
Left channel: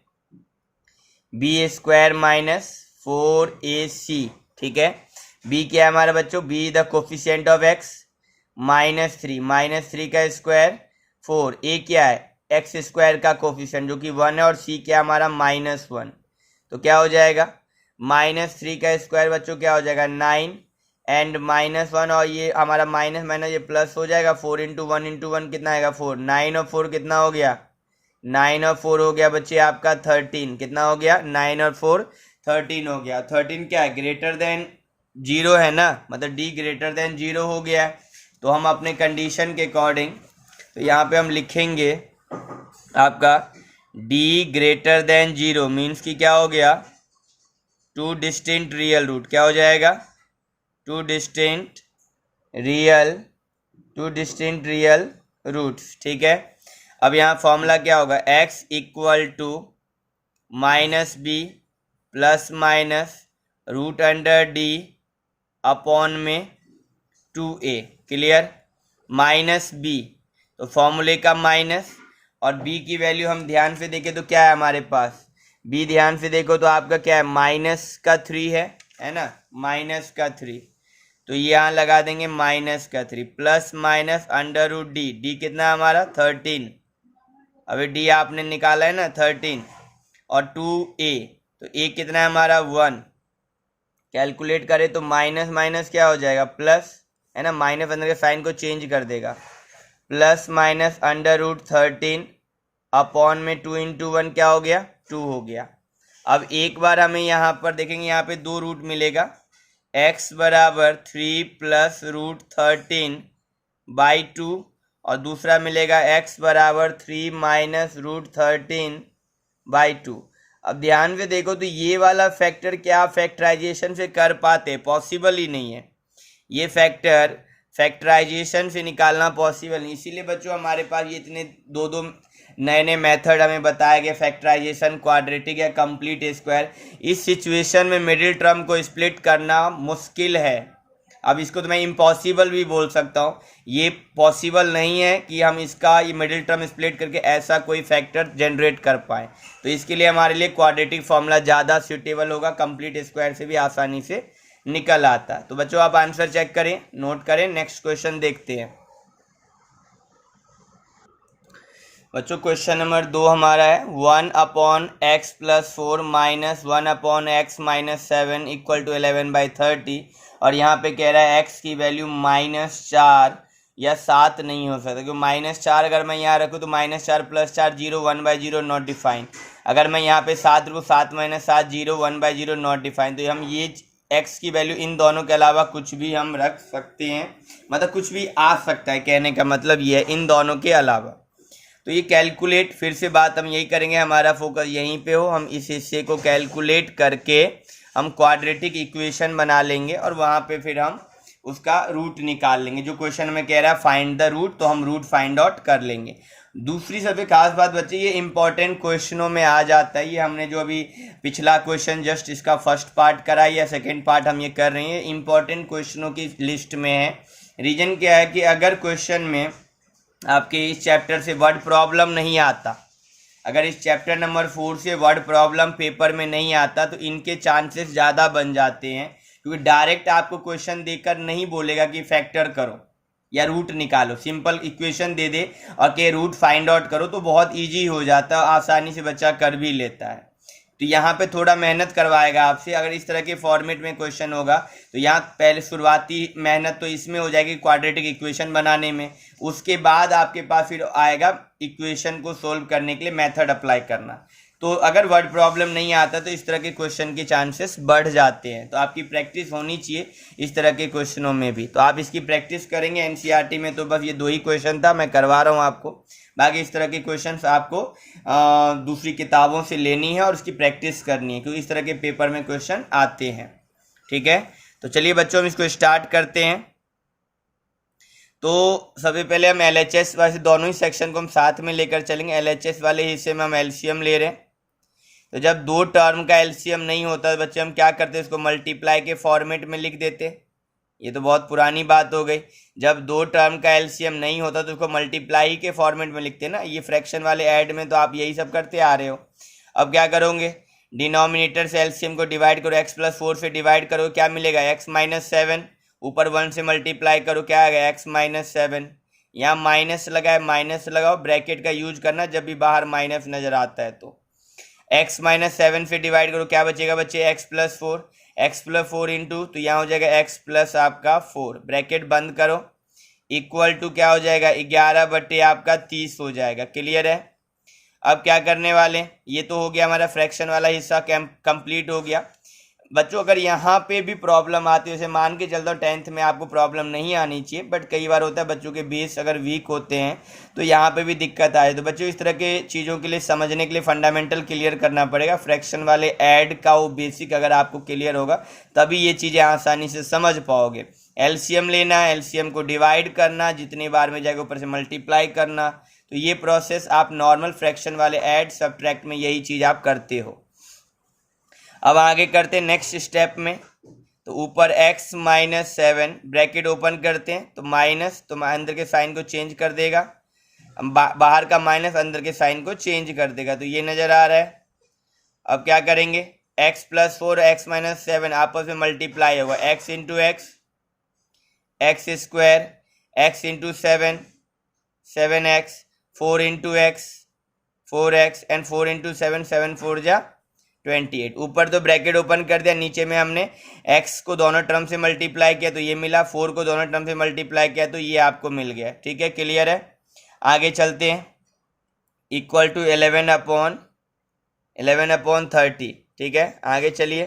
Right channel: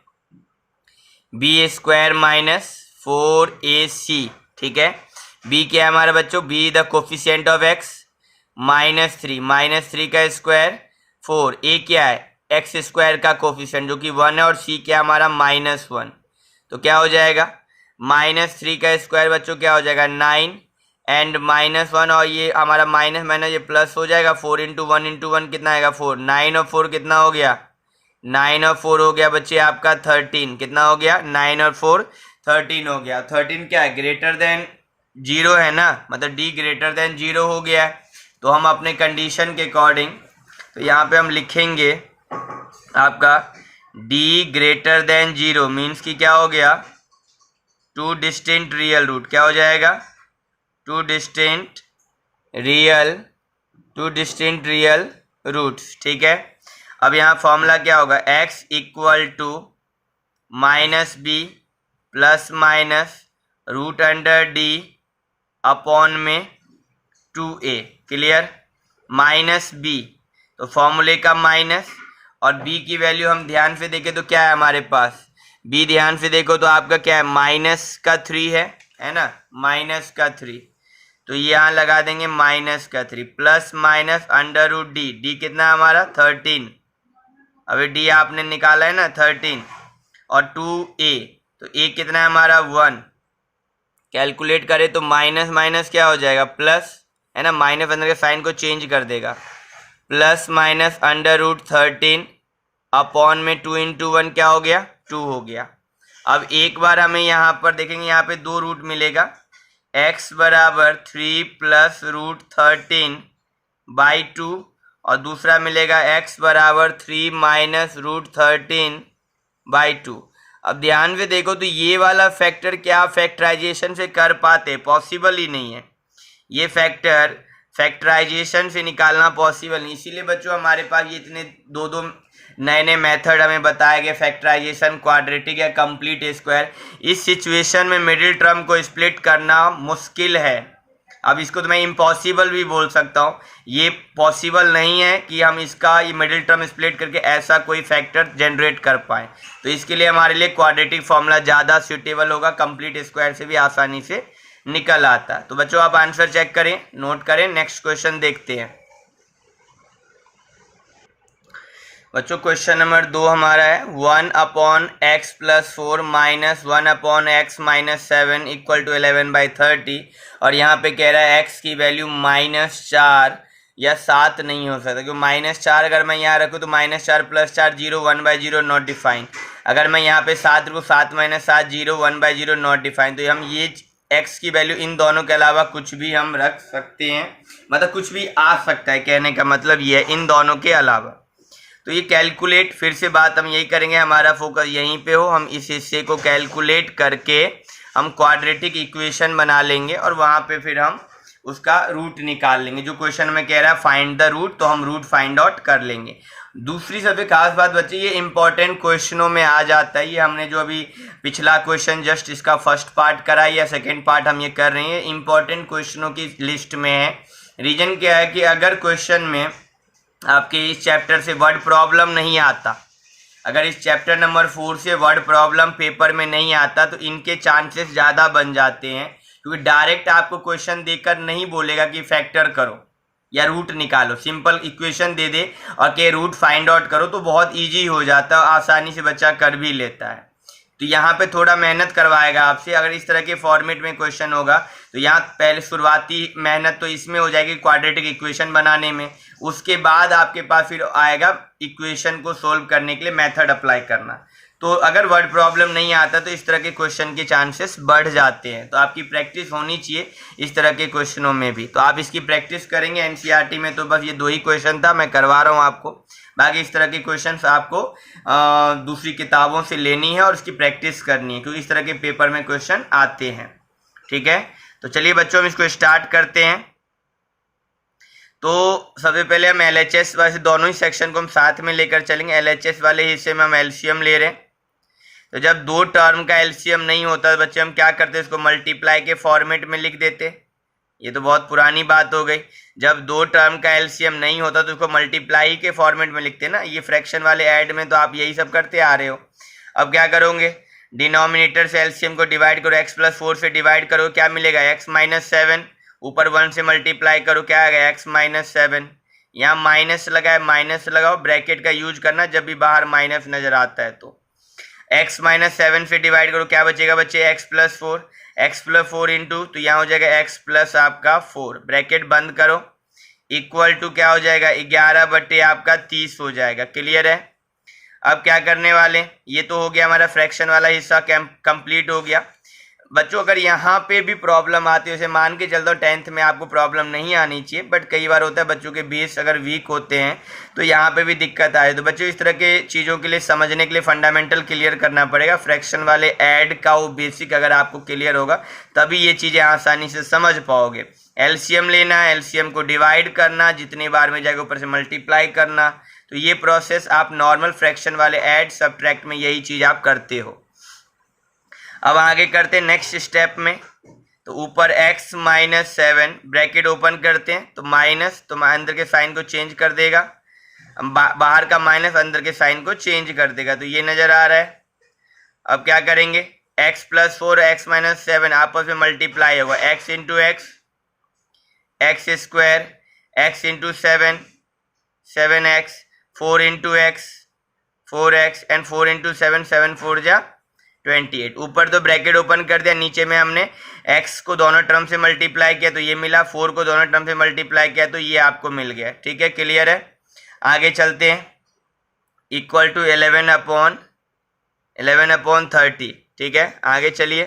बी स्क्वायर -4ac, ठीक है। बी क्या है हमारे बच्चों, be the coefficient of x -3 का स्क्वायर 4, ए क्या है एक्स स्क्वायर का कोफिशिएंट जो कि 1 है, और सी क्या हमारा -1। तो क्या हो जाएगा, -3 का स्क्वायर बच्चों क्या हो जाएगा 9 एंड -1, और ये हमारा माइनस माइनस ये प्लस हो जाएगा। 4 × 1 कितना आएगा 4, 9 और 4 कितना हो गया, 9 और 4 हो गया बच्चे आपका 13। कितना हो गया, 9 और 4 13 हो गया। 13 क्या है, ग्रेटर देन 0 है ना, मतलब डी ग्रेटर देन 0 हो गया है। तो हम अपने कंडीशन के अकॉर्डिंग तो यहाँ पे हम लिखेंगे आपका डी ग्रेटर देन 0 मीन्स कि क्या हो गया, 2 डिस्टिंक्ट रियल रूट। क्या हो जाएगा, 2 डिस्टिंक्ट रियल रूट्स, ठीक है। अब यहाँ फॉर्मूला क्या होगा, x = -b ± √d अपॉन में 2a, क्लियर। -b तो फॉर्मूले का माइनस, और b की वैल्यू हम ध्यान से देखें तो क्या है हमारे पास, b ध्यान से देखो तो आपका क्या है -3 है ना, -3। तो यहाँ लगा देंगे -3 प्लस माइनस √d, d कितना हमारा 13, अभी d आपने निकाला है ना 13, और 2a, तो a कितना है हमारा 1। कैलकुलेट करें तो माइनस माइनस क्या हो जाएगा प्लस, है ना, माइनस अंदर के साइन को चेंज कर देगा, प्लस माइनस √13 अपॉन में 2 × 1 क्या हो गया 2 हो गया। अब एक बार हमें यहाँ पर देखेंगे, यहाँ पे 2 रूट मिलेगा, x = 3 + √13/2, और दूसरा मिलेगा x = 3 - √13/2। अब ध्यान से देखो तो ये वाला फैक्टर क्या फैक्टराइजेशन से कर पाते, पॉसिबल ही नहीं है। ये फैक्टर फैक्टराइजेशन से निकालना पॉसिबल नहीं, इसीलिए बच्चों हमारे पास ये इतने दो नए मेथड हमें बताए गए, फैक्टराइजेशन, क्वाड्रेटिक या कंप्लीट स्क्वायर। इस सिचुएशन में मिडिल टर्म को स्प्लिट करना मुश्किल है। अब इसको तो मैं इम्पॉसिबल भी बोल सकता हूँ, ये पॉसिबल नहीं है कि हम इसका ये मिडिल टर्म स्प्लिट करके ऐसा कोई फैक्टर जनरेट कर पाए। तो इसके लिए हमारे लिए क्वाड्रेटिक फार्मूला ज़्यादा सूटेबल होगा, कंप्लीट स्क्वायर से भी आसानी से निकल आता। तो बच्चों आप आंसर चेक करें, नोट करें, नेक्स्ट क्वेश्चन देखते हैं। बच्चों क्वेश्चन नंबर 2 हमारा है 1/x + 4 - 1/x - 7 = 11/30, और यहाँ पे कह रहा है x की वैल्यू -4 या 7 नहीं हो सकता, क्योंकि -4 अगर मैं यहाँ रखूँ तो -4 + 4 0 1/0 नॉट डिफाइंड। अगर मैं यहाँ पे 7 रखूँ 7 - 7 0 1/0 नॉट डिफाइंड। तो हम ये x की वैल्यू इन दोनों के अलावा कुछ भी हम रख सकते हैं, मतलब कुछ भी आ सकता है, कहने का मतलब ये है इन दोनों के अलावा। तो ये कैलकुलेट, फिर से बात हम यही करेंगे, हमारा फोकस यहीं पे हो, हम इस हिस्से को कैलकुलेट करके हम क्वाड्रेटिक इक्वेशन बना लेंगे, और वहाँ पे फिर हम उसका रूट निकाल लेंगे। जो क्वेश्चन में कह रहा है फाइंड द रूट, तो हम रूट फाइंड आउट कर लेंगे। दूसरी सबसे खास बात बच्चे, ये इंपॉर्टेंट क्वेश्चनों में आ जाता है। ये हमने जो अभी पिछला क्वेश्चन जस्ट इसका फर्स्ट पार्ट करा या सेकेंड पार्ट हम ये कर रहे हैं, इंपॉर्टेंट क्वेश्चनों की लिस्ट में है। रीजन क्या है कि अगर क्वेश्चन में आपके इस चैप्टर से वर्ड प्रॉब्लम नहीं आता, अगर इस चैप्टर नंबर 4 से वर्ड प्रॉब्लम पेपर में नहीं आता, तो इनके चांसेस ज़्यादा बन जाते हैं, क्योंकि डायरेक्ट आपको क्वेश्चन देकर नहीं बोलेगा कि फैक्टर करो या रूट निकालो, सिंपल इक्वेशन दे दे और के रूट फाइंड आउट करो, तो बहुत इजी हो जाता है, आसानी से बच्चा कर भी लेता है। तो यहाँ पे थोड़ा मेहनत करवाएगा आपसे। अगर इस तरह के फॉर्मेट में क्वेश्चन होगा तो यहाँ पहले शुरुआती मेहनत तो इसमें हो जाएगी क्वाड्रेटिक इक्वेशन बनाने में, उसके बाद आपके पास फिर आएगा इक्वेशन को सोल्व करने के लिए मेथड अप्लाई करना। तो अगर वर्ड प्रॉब्लम नहीं आता तो इस तरह के क्वेश्चन के चांसेस बढ़ जाते हैं। तो आपकी प्रैक्टिस होनी चाहिए इस तरह के क्वेश्चनों में भी। तो आप इसकी प्रैक्टिस करेंगे। एनसीईआरटी में तो बस ये 2 ही क्वेश्चन था, मैं करवा रहा हूँ आपको। बाकी इस तरह के क्वेश्चंस आपको दूसरी किताबों से लेनी है और इसकी प्रैक्टिस करनी है, क्योंकि इस तरह के पेपर में क्वेश्चन आते हैं। ठीक है, तो चलिए बच्चों हम इसको स्टार्ट करते हैं। तो सबसे पहले हम LHS वैसे दोनों ही सेक्शन को हम साथ में लेकर चलेंगे। LHS वाले हिस्से में हम LCM ले रहे हैं। तो जब 2 टर्म का LCM नहीं होता तो बच्चे हम क्या करते हैं, इसको मल्टीप्लाई के फॉर्मेट में लिख देते। ये तो बहुत पुरानी बात हो गई। जब 2 टर्म का LCM नहीं होता तो उसको मल्टीप्लाई के फॉर्मेट में लिखते हैं ना। ये फ्रैक्शन वाले ऐड में तो आप यही सब करते आ रहे हो। अब क्या करोगे, डिनोमिनेटर से LCM को डिवाइड करो, x+4 से डिवाइड करो, क्या मिलेगा x-7, ऊपर 1 से मल्टीप्लाई करो, क्या आएगा x-7। यहाँ माइनस लगाए, माइनस लगाओ, ब्रैकेट का यूज करना जब भी बाहर माइनस नजर आता है। तो x-7 से डिवाइड करो, क्या बचेगा बच्चे x+4 इंटू, तो यहाँ हो जाएगा x प्लस आपका 4, ब्रैकेट बंद करो, इक्वल टू क्या हो जाएगा 11 बटे आपका 30 हो जाएगा। क्लियर है। अब क्या करने वाले, ये तो हो गया हमारा फ्रैक्शन वाला हिस्सा कंप्लीट हो गया। बच्चों अगर यहाँ पे भी प्रॉब्लम आती है, जैसे मान के चलता हूँ 10th में आपको प्रॉब्लम नहीं आनी चाहिए, बट कई बार होता है बच्चों के बेस अगर वीक होते हैं तो यहाँ पे भी दिक्कत आए। तो बच्चों इस तरह के चीज़ों के लिए समझने के लिए फंडामेंटल क्लियर करना पड़ेगा। फ्रैक्शन वाले ऐड का वो बेसिक अगर आपको क्लियर होगा तभी ये चीज़ें आसानी से समझ पाओगे। LCM लेना, LCM को डिवाइड करना, जितनी बार में जाएगा ऊपर से मल्टीप्लाई करना, तो ये प्रोसेस आप नॉर्मल फ्रैक्शन वाले ऐड सबट्रैक्ट में यही चीज़ आप करते हो। अब आगे करते हैं नेक्स्ट स्टेप में। तो ऊपर x-7 ब्रैकेट ओपन करते हैं, तो माइनस, तो अंदर के साइन को चेंज कर देगा, बाहर का माइनस अंदर के साइन को चेंज कर देगा, तो ये नज़र आ रहा है। अब क्या करेंगे, x+4 x-7 आपस में मल्टीप्लाई होगा, x into x, x², x into 7 7x, 4 into x 4x, and 4 into 7 7 4 जा 28। ऊपर तो ब्रैकेट ओपन कर दिया, नीचे में हमने x को दोनों टर्म से मल्टीप्लाई किया तो ये मिला, 4 को दोनों टर्म से मल्टीप्लाई किया तो ये आपको मिल गया। ठीक है, क्लियर है। आगे चलते हैं, इक्वल टू 11/30। ठीक है, आगे चलिए।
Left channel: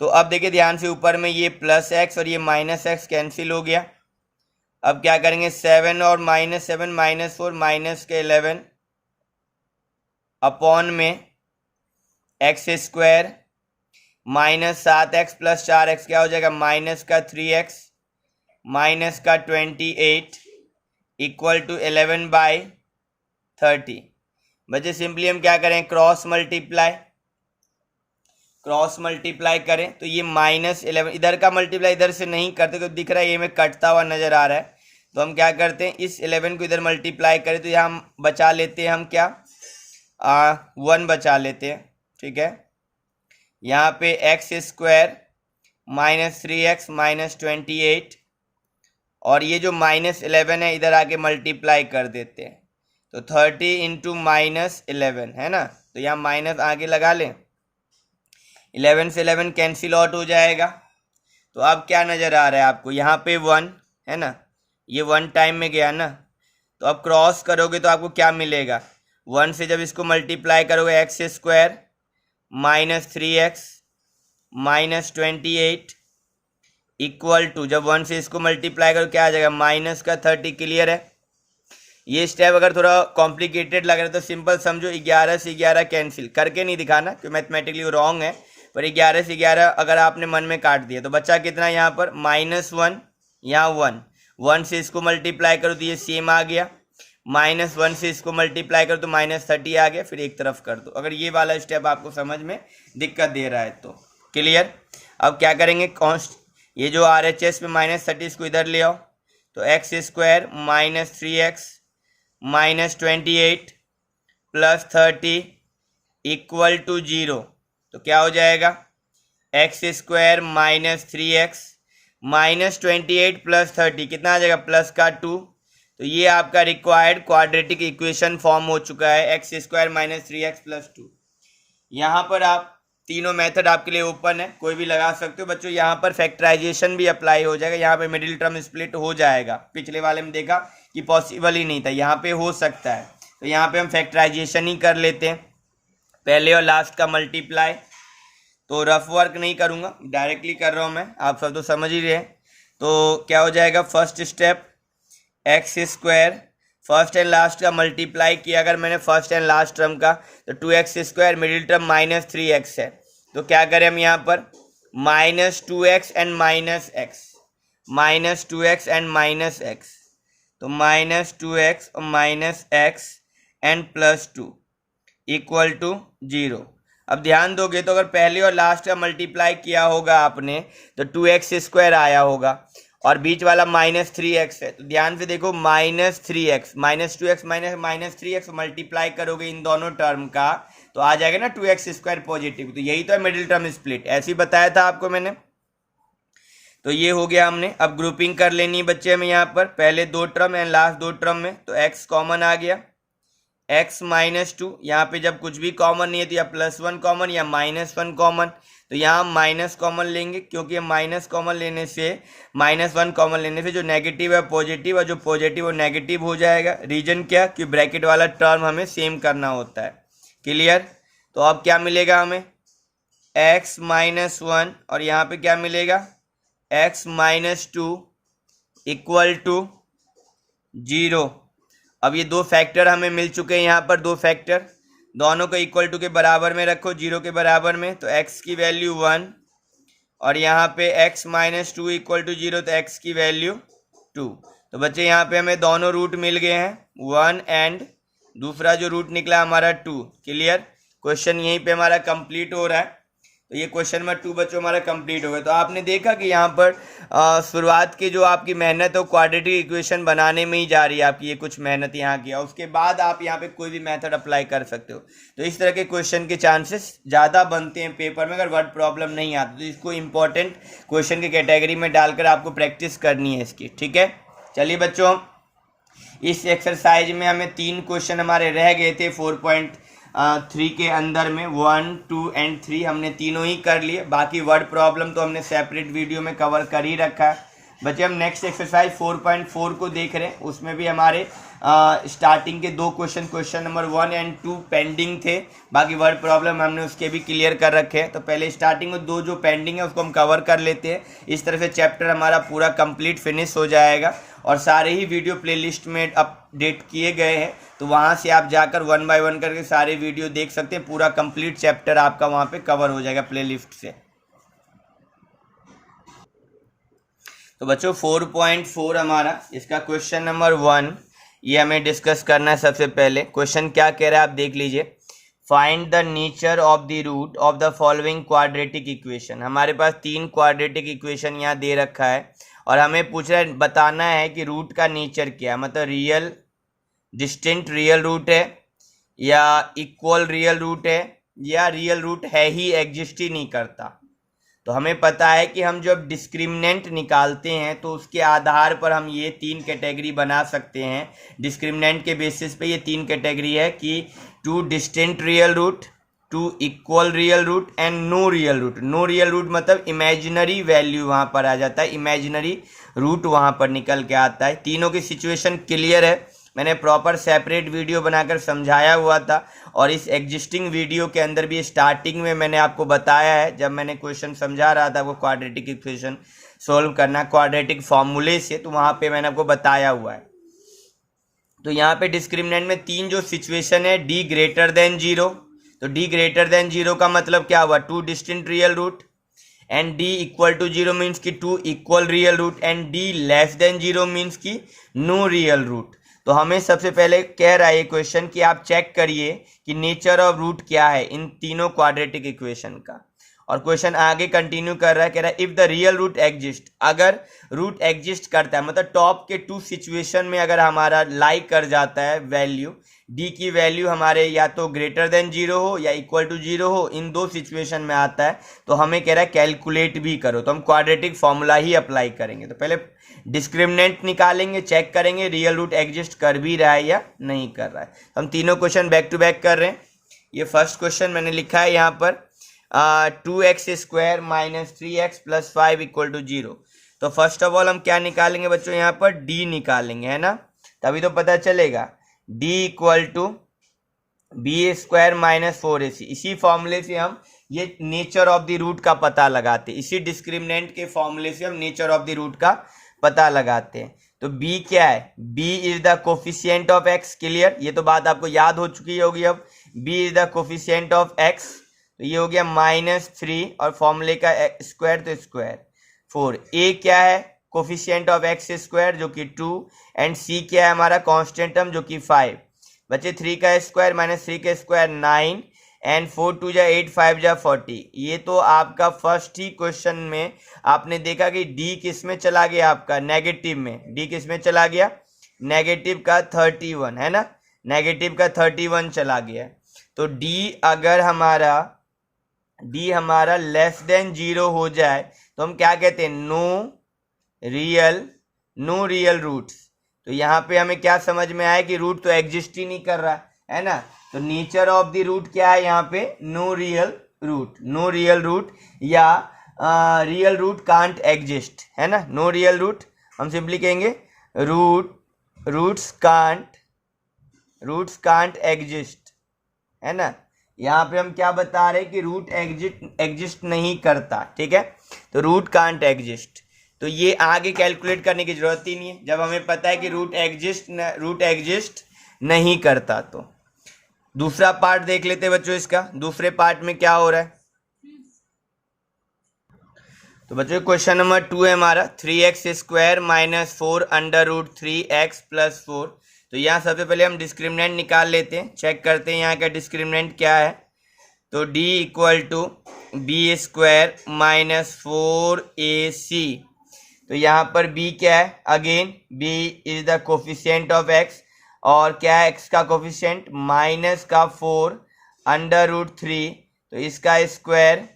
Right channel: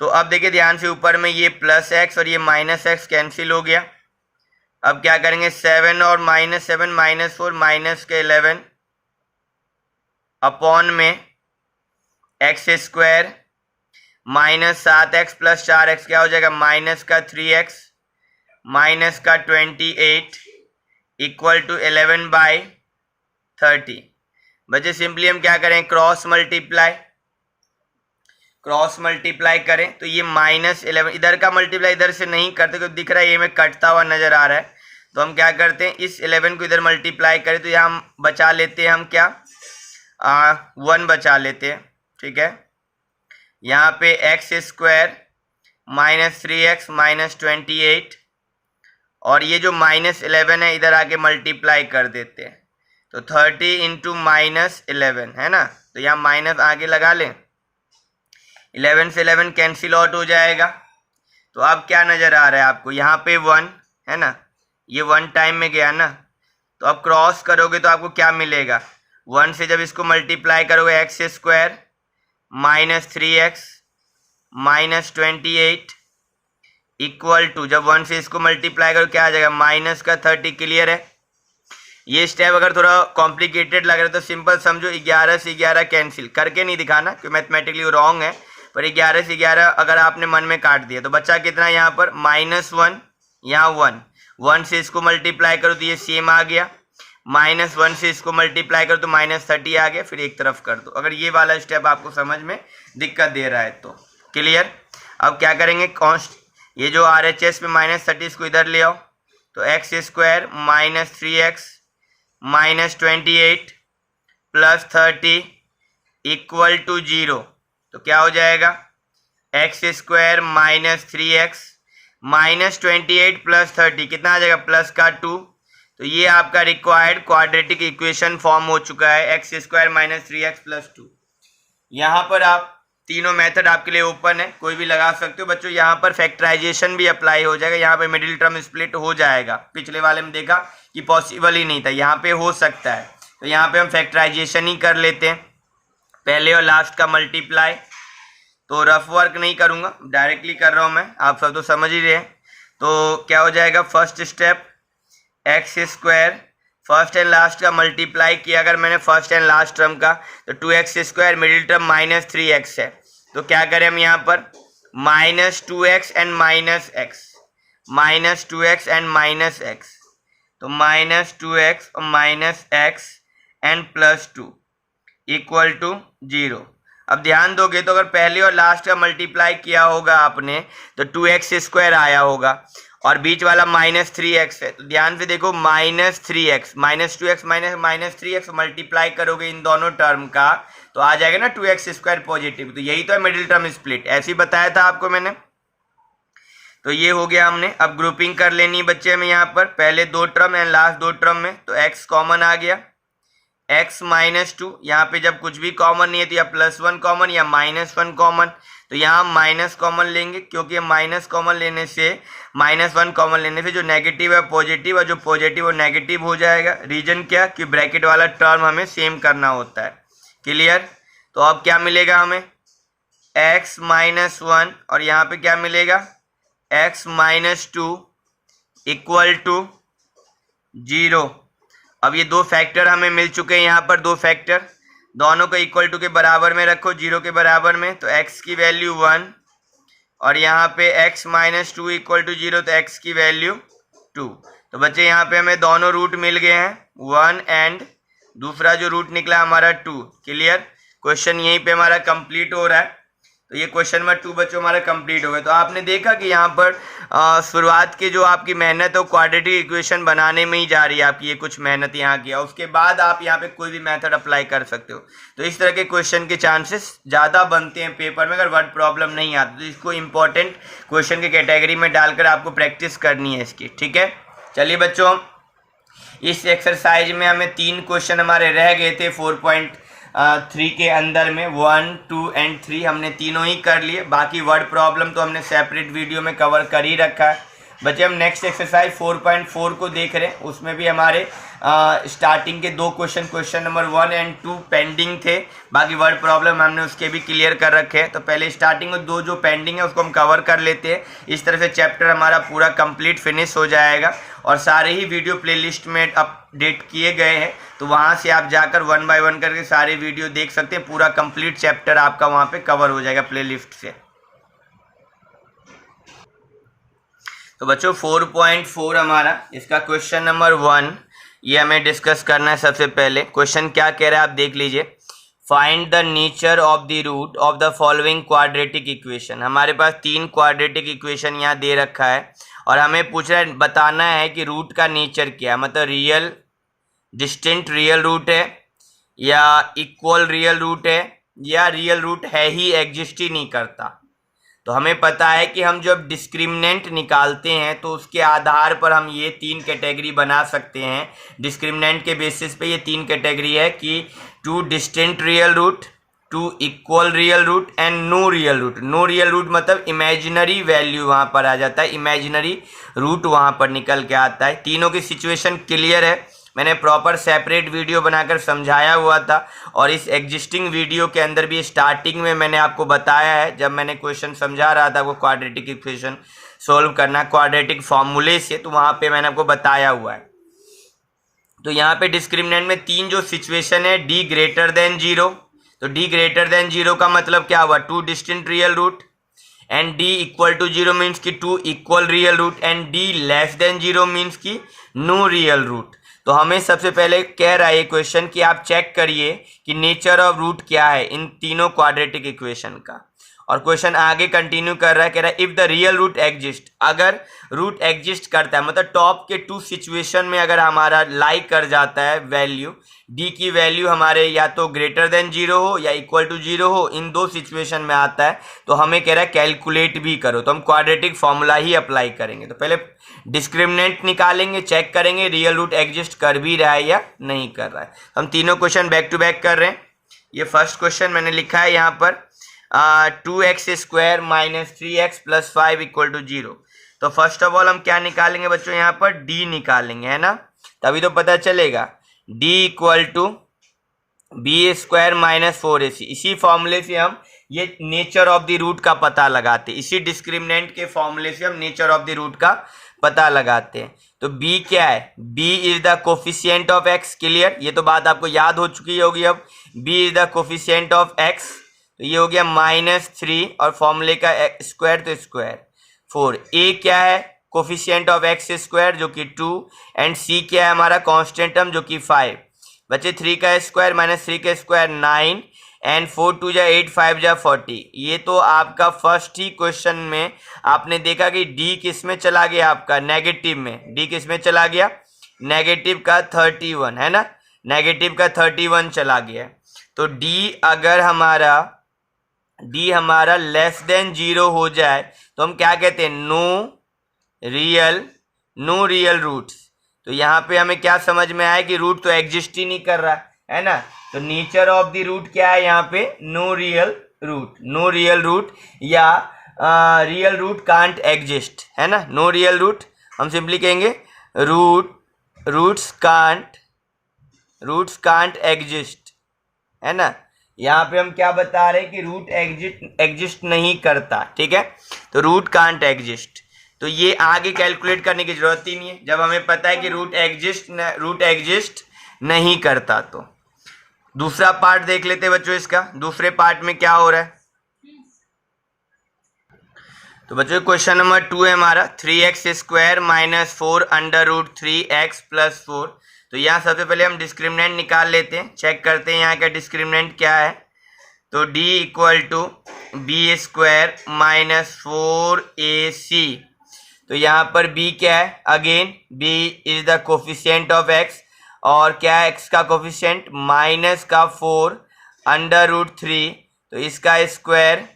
तो अब देखिए ध्यान से, ऊपर में ये प्लस x और ये माइनस x कैंसिल हो गया। अब क्या करेंगे, 7 और -7 -4 माइनस के 11 अपॉन में x² minus 7x plus 4x, क्या हो जाएगा माइनस का 3x माइनस का 28 इक्वल टू 11/30। बच्चे सिंपली हम क्या करें, क्रॉस मल्टीप्लाई करें, तो ये -11, इधर का मल्टीप्लाई इधर से नहीं करते क्योंकि दिख रहा है ये में कटता हुआ नजर आ रहा है। तो हम क्या करते हैं, इस 11 को इधर मल्टीप्लाई करें तो यहाँ हम बचा लेते हैं, हम क्या 1 बचा लेते हैं। ठीक है, यहाँ पे x² माइनस 3x माइनस 28, और ये जो -11 है इधर आके मल्टीप्लाई कर देते हैं, तो 30 इंटू -11 है ना, तो यहाँ माइनस आगे लगा लें, 11 से 11 कैंसिल आउट हो जाएगा। तो अब क्या नज़र आ रहा है आपको, यहाँ पे 1 है ना, ये 1 टाइम में गया ना, तो अब क्रॉस करोगे तो आपको क्या मिलेगा, 1 से जब इसको मल्टीप्लाई करोगे x² minus 3x minus 28 equal to, जब 1 से इसको मल्टीप्लाई करो क्या आ जाएगा माइनस का 30। क्लियर है। ये स्टेप अगर थोड़ा कॉम्प्लिकेटेड लग रहा है तो सिंपल समझो, 11 से 11 कैंसिल करके नहीं दिखाना क्योंकि मैथमेटिकली रॉन्ग है, पर 11 से 11 अगर आपने मन में काट दिया तो बच्चा कितना यहाँ पर -1, यहाँ 1 से इसको मल्टीप्लाई करो तो ये सेम आ गया, -1 से इसको मल्टीप्लाई करो तो -30 आ गया, फिर एक तरफ कर दो। अगर ये वाला स्टेप आपको समझ में दिक्कत दे रहा है तो क्लियर। अब क्या करेंगे, कॉन्स्ट ये जो RHS पे -30 इसको इधर ले आओ, तो x² minus 3x minus 28 plus 30 equal to 0, तो क्या हो जाएगा x² minus 3x minus 28 plus 30 कितना आ जाएगा प्लस का 2। तो ये आपका रिक्वायर्ड क्वाड्रेटिक इक्वेशन फॉर्म हो चुका है, x² माइनस 3x प्लस 2। यहाँ पर आप तीनों मेथड आपके लिए ओपन है, कोई भी लगा सकते हो बच्चों। यहाँ पर फैक्टराइजेशन भी अप्लाई हो जाएगा, यहाँ पे मिडिल टर्म स्प्लिट हो जाएगा, पिछले वाले में देखा कि पॉसिबल ही नहीं था, यहाँ पे हो सकता है, तो यहाँ पे हम फैक्टराइजेशन ही कर लेते हैं। पहले और लास्ट का मल्टीप्लाई, तो रफ वर्क नहीं करूँगा, डायरेक्टली कर रहा हूँ मैं, आप सब तो समझ ही रहे हैं। तो क्या हो जाएगा, first step x square, first and last का मल्टीप्लाई किया अगर मैंने फर्स्ट एंड लास्ट टर्म का, तो 2x², मिडिल टर्म -3x है, तो क्या करें हम यहाँ पर -2x and -x, -2x and -x, तो -2x और -x एंड +2 इक्वल टू 0। अब ध्यान दोगे तो अगर पहले और लास्ट का मल्टीप्लाई किया होगा आपने तो 2x² आया होगा और बीच वाला -3x है, तो ध्यान से देखो -3x, -2x -3x मल्टीप्लाई करोगे इन दोनों टर्म का तो आ जाएगा ना 2x² पॉजिटिव, तो यही तो है मिडिल टर्म स्प्लिट, ऐसे ही बताया था आपको मैंने। तो ये हो गया हमने। अब ग्रुपिंग कर लेनी है बच्चे में, यहाँ पर पहले दो टर्म एंड लास्ट दो टर्म में, तो x कॉमन आ गया, x -2, यहाँ पे जब कुछ भी कॉमन नहीं है तो या +1 कॉमन या -1 कॉमन, तो यहाँ हम माइनस कॉमन लेंगे क्योंकि माइनस कॉमन लेने से -1 कॉमन लेने से जो नेगेटिव है पॉजिटिव और जो पॉजिटिव वो नेगेटिव हो जाएगा। रीजन क्या कि ब्रैकेट वाला टर्म हमें सेम करना होता है। क्लियर? तो अब क्या मिलेगा हमें x -1 और यहाँ पे क्या मिलेगा x -2 इक्वल टू 0। अब ये दो फैक्टर हमें मिल चुके हैं, यहाँ पर दो फैक्टर, दोनों को इक्वल टू के बराबर में रखो, 0 के बराबर में, तो x की वैल्यू 1 और यहाँ पे x -2 इक्वल टू 0, तो x की वैल्यू 2। तो बच्चे यहाँ पे हमें दोनों रूट मिल गए हैं, 1 एंड दूसरा जो रूट निकला हमारा 2। क्लियर? क्वेश्चन यहीं पे हमारा कंप्लीट हो रहा है। तो ये क्वेश्चन नंबर 2 बच्चों हमारा कंप्लीट हो गया। तो आपने देखा कि यहाँ पर शुरुआत की जो आपकी मेहनत है वो क्वाड्रेटिक इक्वेशन बनाने में ही जा रही है आपकी, ये कुछ मेहनत यहाँ किया, उसके बाद आप यहाँ पे कोई भी मेथड अप्लाई कर सकते हो। तो इस तरह के क्वेश्चन के चांसेस ज़्यादा बनते हैं पेपर में अगर वर्ड प्रॉब्लम नहीं आती, तो इसको इंपॉर्टेंट क्वेश्चन के कैटेगरी में डालकर आपको प्रैक्टिस करनी है इसकी। ठीक है, चलिए बच्चों, इस एक्सरसाइज में हमें 3 क्वेश्चन हमारे रह गए थे 4.3 के अंदर में, 1, 2 एंड 3 हमने तीनों ही कर लिए। बाकी वर्ड प्रॉब्लम तो हमने सेपरेट वीडियो में कवर कर ही रखा है। बच्चे हम नेक्स्ट एक्सरसाइज 4.4 को देख रहे हैं, उसमें भी हमारे स्टार्टिंग के 2 क्वेश्चन नंबर 1 एंड 2 पेंडिंग थे, बाकी वर्ड प्रॉब्लम हमने उसके भी क्लियर कर रखे हैं। तो पहले स्टार्टिंग में 2 जो पेंडिंग है उसको हम कवर कर लेते हैं, इस तरह से चैप्टर हमारा पूरा कंप्लीट फिनिश हो जाएगा। और सारे ही वीडियो प्लेलिस्ट में अपडेट किए गए हैं, तो वहाँ से आप जाकर 1 बाय 1 करके सारे वीडियो देख सकते हैं, पूरा कंप्लीट चैप्टर आपका वहाँ पे कवर हो जाएगा प्लेलिस्ट से। तो बच्चों 4.4 हमारा इसका क्वेश्चन नंबर 1 ये हमें डिस्कस करना है। सबसे पहले क्वेश्चन क्या कह रहा है आप देख लीजिए, find the nature of the root of the following quadratic equation. हमारे पास 3 क्वाड्रेटिक इक्वेशन यहाँ दे रखा है और हमें पूछा बताना है कि रूट का नेचर क्या है, मतलब रियल डिस्टिंक्ट रियल रूट है या इक्वल रियल रूट है या रियल रूट है ही एग्जिस्ट ही नहीं करता। तो हमें पता है कि हम जब डिस्क्रिमिनेंट निकालते हैं तो उसके आधार पर हम ये 3 कैटेगरी बना सकते हैं। डिस्क्रिमिनेंट के बेसिस पे ये 3 कैटेगरी है कि 2 distinct real root, 2 equal real root and no real root. No real root मतलब इमेजिनरी वैल्यू वहाँ पर आ जाता है, इमेजिनरी रूट वहाँ पर निकल के आता है। तीनों की सिचुएशन क्लियर है, मैंने प्रॉपर सेपरेट वीडियो बनाकर समझाया हुआ था और इस एग्जिस्टिंग वीडियो के अंदर भी स्टार्टिंग में मैंने आपको बताया है, जब मैंने क्वेश्चन समझा रहा था वो क्वाड्रेटिक इक्वेशन सॉल्व करना क्वाड्रेटिक फॉर्मूले से, तो वहाँ पे मैंने आपको बताया हुआ है। तो यहाँ पे डिस्क्रिमिनेंट में 3 जो सिचुएशन है, d ग्रेटर देन 0, तो d ग्रेटर देन 0 का मतलब क्या हुआ 2 distinct real root, and d equal to 0 means की 2 equal real root, and d less than 0 means की नो रियल रूट। तो हमें सबसे पहले कह रहा है ये क्वेश्चन कि आप चेक करिए कि नेचर ऑफ रूट क्या है इन तीनों क्वाड्रेटिक इक्वेशन का। और क्वेश्चन आगे कंटिन्यू कर रहा है, कह रहा है if the real root exist, अगर रूट एग्जिस्ट करता है मतलब टॉप के 2 सिचुएशन में अगर हमारा लाइक कर जाता है वैल्यू, डी की वैल्यू हमारे या तो ग्रेटर देन 0 हो या इक्वल टू 0 हो, इन 2 सिचुएशन में आता है, तो हमें कह रहा है कैलकुलेट भी करो। तो हम क्वाड्रेटिक फॉर्मूला ही अप्लाई करेंगे। तो पहले डिस्क्रिमिनेंट निकालेंगे, चेक करेंगे रियल रूट एग्जिस्ट कर भी रहा है या नहीं कर रहा है। हम तीनों क्वेश्चन बैक टू बैक कर रहे हैं। ये फर्स्ट क्वेश्चन मैंने लिखा है यहाँ पर 2x² - 3x + 5 = 0। तो फर्स्ट ऑफ ऑल हम क्या निकालेंगे बच्चों, यहाँ पर d निकालेंगे, है ना, तभी तो पता चलेगा। d = b square minus 4ac। इसी फॉर्मूले से हम ये नेचर ऑफ द रूट का पता लगाते हैं, इसी डिस्क्रिमिनेंट के फॉर्मूले से हम नेचर ऑफ द रूट का पता लगाते हैं। तो b क्या है, b is the coefficient of x। Clear, ये तो बात आपको याद हो चुकी होगी। अब b is the coefficient of x, तो ये हो गया -3 और फॉर्मूले का स्क्वायर तो स्क्वायर 4। a क्या है, कोफिशिएंट ऑफ x स्क्वायर जो कि 2, एंड c क्या है हमारा कांस्टेंट टर्म जो कि 5। बच्चे 3 का स्क्वायर माइनस 3 का स्क्वायर 9 एंड 4 2 जा 8 5 जा 40। ये तो आपका फर्स्ट ही क्वेश्चन में आपने देखा कि डी किस में चला गया, आपका नेगेटिव में। डी किस में चला गया, नेगेटिव का 31 है ना, नेगेटिव का 31 चला गया। तो डी अगर हमारा लेस देन 0 हो जाए तो हम क्या कहते हैं, नो रियल रूट्स। तो यहाँ पे हमें क्या समझ में आया कि रूट तो एग्जिस्ट ही नहीं कर रहा है ना। तो नेचर ऑफ द रूट क्या है यहाँ पे, नो रियल रूट या रियल रूट कांट एग्जिस्ट है ना। नो रियल रूट हम सिंपली कहेंगे रूट्स कांट एग्जिस्ट है ना। यहाँ पे हम क्या बता रहे हैं कि रूट एग्जिस्ट नहीं करता, ठीक है। तो रूट कांट एग्जिस्ट, तो ये आगे कैलकुलेट करने की जरूरत ही नहीं है जब हमें पता है कि रूट एग्जिस्ट नहीं करता। तो दूसरा पार्ट देख लेते हैं बच्चों इसका। दूसरे पार्ट में क्या हो रहा है, तो बच्चों क्वेश्चन नंबर 2 है हमारा 3x square minus 4 under root 3x plus 4। तो यहाँ सबसे पहले हम डिस्क्रिमिनेंट निकाल लेते हैं, चेक करते हैं यहाँ का डिस्क्रिमिनेंट क्या है। तो d equal to b square minus 4ac। तो यहाँ पर b क्या है, again b is the coefficient of x, और क्या है x का कोफिशिएंट माइनस का 4 अंडर रूट 3, तो इसका स्क्वायर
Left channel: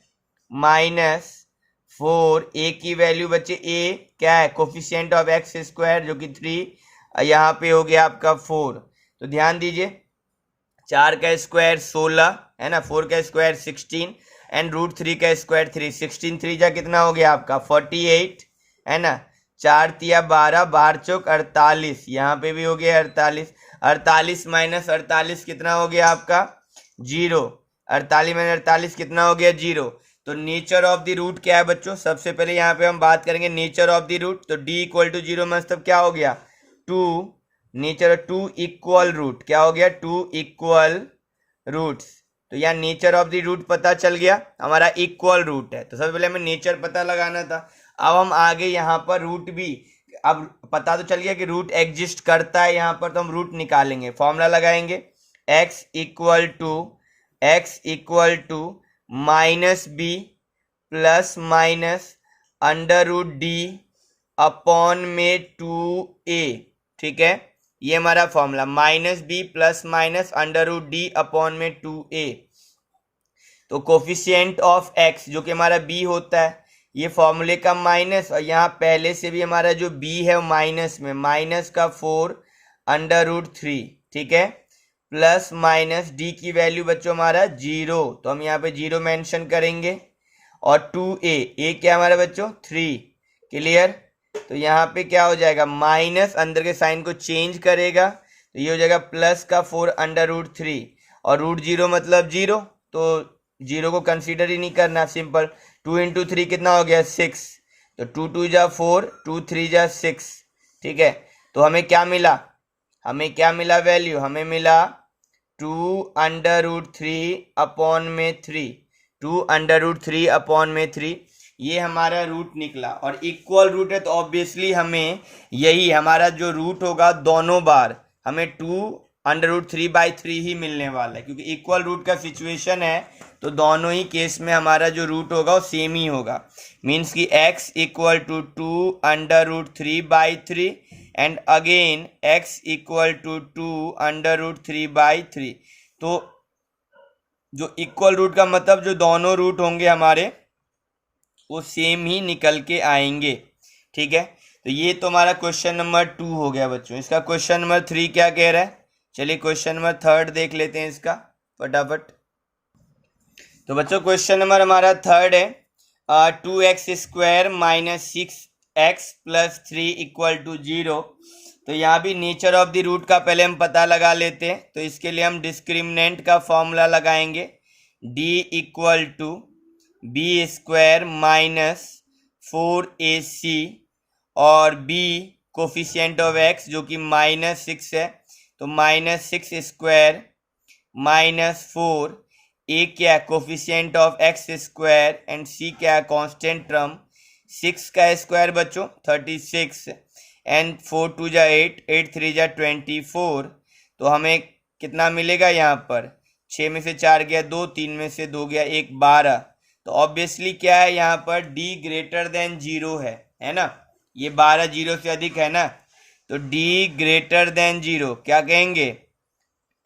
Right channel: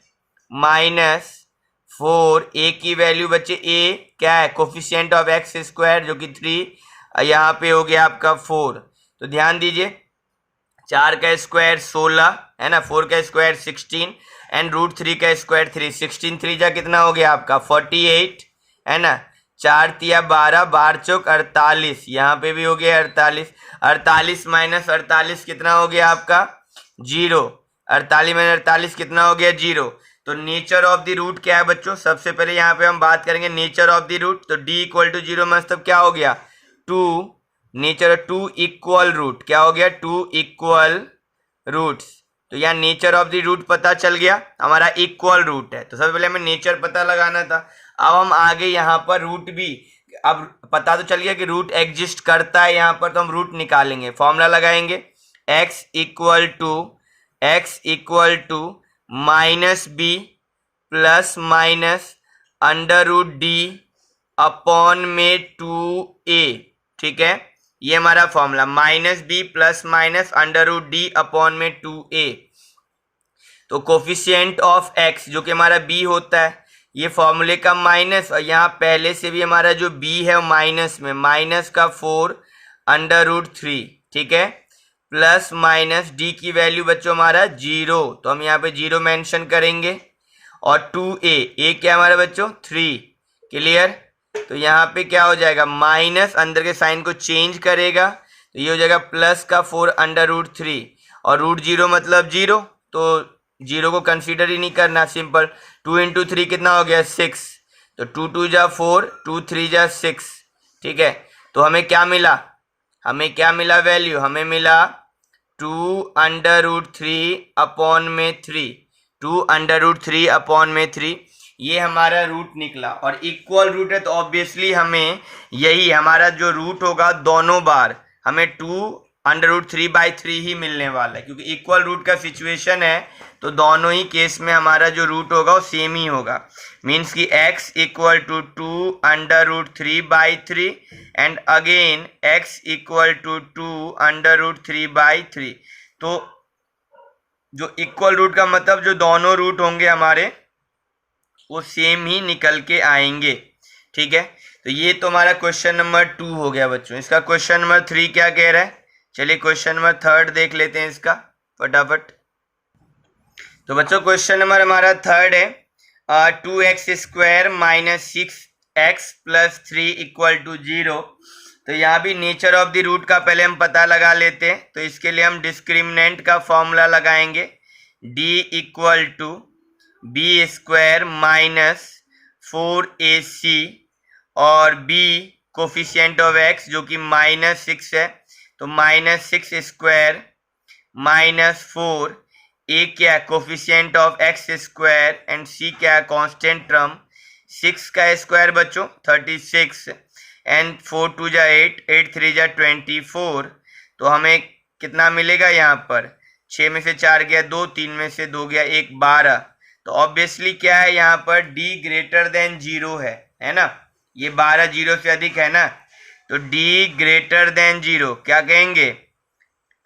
माइनस 4। a की वैल्यू बच्चे a क्या है, कोफिशिएंट ऑफ x स्क्वायर जो कि 3, यहाँ पे हो गया आपका 4। तो ध्यान दीजिए 4 का स्क्वायर 16 है ना, 4 का स्क्वायर 16 एंड रूट 3 का स्क्वायर 3। 16 3 जा कितना हो गया आपका 48 है ना। 4 तिया 12, 12 चौक 48, यहाँ पे भी हो गया 48। 48 माइनस 48 कितना हो गया आपका 0। 48 माइनस 48 कितना हो गया 0। तो नेचर ऑफ द रूट क्या है बच्चों, सबसे पहले यहाँ पे हम बात करेंगे नेचर ऑफ द रूट। तो d इक्वल टू 0 मतलब क्या हो गया 2, नेचर 2 इक्वल रूट, क्या हो गया 2 इक्वल रूट्स। तो यहाँ नेचर ऑफ द रूट पता चल गया, हमारा इक्वल रूट है। तो सबसे पहले हमें नेचर पता लगाना था। अब हम आगे यहाँ पर रूट भी, अब पता तो चल गया कि रूट एग्जिस्ट करता है यहाँ पर, तो हम रूट निकालेंगे, फॉर्मूला लगाएंगे x equal to minus b plus minus under root d upon में 2a, ठीक है। ये हमारा formula minus b plus minus under root d upon में 2a। तो कोफिशिएंट ऑफ x जो कि हमारा b होता है, ये फॉर्मूले का माइनस, और यहाँ पहले से भी हमारा जो b है वो माइनस में, माइनस का 4 अंडर रूट 3, ठीक है, प्लस माइनस d की वैल्यू बच्चों हमारा 0, तो हम यहाँ पे 0 मेंशन करेंगे, और 2a क्या हमारा बच्चों 3। क्लियर, तो यहाँ पे क्या हो जाएगा माइनस, अंदर के साइन को चेंज करेगा तो ये हो जाएगा प्लस का 4 अंडर रूट 3, और रूट 0 मतलब 0, तो 0 को कंसीडर ही नहीं करना, सिंपल। 2 इंटू 3 कितना हो गया 6, तो 2 2 जा 4, 2 3 जा 6, ठीक है। तो हमें क्या मिला, वैल्यू हमें मिला 2 अंडर रूट 3 अपॉन में 3, 2 अंडर रूट 3 अपॉन में 3, ये हमारा रूट निकला। और इक्वल रूट है तो ऑब्वियसली हमें यही हमारा जो रूट होगा दोनों बार हमें 2 अंडर रूट 3/3 ही मिलने वाला है, क्योंकि इक्वल रूट का सिचुएशन है तो दोनों ही केस में हमारा जो रूट होगा वो सेम ही होगा। मीन्स कि x equal to 2 under root 3/3 and again x equal to 2 under root 3/3। तो जो इक्वल रूट का मतलब जो दोनों रूट होंगे हमारे वो सेम ही निकल के आएंगे, ठीक है। तो ये तो हमारा क्वेश्चन नंबर 2 हो गया बच्चों। इसका क्वेश्चन नंबर 3 क्या कह रहा है, चलिए क्वेश्चन नंबर 3 देख लेते हैं इसका फटाफट। तो बच्चों क्वेश्चन नंबर हमारा 3 है 2x square minus 6x plus 3 equal to 0। तो तो यहाँ भी नेचर ऑफ द रूट का पहले हम पता लगा लेते हैं। तो इसके लिए हम डिस्क्रिमिनेंट का फॉर्मूला लगाएंगे, d equal to b square minus 4ac और बी कोफिशिएंट ऑफ x जो कि -6 है, तो -6 स्क्वायर माइनस 4, ए क्या है coefficient of x square and C क्या है कांस्टेंट टर्म, 6 का स्क्वायर बच्चों 36 एंड 4 2 जा 8, 8 3 जा 24। तो हमें कितना मिलेगा यहाँ पर, 6 में से 4 गया 2, 3 में से 2 गया 1, 12। तो ऑब्वियसली क्या है यहाँ पर d ग्रेटर देन 0 है ना, ये 12 0 से अधिक है ना, तो d ग्रेटर देन 0 क्या कहेंगे,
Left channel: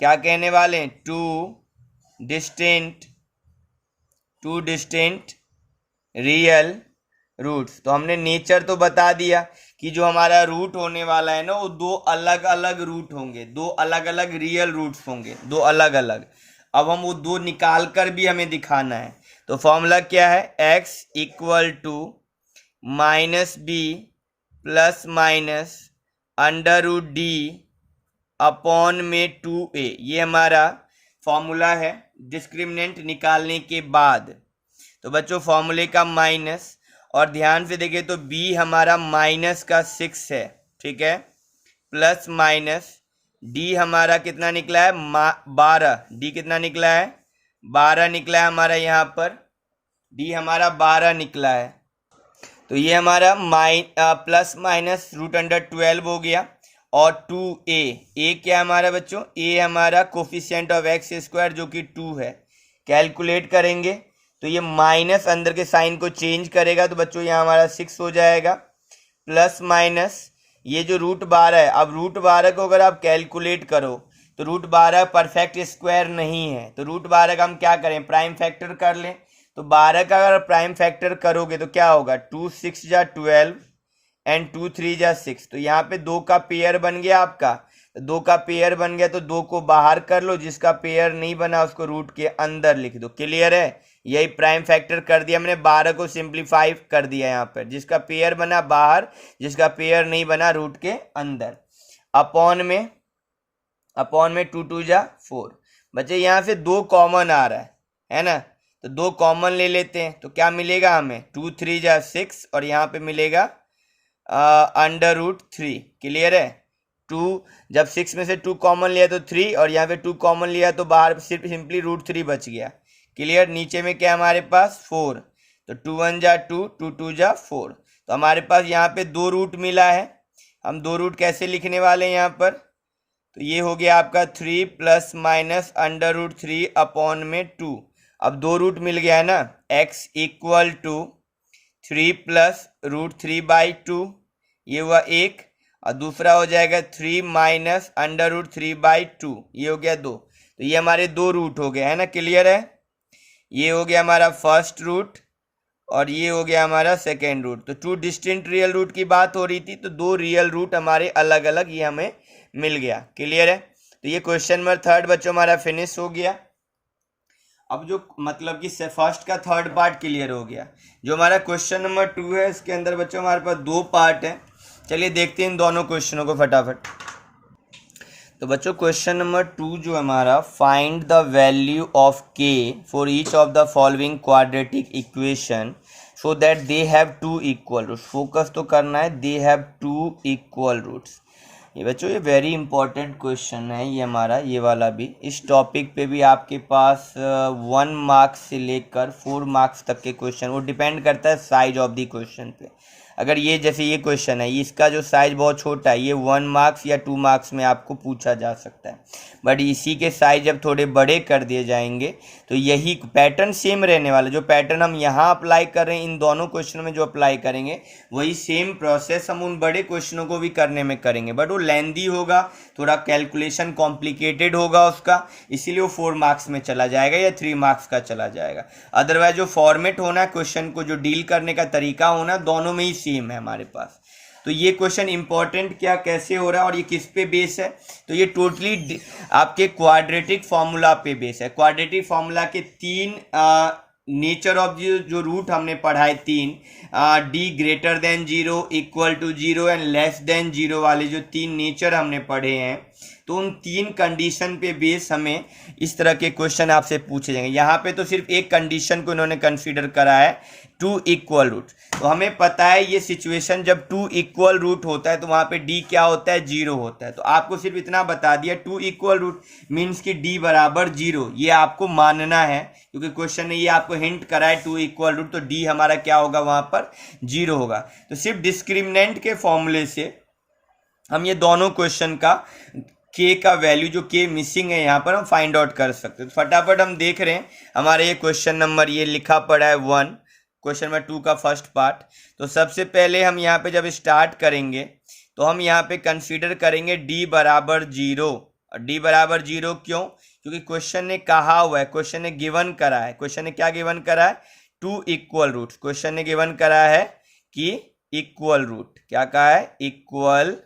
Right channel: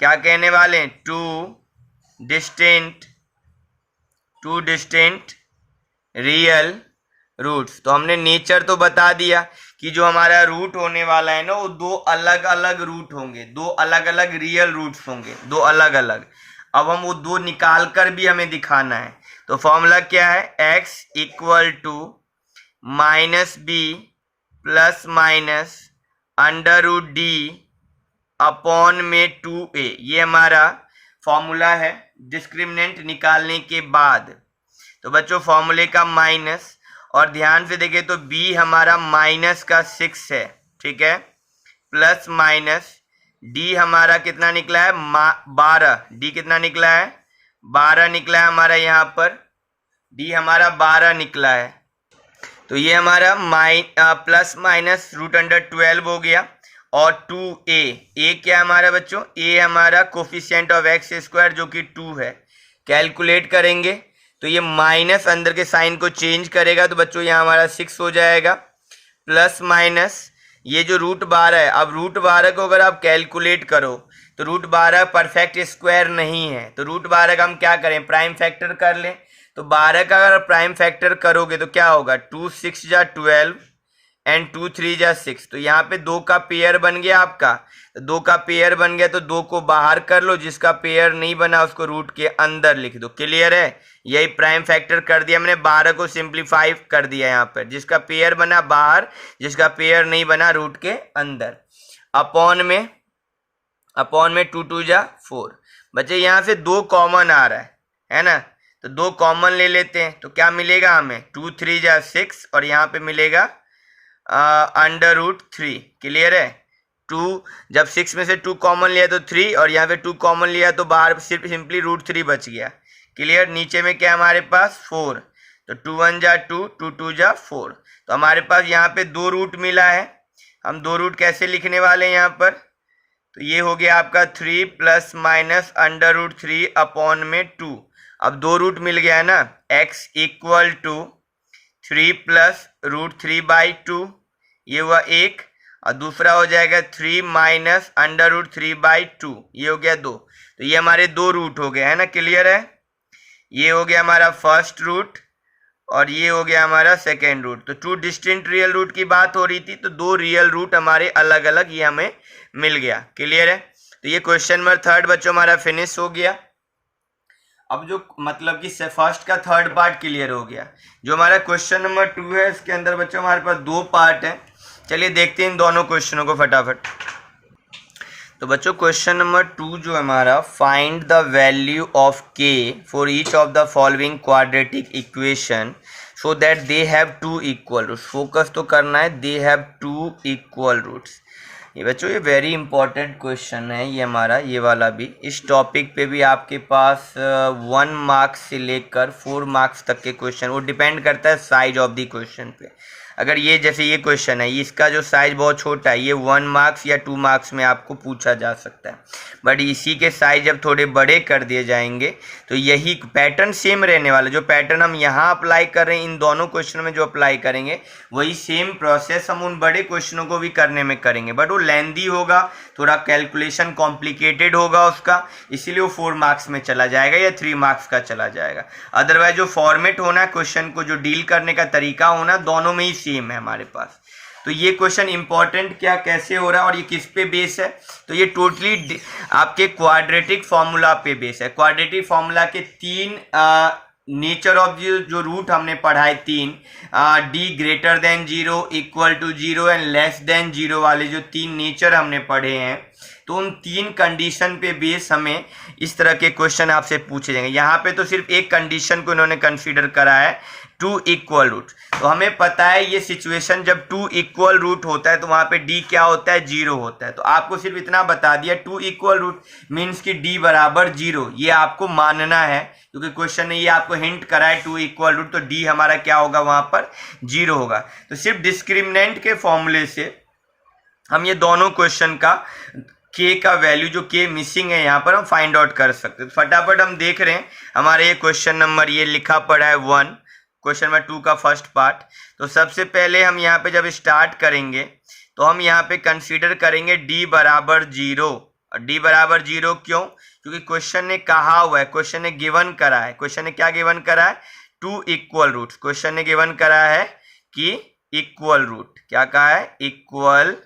क्या कहने वाले हैं, टू डिस्टिंक्ट रियल रूट्स। तो हमने नेचर तो बता दिया कि जो हमारा रूट होने वाला है ना वो दो अलग अलग रूट होंगे, दो अलग अलग रियल रूट्स होंगे, दो अलग अलग। अब हम वो दो निकाल कर भी हमें दिखाना है। तो फॉर्मूला क्या है, x equal to minus b plus minus under root d upon में 2a, ये हमारा फॉर्मूला है डिस्क्रिमिनेंट निकालने के बाद। तो बच्चों फॉर्मूले का माइनस, और ध्यान से देखें तो b हमारा माइनस का 6 है, ठीक है, प्लस माइनस d हमारा कितना निकला है 12, d कितना निकला है 12 निकला है हमारा, यहाँ पर d हमारा 12 निकला है। तो ये हमारा प्लस माइनस √12 हो गया, और 2a क्या हमारा बच्चों, a हमारा कोफिशिएंट ऑफ x स्क्वायर जो कि 2 है। कैलकुलेट करेंगे तो ये माइनस अंदर के साइन को चेंज करेगा, तो बच्चों यहाँ हमारा 6 हो जाएगा, प्लस माइनस ये जो √12 है। अब √12 को अगर आप कैलकुलेट करो तो √12 परफेक्ट स्क्वायर नहीं है, तो √12 का हम क्या करें, प्राइम फैक्टर कर लें। तो 12 का अगर प्राइम फैक्टर करोगे तो क्या होगा, 2 6 जा 12 एंड 2 3 जा 6। तो यहाँ पे 2 का पेयर बन गया आपका, तो 2 का पेयर बन गया तो 2 को बाहर कर लो, जिसका पेयर नहीं बना उसको रूट के अंदर लिख दो। क्लियर है, यही प्राइम फैक्टर कर दिया हमने, 12 को सिंप्लीफाई कर दिया यहाँ पर, जिसका पेयर बना बाहर, जिसका पेयर नहीं बना रूट के अंदर। अपॉन में 2 2 जा 4। बच्चे यहाँ से 2 कॉमन आ रहा है ना, तो 2 कॉमन ले लेते हैं, तो क्या मिलेगा हमें, 2 3 जा 6 और यहाँ पे मिलेगा अंडर रूट 3। क्लियर है, 2 जब 6 में से 2 कॉमन लिया तो 3, और यहाँ पे 2 कॉमन लिया तो बाहर सिर्फ सिंपली √3 बच गया। क्लियर, नीचे में क्या हमारे पास 4, तो 2 1 जा 2, 2 2 जा 4। तो हमारे पास यहाँ पे 2 रूट मिला है, हम 2 रूट कैसे लिखने वाले हैं यहाँ पर, तो ये हो गया आपका 3 plus minus under root 3 upon में 2। अब 2 रूट मिल गया है ना, x इक्वल टू 3 प्लस √3/2, ये हुआ 1, और दूसरा हो जाएगा 3 माइनस अंडर रूट 3/2, ये हो गया 2। तो ये हमारे 2 रूट हो गए है ना। क्लियर है, ये हो गया हमारा फर्स्ट रूट और ये हो गया हमारा सेकेंड रूट। तो 2 डिस्टिंक्ट रियल रूट की बात हो रही थी, तो 2 रियल रूट हमारे अलग अलग ये हमें मिल गया। क्लियर है, तो ये क्वेश्चन नंबर 3 बच्चों हमारा फिनिश हो गया। अब जो मतलब कि फर्स्ट का 3rd पार्ट क्लियर हो गया। जो हमारा क्वेश्चन नंबर 2 है इसके अंदर बच्चों हमारे पास 2 पार्ट है। चलिए देखते हैं इन दोनों क्वेश्चनों को फटाफट। तो बच्चों क्वेश्चन नंबर 2 जो हमारा, find the value of k for each of the following quadratic equation so that they have 2 equal roots. Focus तो करना है, दे हैव 2 इक्वल रूट्स। ये बच्चों ये वेरी इंपॉर्टेंट क्वेश्चन है ये हमारा, ये वाला भी। इस टॉपिक पे भी आपके पास 1 मार्क्स से लेकर 4 मार्क्स तक के क्वेश्चन, वो डिपेंड करता है साइज ऑफ द क्वेश्चन पे। अगर ये जैसे ये क्वेश्चन है, इसका जो साइज बहुत छोटा है, ये 1 मार्क्स या 2 मार्क्स में आपको पूछा जा सकता है, बट इसी के साइज जब थोड़े बड़े कर दिए जाएंगे तो यही पैटर्न सेम रहने वाला। जो पैटर्न हम यहाँ अप्लाई कर रहे हैं इन दोनों क्वेश्चनों में जो अप्लाई करेंगे, वही सेम प्रोसेस हम उन बड़े क्वेश्चनों को भी करने में करेंगे, बट वो लेंदी होगा, थोड़ा कैलकुलेशन कॉम्प्लिकेटेड होगा उसका, इसीलिए वो 4 मार्क्स में चला जाएगा या 3 मार्क्स का चला जाएगा। अदरवाइज जो फॉर्मेट होना है क्वेश्चन को, जो डील करने का तरीका होना, दोनों में ही सेम है हमारे पास। तो ये क्वेश्चन इंपॉर्टेंट क्या कैसे हो रहा है और ये किस पे बेस है, तो ये टोटली आपके क्वाड्रेटिक फॉर्मूला पे बेस है। क्वाड्रेटिक फॉर्मूला के 3 नेचर ऑफ जो रूट हमने पढ़ा है 3, d greater than 0, equal to 0 and less than 0 वाले जो 3 नेचर हमने पढ़े हैं, तो उन 3 कंडीशन पे बेस हमें इस तरह के क्वेश्चन आपसे पूछे जाएंगे। यहाँ पे तो सिर्फ एक कंडीशन को इन्होंने कंसीडर करा है, 2 इक्वल रूट। तो हमें पता है ये सिचुएशन जब 2 इक्वल रूट होता है तो वहाँ पे डी क्या होता है, 0 होता है। तो आपको सिर्फ इतना बता दिया 2 इक्वल रूट मीन्स कि डी बराबर 0, ये आपको मानना है क्योंकि क्वेश्चन ने ये आपको हिंट करा है 2 इक्वल रूट, तो डी हमारा क्या होगा वहाँ पर 0 होगा। तो सिर्फ डिस्क्रिमिनेंट के फॉर्मूले से हम ये दोनों क्वेश्चन का के का वैल्यू जो के मिसिंग है यहाँ पर हम फाइंड आउट कर सकते हैं। तो फटाफट हम देख रहे हैं हमारे ये क्वेश्चन नंबर ये लिखा पड़ा है 1, क्वेश्चन नंबर 2 का फर्स्ट पार्ट। तो सबसे पहले हम यहाँ पे जब स्टार्ट करेंगे तो हम यहाँ पे कंसीडर करेंगे डी बराबर 0। और डी बराबर 0 क्यों? क्योंकि क्वेश्चन ने कहा हुआ है, क्वेश्चन ने गिवन करा है। क्वेश्चन ने क्या गिवन करा है? 2 इक्वल रूट। क्वेश्चन ने गिवन करा है कि इक्वल रूट, क्या कहा है? इक्वल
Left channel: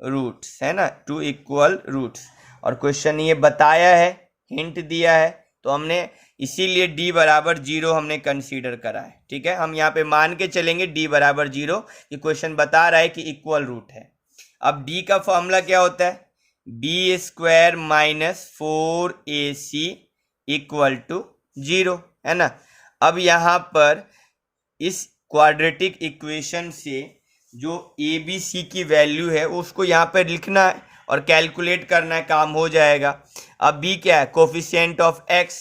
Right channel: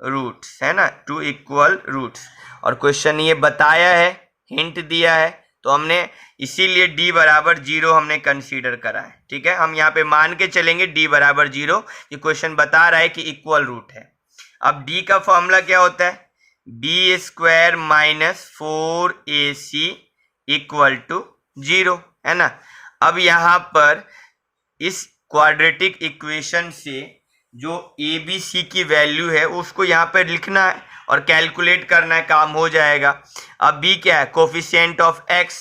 रूट्स, है ना, 2 इक्वल रूट्स। और क्वेश्चन ये बताया है, हिंट दिया है, तो हमने इसीलिए d बराबर 0 हमने कंसीडर करा है। ठीक है, हम यहाँ पे मान के चलेंगे d बराबर 0 कि क्वेश्चन बता रहा है कि इक्वल रूट है। अब d का फॉर्मूला क्या होता है? b square minus 4ac equal to 0, है ना। अब यहाँ पर इस क्वाड्रेटिक इक्वेशन से जो ए बी सी की वैल्यू है उसको यहाँ पर लिखना है और कैलकुलेट करना है, काम हो जाएगा। अब b क्या है? कोफिशिएंट ऑफ x,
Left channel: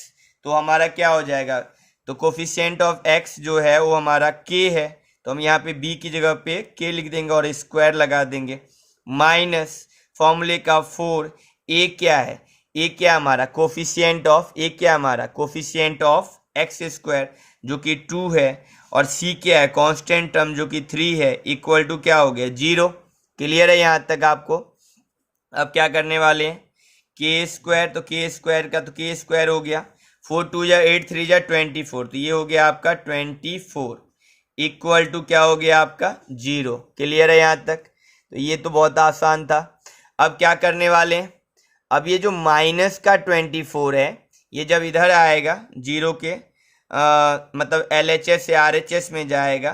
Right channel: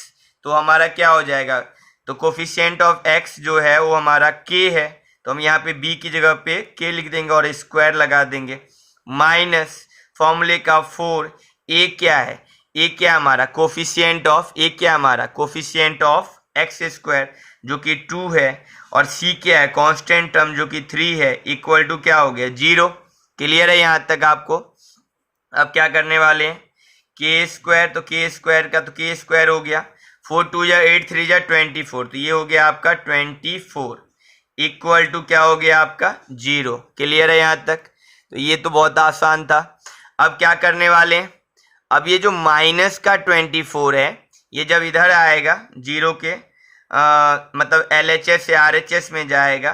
तो हमारा क्या हो जाएगा? तो कोफिशिएंट ऑफ x जो है वो हमारा k है, तो हम यहाँ पे b की जगह पे k लिख देंगे और स्क्वायर लगा देंगे, माइनस फॉर्मूले का 4। a क्या है? a क्या हमारा? कोफिशिएंट ऑफ a क्या हमारा? कोफिशिएंट ऑफ x स्क्वायर जो कि 2 है, और c क्या है? कांस्टेंट टर्म जो कि 3 है, इक्वल टू क्या हो गया? 0। क्लियर है यहाँ तक आपको? अब क्या करने वाले हैं? के स्क्वायर, तो के स्क्वायर का तो के स्क्वायर हो गया, 4 2 जा 8 3 जा 24, तो ये हो गया आपका 24 इक्वल टू क्या हो गया आपका? 0। क्लियर है यहाँ तक? तो ये तो बहुत आसान था। अब क्या करने वाले हैं? अब ये जो माइनस का 24 है ये जब इधर आएगा 0 के मतलब LHS से RHS में जाएगा,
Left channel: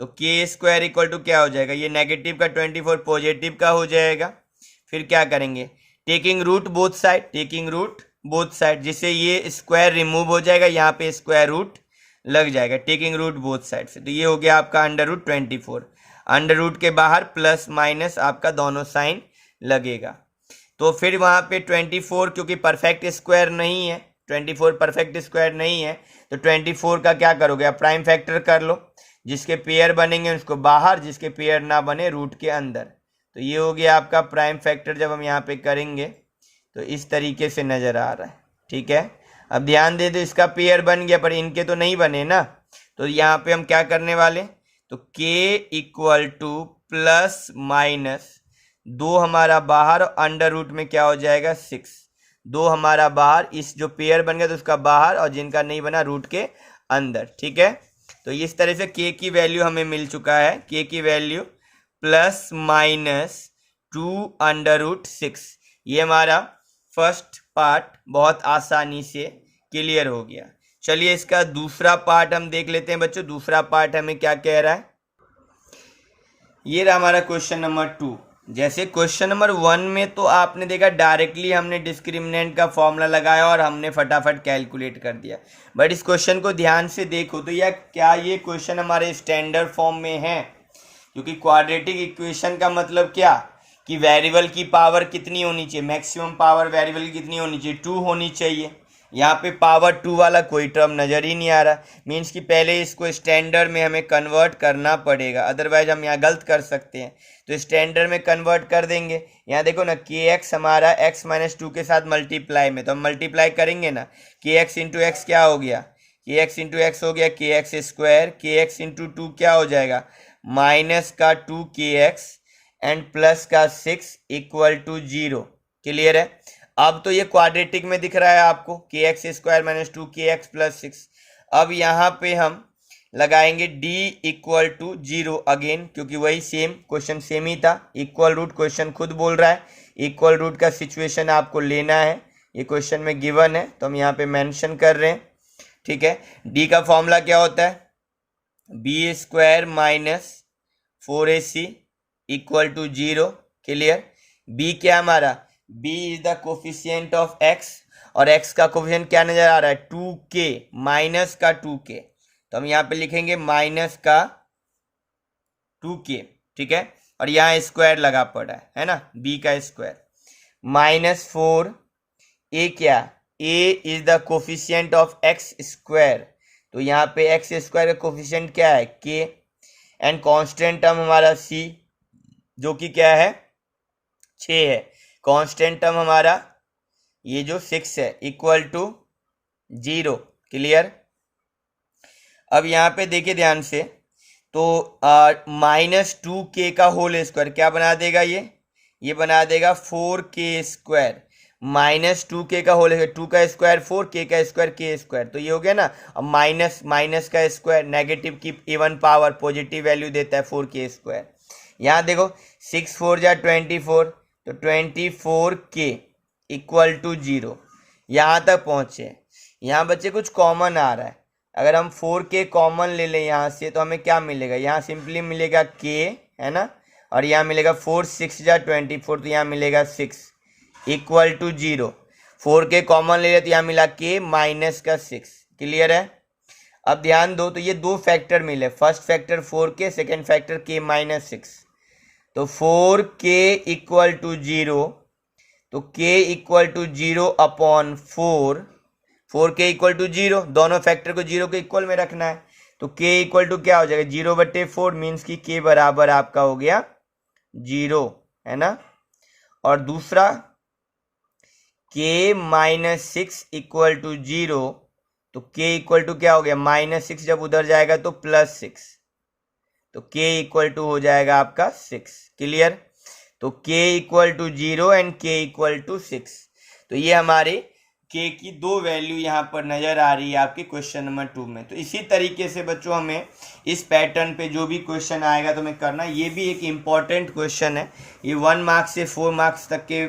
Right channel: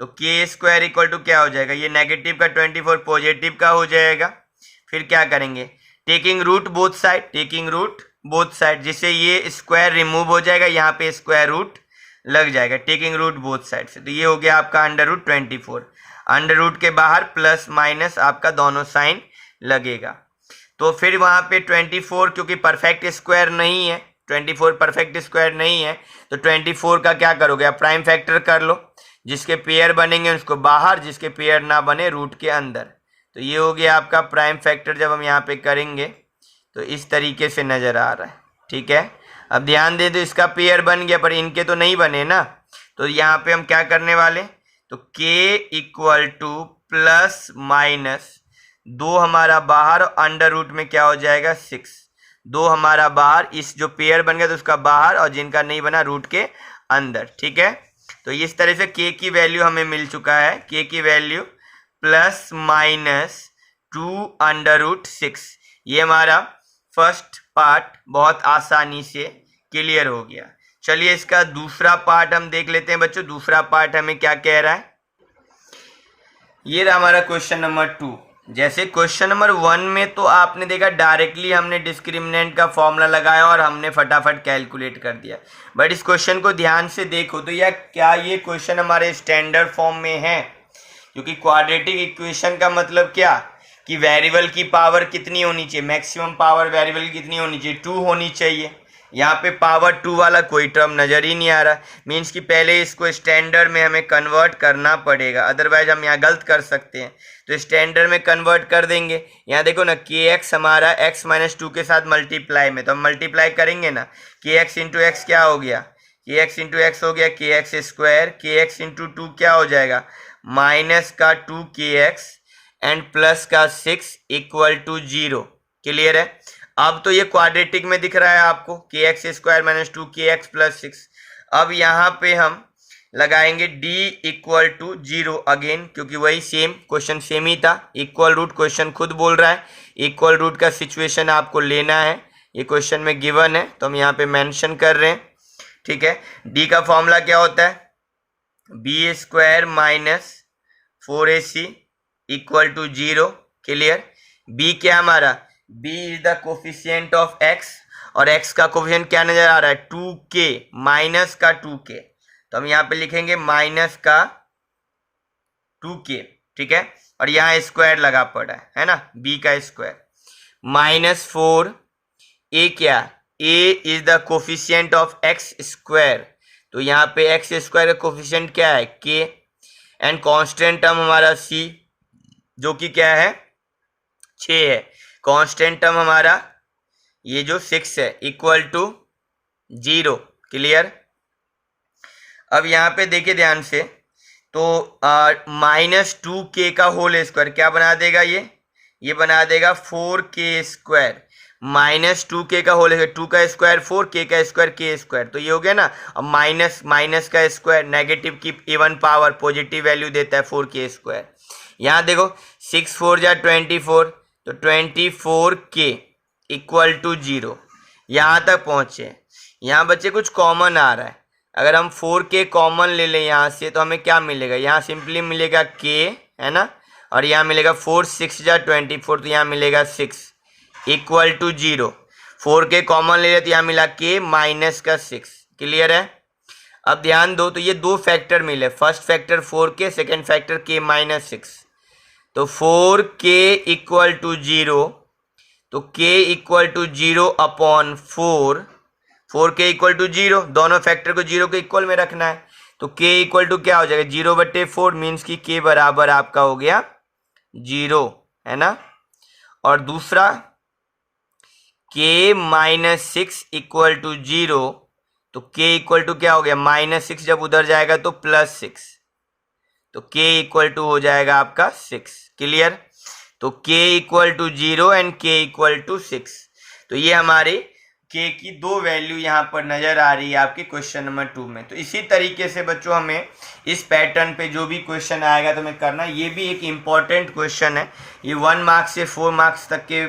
तो के स्क्वायर इक्वल टू क्या हो जाएगा? ये नेगेटिव का 24 पॉजिटिव का हो जाएगा। फिर क्या करेंगे? Taking root both side, taking root both side, जिससे ये स्क्वायर रिमूव हो जाएगा, यहाँ पे स्क्वायर रूट लग जाएगा टेकिंग रूट बोथ साइड से। तो ये हो गया आपका अंडर रूट 24। अंडर रूट के बाहर प्लस माइनस आपका दोनों साइन लगेगा। तो फिर वहाँ पे 24 क्योंकि परफेक्ट स्क्वायर नहीं है, 24 परफेक्ट स्क्वायर नहीं है, तो 24 का क्या करोगे? आप प्राइम फैक्टर कर लो, जिसके पेयर बनेंगे उसको बाहर, जिसके पेयर ना बने रूट के अंदर। तो ये हो गया आपका प्राइम फैक्टर। जब हम यहाँ पे करेंगे तो इस तरीके से नज़र आ रहा है। ठीक है, अब ध्यान दे दो, इसका पेयर बन गया पर इनके तो नहीं बने ना, तो यहाँ पे हम क्या करने वाले? तो k equal to plus minus 2 हमारा बाहर और अंडर रूट में क्या हो जाएगा? 6। 2 हमारा बाहर, इस जो पेयर बन गया तो उसका बाहर, और जिनका नहीं बना रूट के अंदर। ठीक है, तो इस तरह से k की वैल्यू हमें मिल चुका है, k की value plus minus 2 under root 6। ये हमारा फर्स्ट पार्ट बहुत आसानी से क्लियर हो गया। चलिए इसका दूसरा पार्ट हम देख लेते हैं बच्चों। दूसरा पार्ट हमें क्या कह रहा है? ये रहा हमारा क्वेश्चन नंबर 2। जैसे क्वेश्चन नंबर 1 में तो आपने देखा डायरेक्टली हमने डिस्क्रिमिनेंट का फॉर्मूला लगाया और हमने फटाफट कैलकुलेट कर दिया, बट इस क्वेश्चन को ध्यान से देखो तो यह क्या ये क्वेश्चन हमारे स्टैंडर्ड फॉर्म में है? क्योंकि क्वाड्रेटिक इक्वेशन का मतलब क्या कि वेरिएबल की पावर कितनी होनी चाहिए? मैक्सिमम पावर वेरिएबल की कितनी होनी चाहिए? 2 होनी चाहिए। यहाँ पे पावर 2 वाला कोई टर्म नज़र ही नहीं आ रहा, मीन्स कि पहले इसको स्टैंडर्ड में हमें कन्वर्ट करना पड़ेगा, अदरवाइज हम यहाँ गलत कर सकते हैं। तो स्टैंडर्ड में कन्वर्ट कर देंगे। यहाँ देखो ना, के एक्स हमारा x माइनस 2 के साथ मल्टीप्लाई में, तो हम मल्टीप्लाई करेंगे ना, के एक्स इंटू एक्स क्या हो गया? के एक्स इंटू एक्स हो गया के एक्स स्क्वायर, के एक्स इंटू 2 क्या हो जाएगा? माइनस का 2 के एक्स एंड प्लस का 6 इक्वल टू 0। क्लियर है? अब तो ये क्वाड्रेटिक में दिख रहा है आपको, के एक्स स्क्वायर माइनस 2 के एक्स प्लस 6। अब यहाँ पे हम लगाएंगे d इक्वल टू 0 अगेन, क्योंकि वही सेम क्वेश्चन सेम ही था। इक्वल रूट क्वेश्चन खुद बोल रहा है, इक्वल रूट का सिचुएशन आपको लेना है, ये क्वेश्चन में गिवन है तो हम यहाँ पे मेंशन कर रहे हैं। ठीक है। डी का फॉर्मूला क्या होता है, b square minus 4ac equal to 0। Clear. B क्या हमारा, b is the coefficient of x, और एक्स का कोफिशिएंट क्या नजर आ रहा है, 2k, माइनस का 2k, तो हम यहाँ पे लिखेंगे माइनस का 2k, ठीक है। और यहाँ स्क्वायर लगा पड़ा है ना, b का स्क्वायर माइनस 4, ए क्या, a is the coefficient of x square, तो यहाँ पे एक्स स्क्वायर का कोफिशिएंट क्या है, k, एंड कांस्टेंट टर्म हमारा c जो कि क्या है 6 है, कांस्टेंट टर्म हमारा ये जो 6 है इक्वल टू 0। क्लियर। अब यहाँ पे देखिए ध्यान से, तो माइनस 2k का होल स्क्वायर क्या बना देगा, ये बना देगा 4k स्क्वायर, माइनस 2k का होल स्क्वायर, 2 का स्क्वायर 4, k का स्क्वायर k स्क्वायर, तो ये हो गया ना। अब माइनस माइनस का स्क्वायर नेगेटिव की इवन पावर पॉजिटिव वैल्यू देता है 4k स्क्वायर। यहाँ देखो 6 4 जा 24, तो 24k इक्वल टू 0। यहाँ तक पहुँचे, यहाँ बच्चे कुछ कॉमन आ रहा है, अगर हम 4k कॉमन ले लें यहाँ से तो हमें क्या मिलेगा, यहाँ सिंपली मिलेगा k, है ना, और यहाँ मिलेगा 4 6 जा 24, तो यहाँ मिलेगा 6 इक्वल टू 0। 4k कॉमन ले लें तो यहाँ मिला k माइनस का 6। क्लियर है। अब ध्यान दो, तो ये दो फैक्टर मिले, first factor 4k, second factor k minus 6, तो 4k इक्वल टू 0, तो k equal to 0 upon 4k equal to 0, दोनों फैक्टर को 0 के इक्वल में रखना है, तो k इक्वल टू क्या हो जाएगा 0/4, मीन्स कि k बराबर आपका हो गया 0, है ना। और दूसरा k माइनस 6 इक्वल टू 0, तो k इक्वल टू क्या हो गया माइनस 6, जब उधर जाएगा तो प्लस 6, तो k इक्वल टू हो जाएगा आपका 6। क्लियर। तो k equal to 0 and k equal to 6, तो ये हमारे k की दो वैल्यू यहाँ पर नजर आ रही है आपके क्वेश्चन नंबर 2 में। तो इसी तरीके से बच्चों हमें इस पैटर्न पे जो भी क्वेश्चन आएगा तो हमें करना, ये भी एक इम्पॉर्टेंट क्वेश्चन है, ये 1 मार्क्स से 4 मार्क्स तक के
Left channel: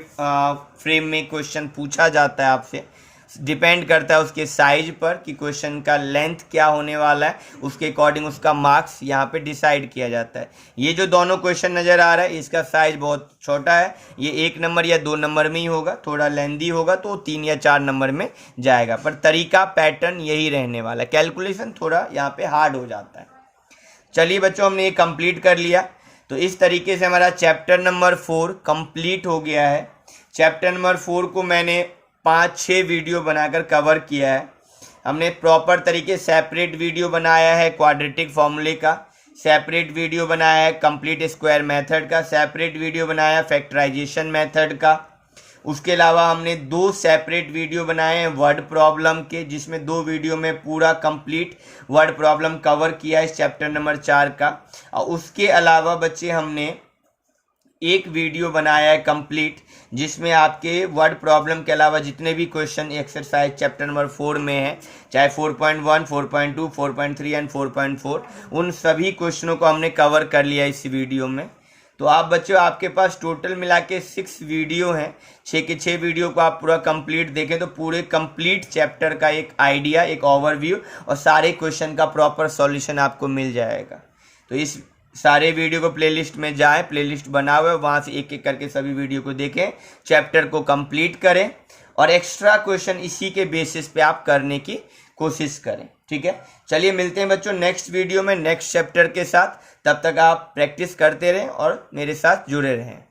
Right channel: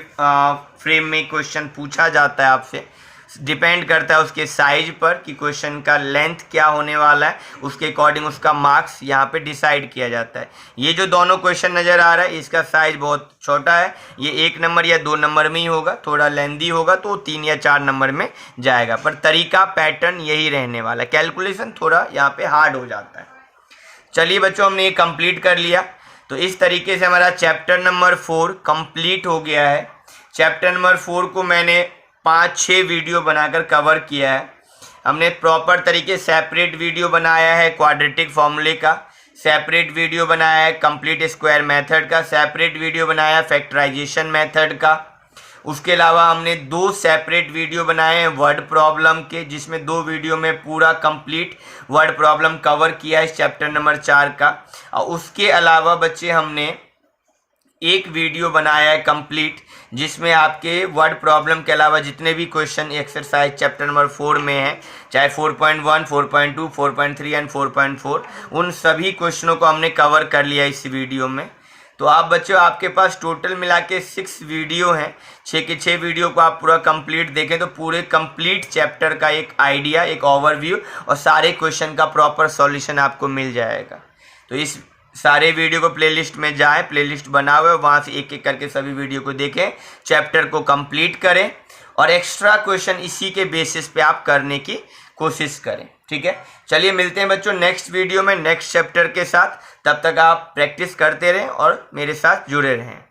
फ्रेम में क्वेश्चन पूछा जाता है आपसे, डिपेंड करता है उसके साइज पर कि क्वेश्चन का लेंथ क्या होने वाला है, उसके अकॉर्डिंग उसका मार्क्स यहाँ पे डिसाइड किया जाता है। ये जो दोनों क्वेश्चन नज़र आ रहा है इसका साइज बहुत छोटा है, ये 1 नंबर या 2 नंबर में ही होगा, थोड़ा लेंदी होगा तो 3 या 4 नंबर में जाएगा, पर तरीका पैटर्न यही रहने वाला है, कैलकुलेशन थोड़ा यहाँ पे हार्ड हो जाता है। चलिए बच्चों, हमने ये कंप्लीट कर लिया, तो इस तरीके से हमारा चैप्टर नंबर 4 कंप्लीट हो गया है। चैप्टर नंबर 4 को मैंने 5-6 वीडियो बनाकर कवर किया है। हमने प्रॉपर तरीके सेपरेट वीडियो बनाया है क्वाड्रेटिक फॉर्मूले का, सेपरेट वीडियो बनाया है कंप्लीट स्क्वायर मेथड का, सेपरेट वीडियो बनाया है फैक्टराइजेशन मेथड का। उसके अलावा हमने 2 सेपरेट वीडियो बनाए हैं वर्ड प्रॉब्लम के, जिसमें 2 वीडियो में पूरा कंप्लीट वर्ड प्रॉब्लम कवर किया है इस चैप्टर नंबर 4 का। और उसके अलावा बच्चे हमने एक वीडियो बनाया है कंप्लीट, जिसमें आपके वर्ड प्रॉब्लम के अलावा जितने भी क्वेश्चन एक्सरसाइज चैप्टर नंबर 4 में हैं, चाहे 4.1, 4.2, 4.3 एंड 4.4, उन सभी क्वेश्चनों को हमने कवर कर लिया इस वीडियो में। तो आप बच्चों, आपके पास टोटल मिला के 6 वीडियो हैं, 6 के 6 वीडियो को आप पूरा कंप्लीट देखें तो पूरे कंप्लीट चैप्टर का एक आइडिया, एक ओवरव्यू और सारे क्वेश्चन का प्रॉपर सॉल्यूशन आपको मिल जाएगा। तो इस सारे वीडियो को प्लेलिस्ट में जाएं, प्लेलिस्ट बना हुआ है, वहाँ से एक एक करके सभी वीडियो को देखें, चैप्टर को कंप्लीट करें और एक्स्ट्रा क्वेश्चन इसी के बेसिस पे आप करने की कोशिश करें। ठीक है, चलिए मिलते हैं बच्चों नेक्स्ट वीडियो में नेक्स्ट चैप्टर के साथ। तब तक आप प्रैक्टिस करते रहें और मेरे साथ जुड़े रहें।